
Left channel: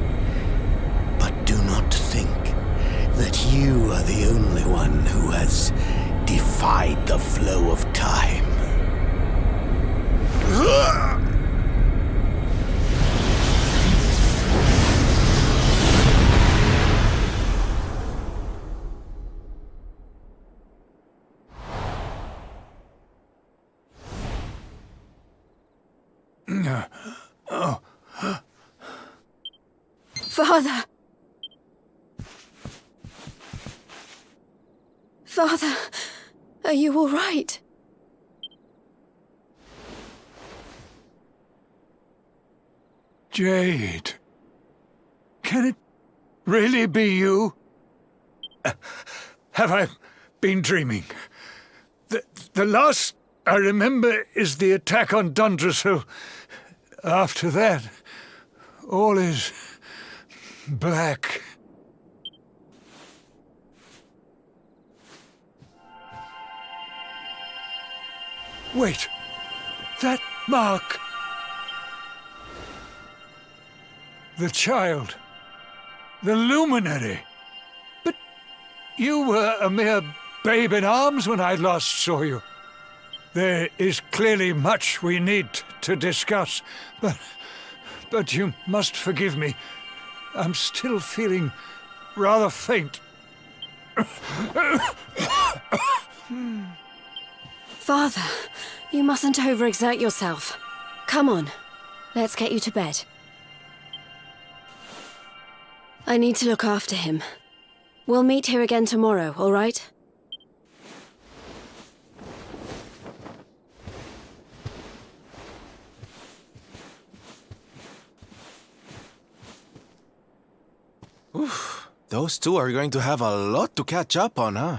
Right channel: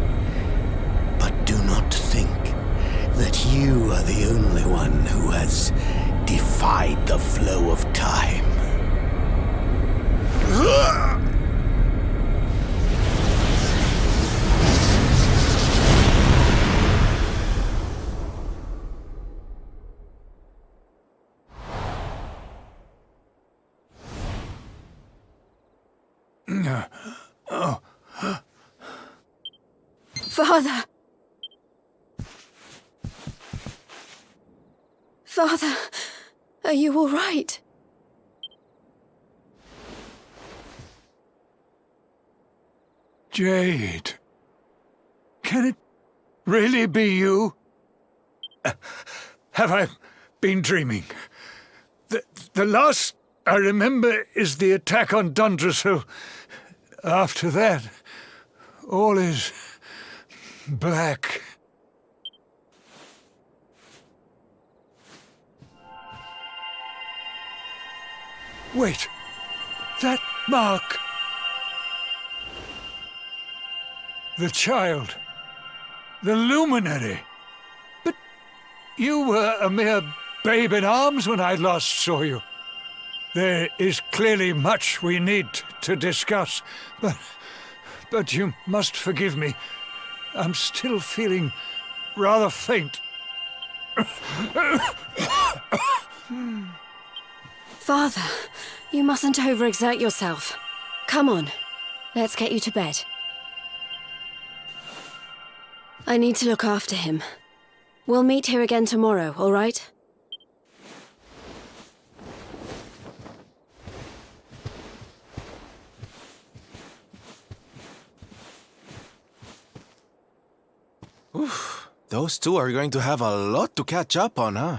But do not think that you are the only one who has defied the flow of time. Father! Father, are you all right? Jade. Can it really be you? Have I been dreaming? The last I remember is the attack on Dundrasil. After that, all is black. Wait, that mark. The child. The luminary. But you were a mere babe in arms when I last saw you. There is clearly much we need to discuss, but you must forgive me. I'm still feeling rather faint. Father, you mustn't overexert yourself. Come on, let's get you to bed. I need to look after him. We'll meet here again tomorrow, all right? Oof, those two are going to have a lot to catch up on, huh?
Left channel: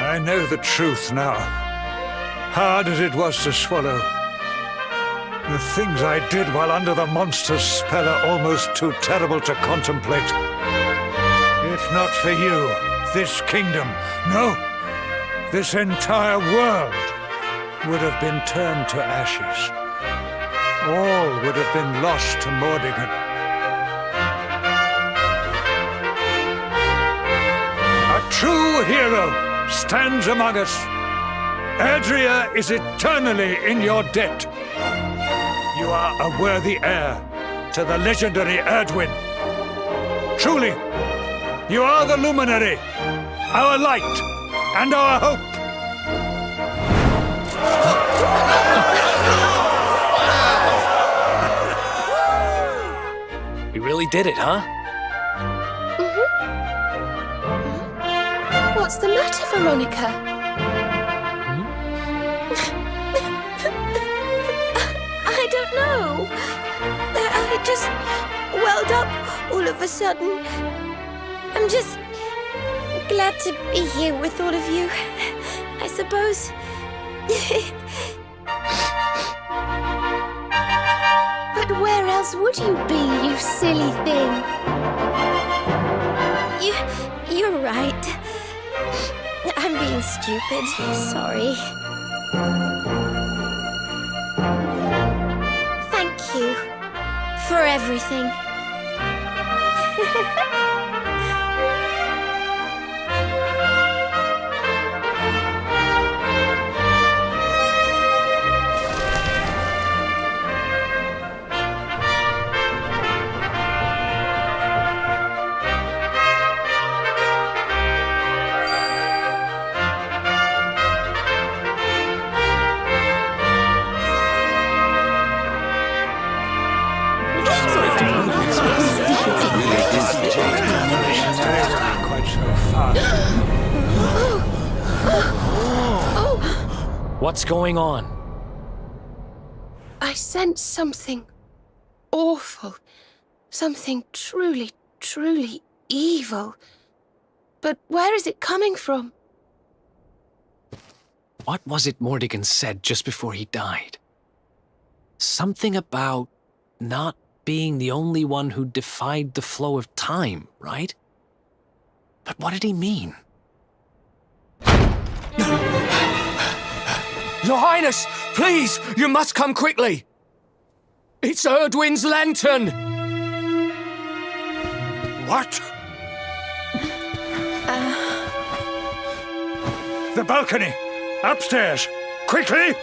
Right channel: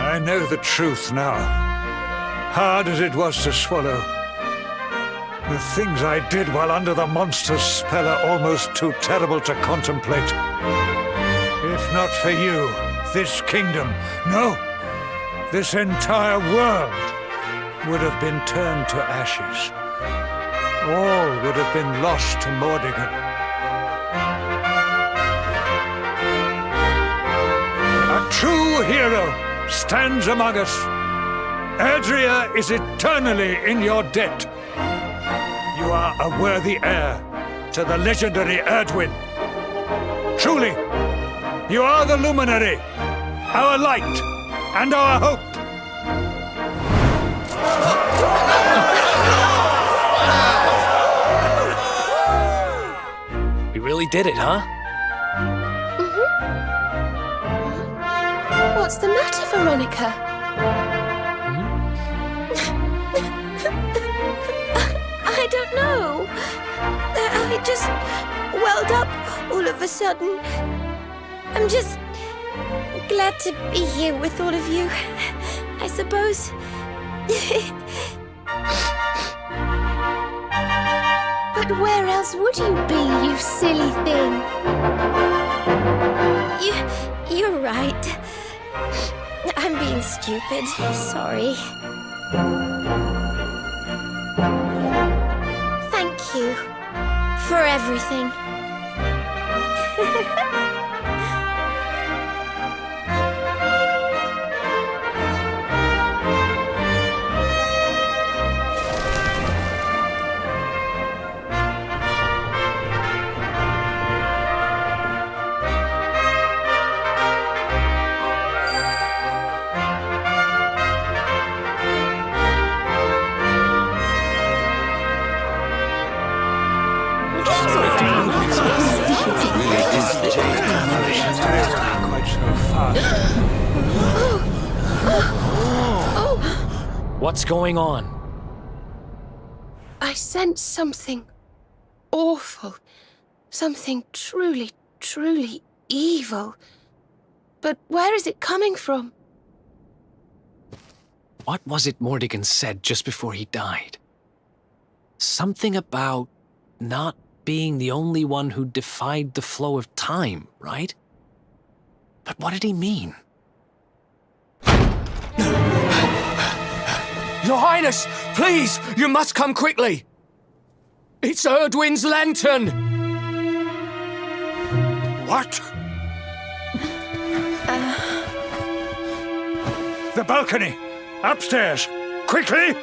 I know the truth now, hard as it was to swallow. The things I did while under the monster's spell are almost too terrible to contemplate. If not for you, this kingdom, no, this entire world would have been turned to ashes. All would have been lost to Mordigan. A true hero stands among us. Adria is eternally in your debt. You are a worthy heir to the legendary Erdwin. Truly, you are the luminary, our light, and our hope. We really did it, huh? What's the matter, Veronica? I don't know. I just welled up all of a sudden. I'm just glad to be here with all of you, I suppose. But where else would you be, you silly thing? You're right. I'm being stupid. Sorry. Thank you for everything. Quite so fast. What's going on? I sense something awful. Something truly, truly evil. But where is it coming from? What was it Mordigan said just before he died? Something about not being the only one who defied the flow of time, right? But what did he mean? Your Highness, please, you must come quickly. It's Erdwin's lantern. What? The balcony! Upstairs! Quickly!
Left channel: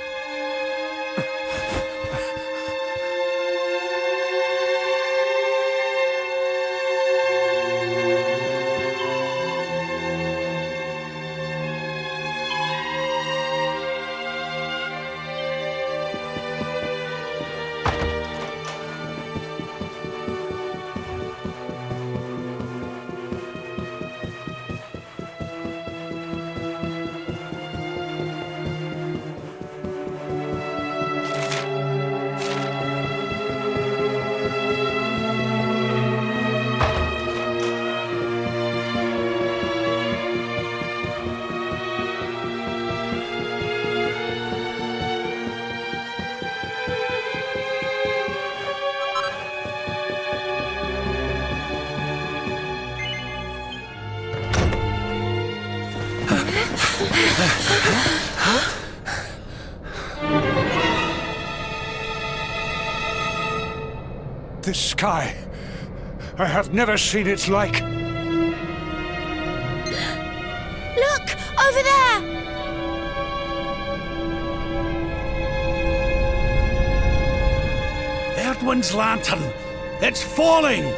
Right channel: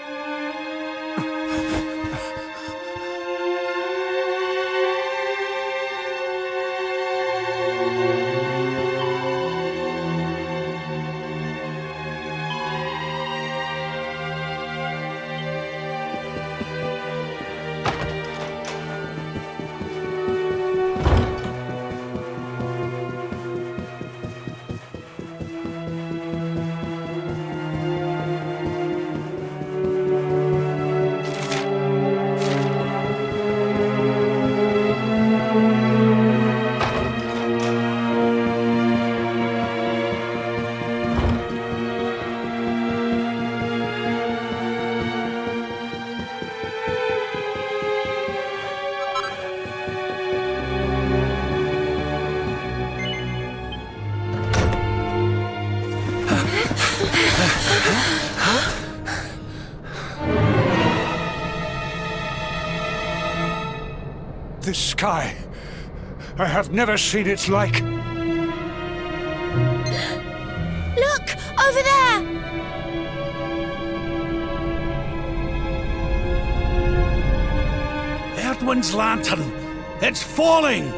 This sky, I have never seen its like. Look! Over there! Erdwin's lantern! It's falling!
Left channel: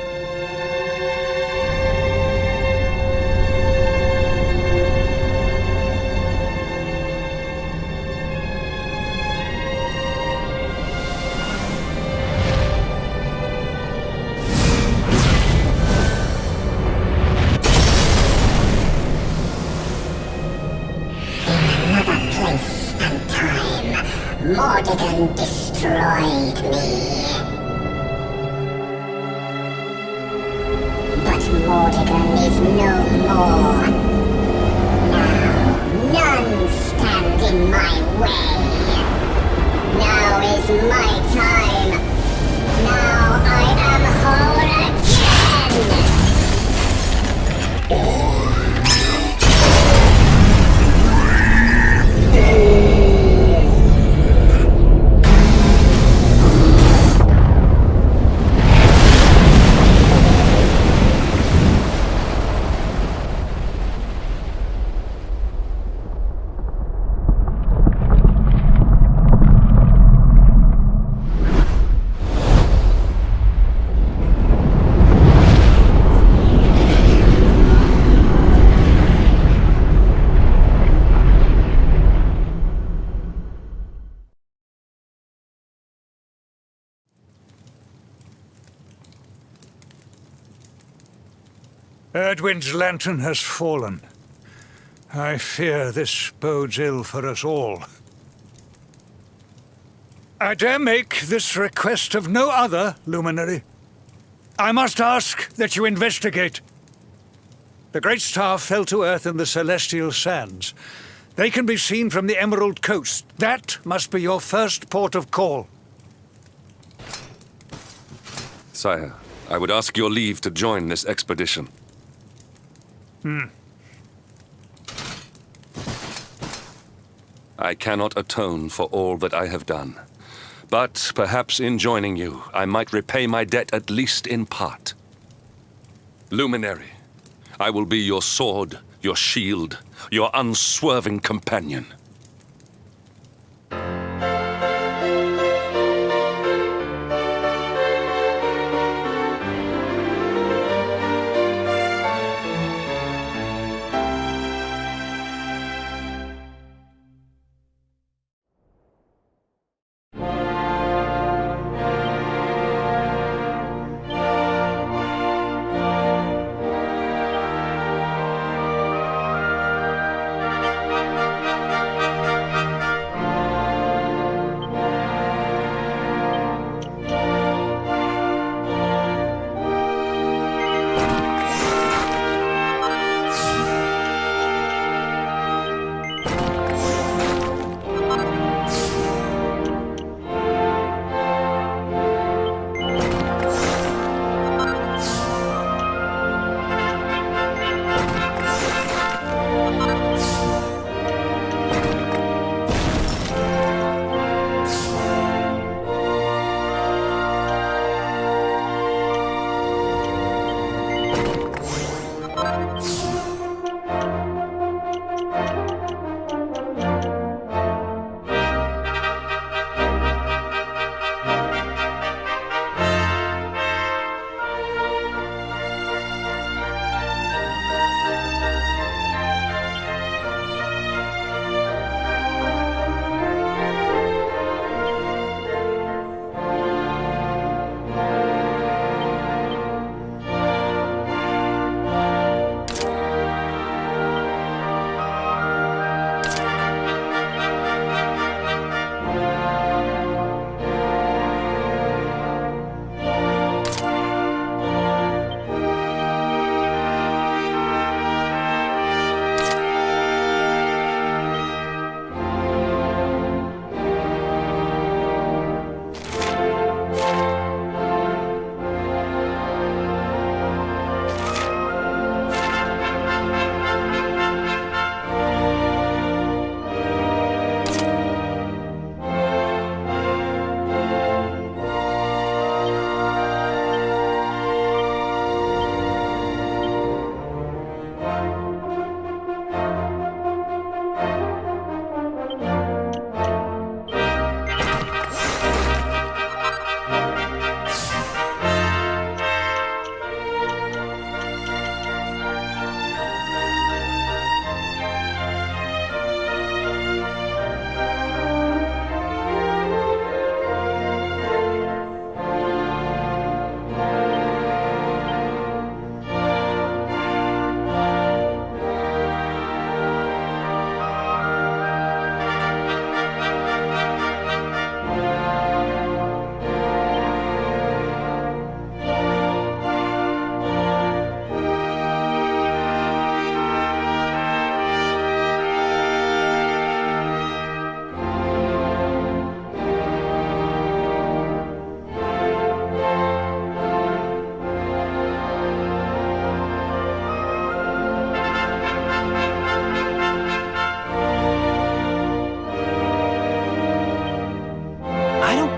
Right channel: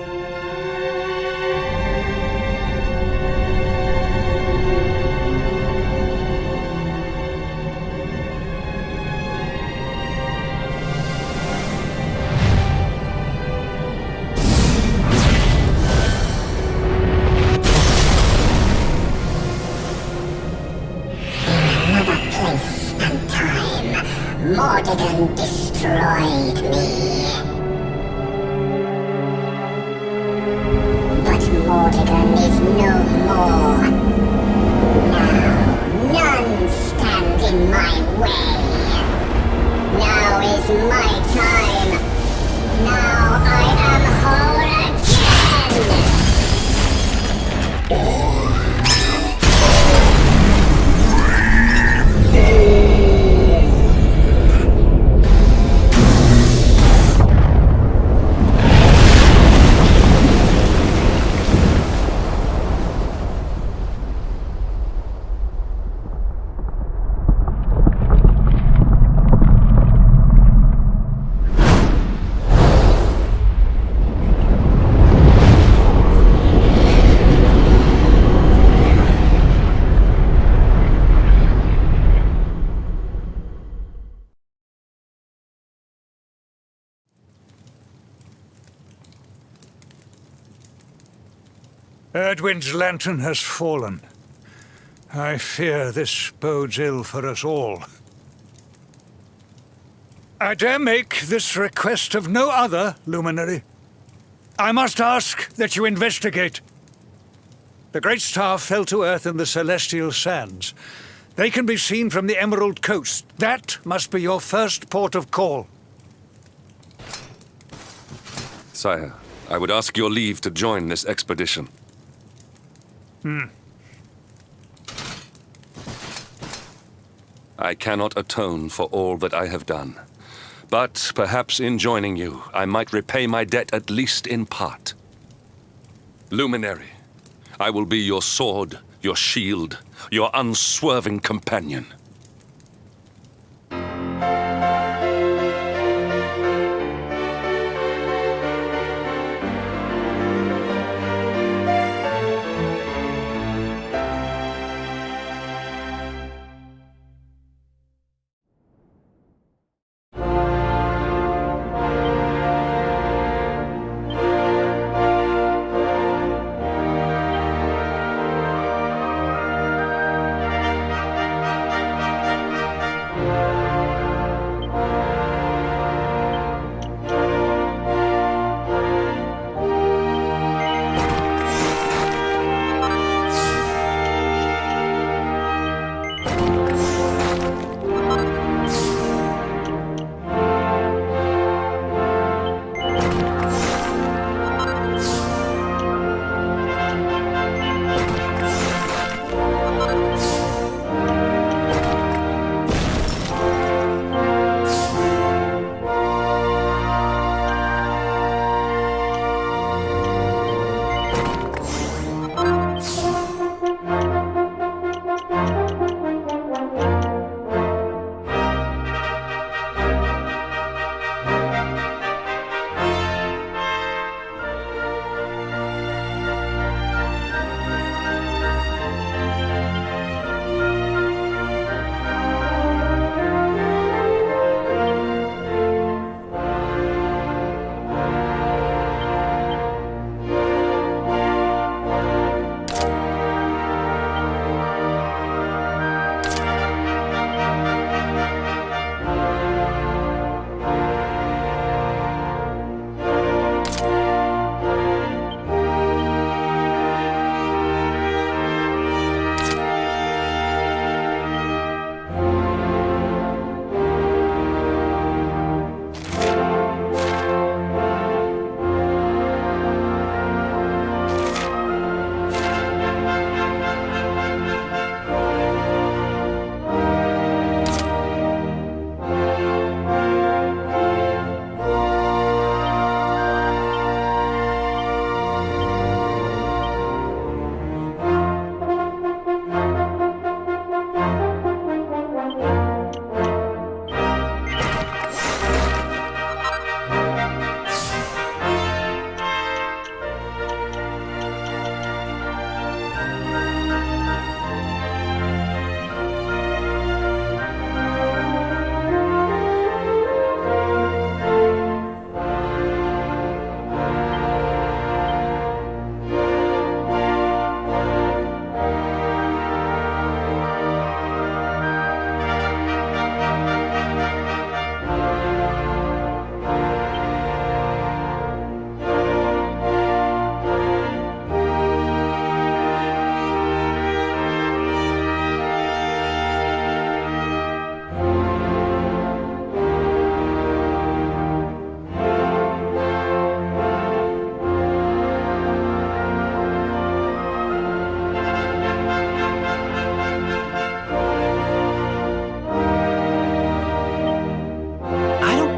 Mordigan destroyed me. But Mordigan is no more. Now, none stand in my way. Now is my time. Now I am whole again. Erdwin's lantern has fallen. I fear this bodes ill for us all. I dare make this request of no other, Luminary. I must ask that you investigate. The great star fell to Earth in the celestial sands. They can be seen from the Emerald Coast. That must be your first port of call. Sire, I would ask your leave to join this expedition. I cannot atone for all that I have done. But perhaps in joining you, I might repay my debt at least in part. Luminary, I will be your sword, your shield, your unswerving companion.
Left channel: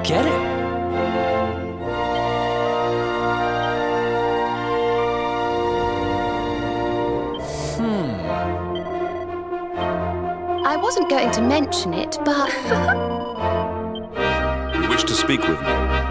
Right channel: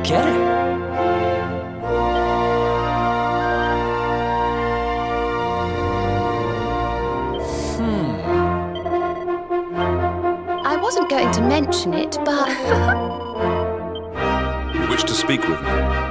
Get it? I wasn't going to mention it, but... You wish to speak with me?